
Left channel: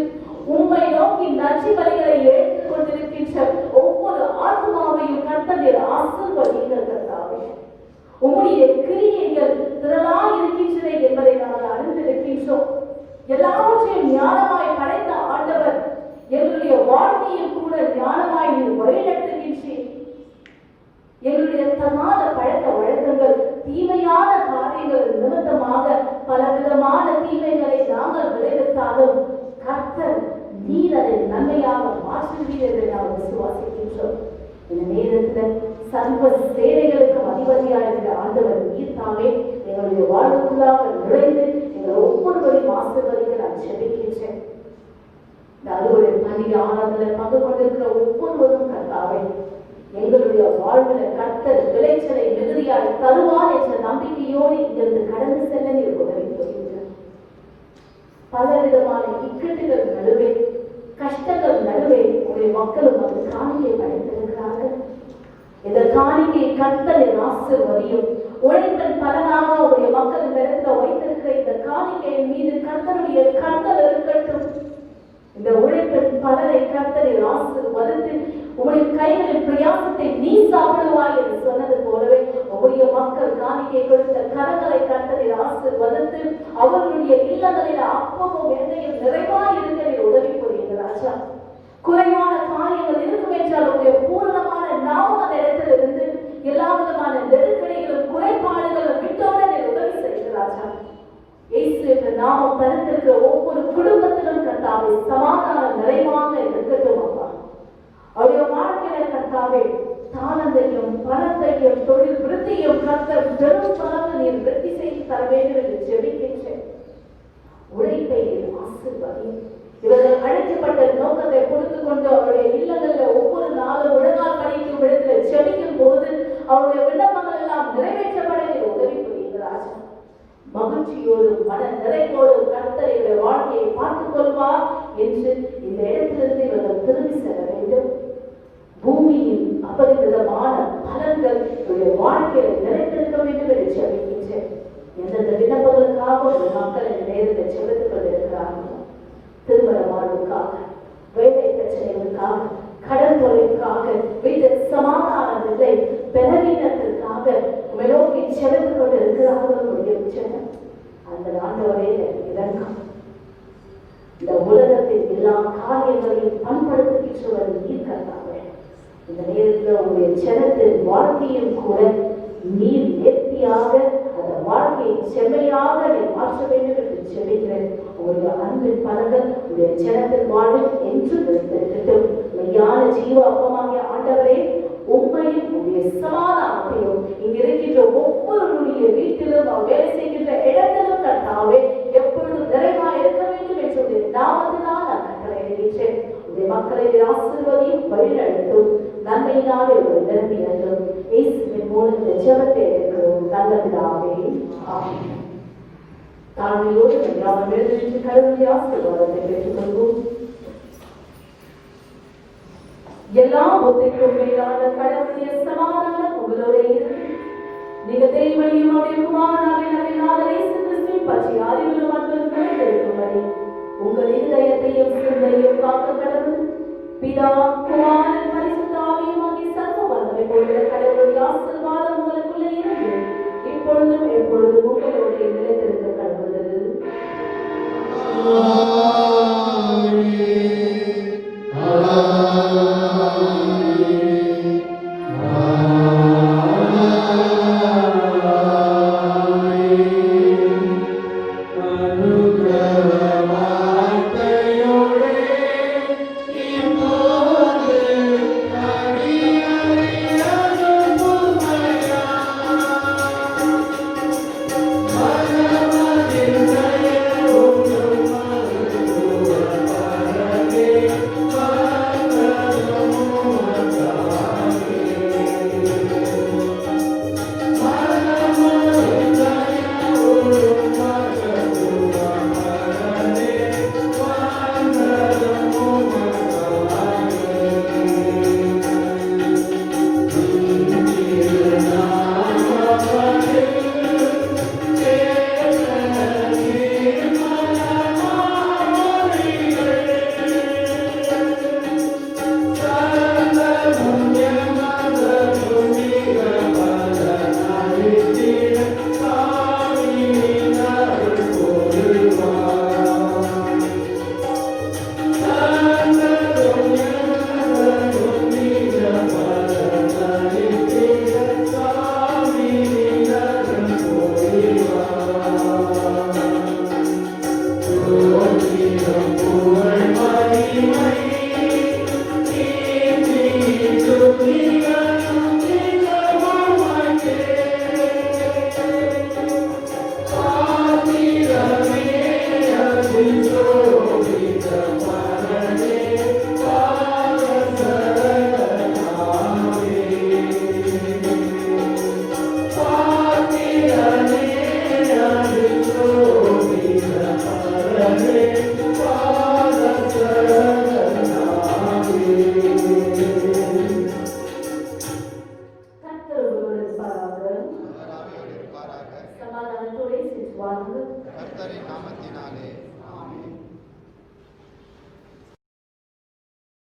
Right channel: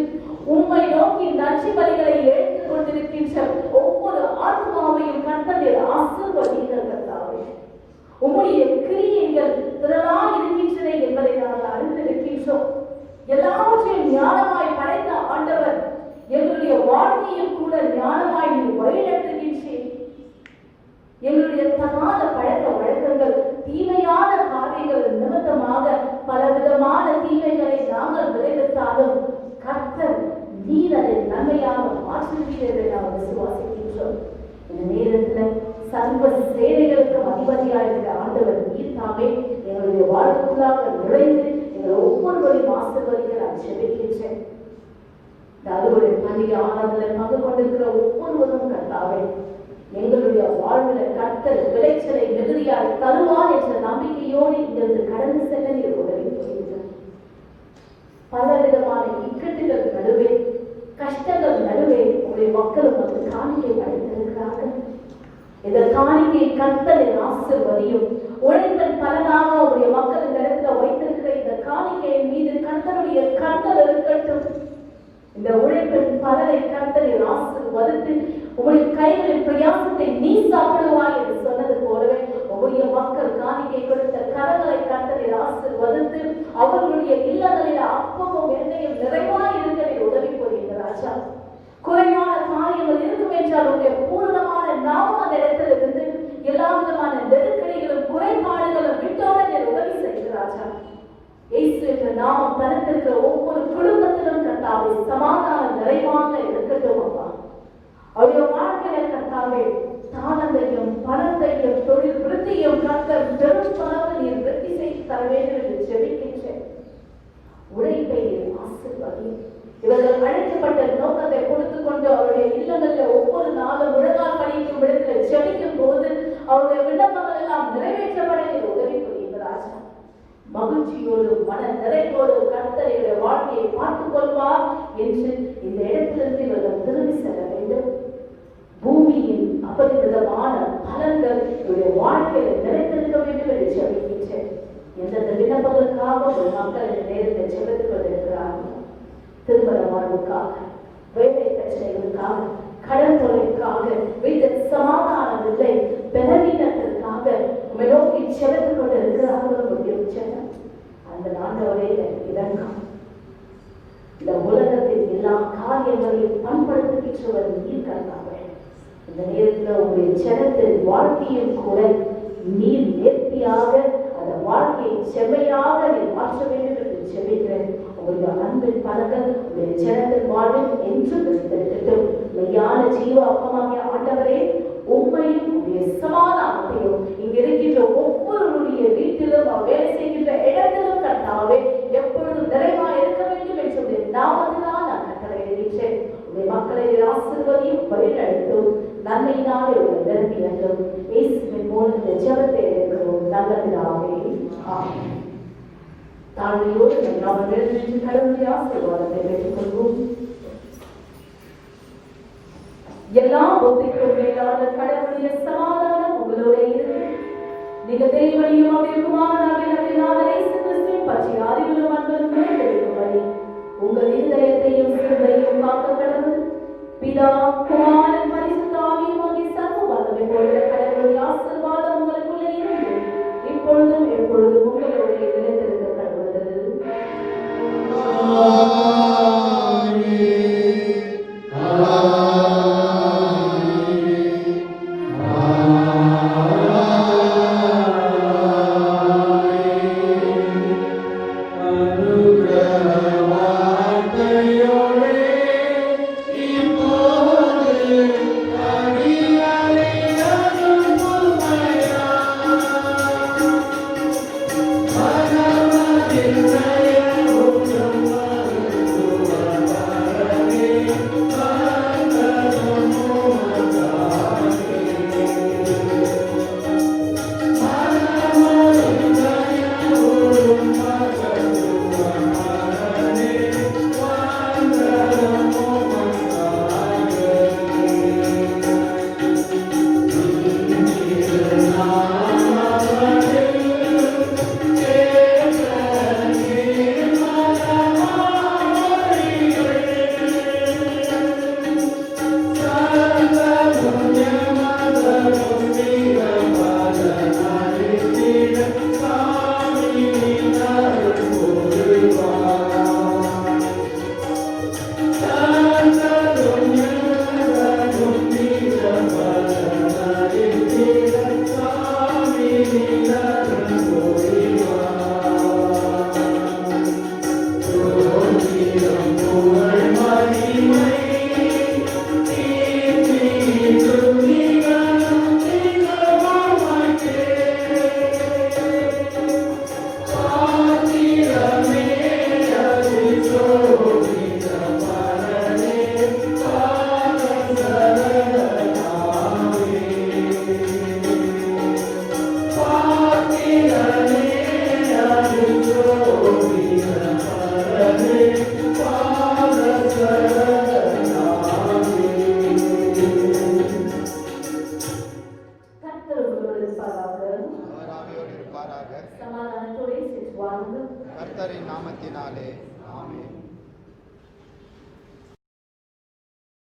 உம்மை நோக்கி நன்றி பலிகளை எடுத்துக் கொண்டிருக்கின்ற ஒவ்வொரு ஆத்மாவையும் கர்த்தர் ஆசீர்வதிக்கிறாரே. உம்முடைய கிரியைகள் திரளாய் இருக்கின்றன என்பதை நாங்கள் அறிந்திருக்கின்றோம். எல்லாவற்றையும் ஞானமாய் படைத்த ஆண்டவர் எங்களுடைய வாழ்க்கையில் கூட ஞானமாய் நீ வழிநடத்துகின்றேன். எங்களுடைய தகாத பழக்க வழக்கங்கள், தீமையான காரியங்கள் நிமித்தமாக பலவிதமான தீமைகளை நாங்கள் விளைவித்தாலும் கர்த்தர் நீர் அதை நன்மையாக மாற்றுகிறது நாம் விசுவாசிக்கின்றோம். இந்த நேரத்தில் சர்வ சேவைகளுக்கு அதிபதியாகிற ஆண்டவர் நீர் தாமே எங்களுடைய வாழ்வுக்குள்ளாக நுழைந்து எங்கள் ஒவ்வொருவரையும் ஆசீர்வதிக்க நான் ஜெபிக்கின்றேன். இந்த அறுவடை பண்டிகை ஆராதனையில் பங்கு கொண்டிருக்கிற ஒவ்வொருவரும் கர்த்தாவே எங்களுடைய வாழ்வில் கர்த்தர் விளைச்சலை மிகுதியாய் தருவார் என்ற நம்பிக்கையோடு இங்கிருந்து கடந்து செல்ல நீர் உதவி செய்கிறார். பலவிதமான இக்கட்டுகள் நடுவே, கஷ்டங்கள் நடுவே உங்களுடைய மக்கள் ஒரு காணிக்கை படைத்திருக்கிறார்கள். இந்த காணிக்கை கர்த்தரின் ஆசீர்வதியும் உழைப்பின் பலனாக உங்களுடைய மக்கள் இந்த இடத்துல வைத்திருக்கிற இந்த காணிக்கையின் மீது கர்த்தருடைய கண்கள் இருக்கட்டும். இந்த உழைப்பின் பலனை கர்த்தரின் ஆசீர்வதித்து உங்களுடைய கைகளின் பிரயாசத்தை நீ சாப்பிடுவாய் என்று சொன்னது போலவே உங்களுடைய மக்கள் காணிக்கை கொடுத்த கரங்களை கர்த்தரின் ஆசீர்வதித்து அவர்களுடைய இல்லங்களில் அப்பமும் எண்ணெயும் நிறைவாய் இருக்க உதவி புரியுங்க ராஜா. குறைவான காரியங்கள் இருக்கும் என்றால் உங்களுடைய பூர்ணமான நாம அந்த இடத்துல இருந்து எல்லா விதமான நெருக்கடிகளும் குறைபாடுகளும் விட்டோட உதவி செய்கிறாராஜா. இயேசு என்ற நாமம் தனித்திருக்கிற ஒவ்வொரு குடும்பத்திலும் கர்த்தாவே சமாதானம் நிறைவாக இருக்கட்டும். அப்பா அவருடைய வாழ்க்கையில கர்த்தாவே தானத்தையும் பணத்தையும் தொழில் விருத்தியும் கர்த்தர் பெரும் பணத்தை நீர் விருத்தி செய்து தர வேண்டும் என்று ஜெபிக்கின்றேன். உழைப்பை ஆசீர்வதி. இவர்கள் அழைக்கப்பட்ட நோக்கத்தை கொடுத்துக் கொண்டு அவருடைய இல்லங்களில் ஒவ்வொரு நாளும் விழுகால் படிக்கும் இடத்தில் ஜெபிக்கும் போது அவருடைய விண்ணப்பங்கள் எல்லாம் நிறைவேற்றப்பட உதவி புரிகிறார். மகிழ்ச்சியோடு மன நிறைவோடு கர்த்தருடைய வாழ்க்கையை பார்த்துக் கொள்வார் என்று இந்த இடத்திலிருந்து இவர்கள் திரும்பி செல்ல வேண்டும். பூமியின் அபரிதமான பலன்கள் வாழ்க்கையில் நிலைத்திருக்க வேண்டும் என்று ஜெபிக்கின்றேன். எந்தெந்த விண்ணப்பங்களுக்காக ஒரு மக்கள் இந்த நேரத்தில் ஜெபித்துக் கொண்டிருக்கிறார்கள். திருமண வாழ்வுக்காக, வேலை பிரச்சனைகளுக்காக, கடன் தொகைக்காக, வீட்டில் சமாதானமில்லை, பலவீனத்திற்காக நோக்கி செலுத்திக் கொண்டிருக்கிறார்கள். அந்த ஆண்டவரே இறங்கும். இந்த உலகத்தின் எல்லா காரியங்களையும் பண்படுத்துகின்றவர் இருக்கிறார்கள். இந்த நேரத்தில் உங்களுடைய ஜனத்தின் வாழ்க்கையில் கூட நீர் நேர்த்தியாக அந்த வாழ்க்கையை செம்மையாக மாற்ற வேண்டும் என்று ஜெபிக்கிறேன். உங்களுடைய அன்பின் பலன்கள் உங்களுடைய ஜனத்தின் வாழ்வில் என்றும் இருக்கட்டும். மெய்யான ஜீவ அப்பமாகிய ஆண்டவரே உண்மையும் உங்களுடைய சமாதானத்தையும் இங்க இருக்கின்ற ஒவ்வொருடைய வீட்டிலும் வேலை செய்கின்ற இடத்திலும் கர்த்தாவே எப்பொழுதும் நிறைவாக இருக்க வேண்டும் என்று நாமத்தினால் நான் கட்டளை எழுதிட்டேன். உங்களுடைய மக்களை ஆசீர்வதியும் வழிநடத்தும் நன்மையினாலே ஒரு நிரம்பினதும் இயேசுவின் மூலத்தை ஜெபத்தை எடுக்கிறோம் நல்ல பிதாவே. ஆமென். தாழ்மையோடு நாம் எழுந்து கருணையை ஆசீர்வாதத்தை பெற்றுக்கொள்வோம். எல்லா ஒத்திக்கும் மேலான கடவுளுடைய சமாதானம் உங்களோடு நீங்க தேவனையும் அவருடைய குமாரனாகிய இயேசு கிறிஸ்துவின் பற்றி அறிவிலும் அன்பும் நிறைந்திருக்கும் வரை உங்கள் இதயத்தையும் சிந்தையும் காக்க கடவுள் பிதா குமாரன் பரிசுத்த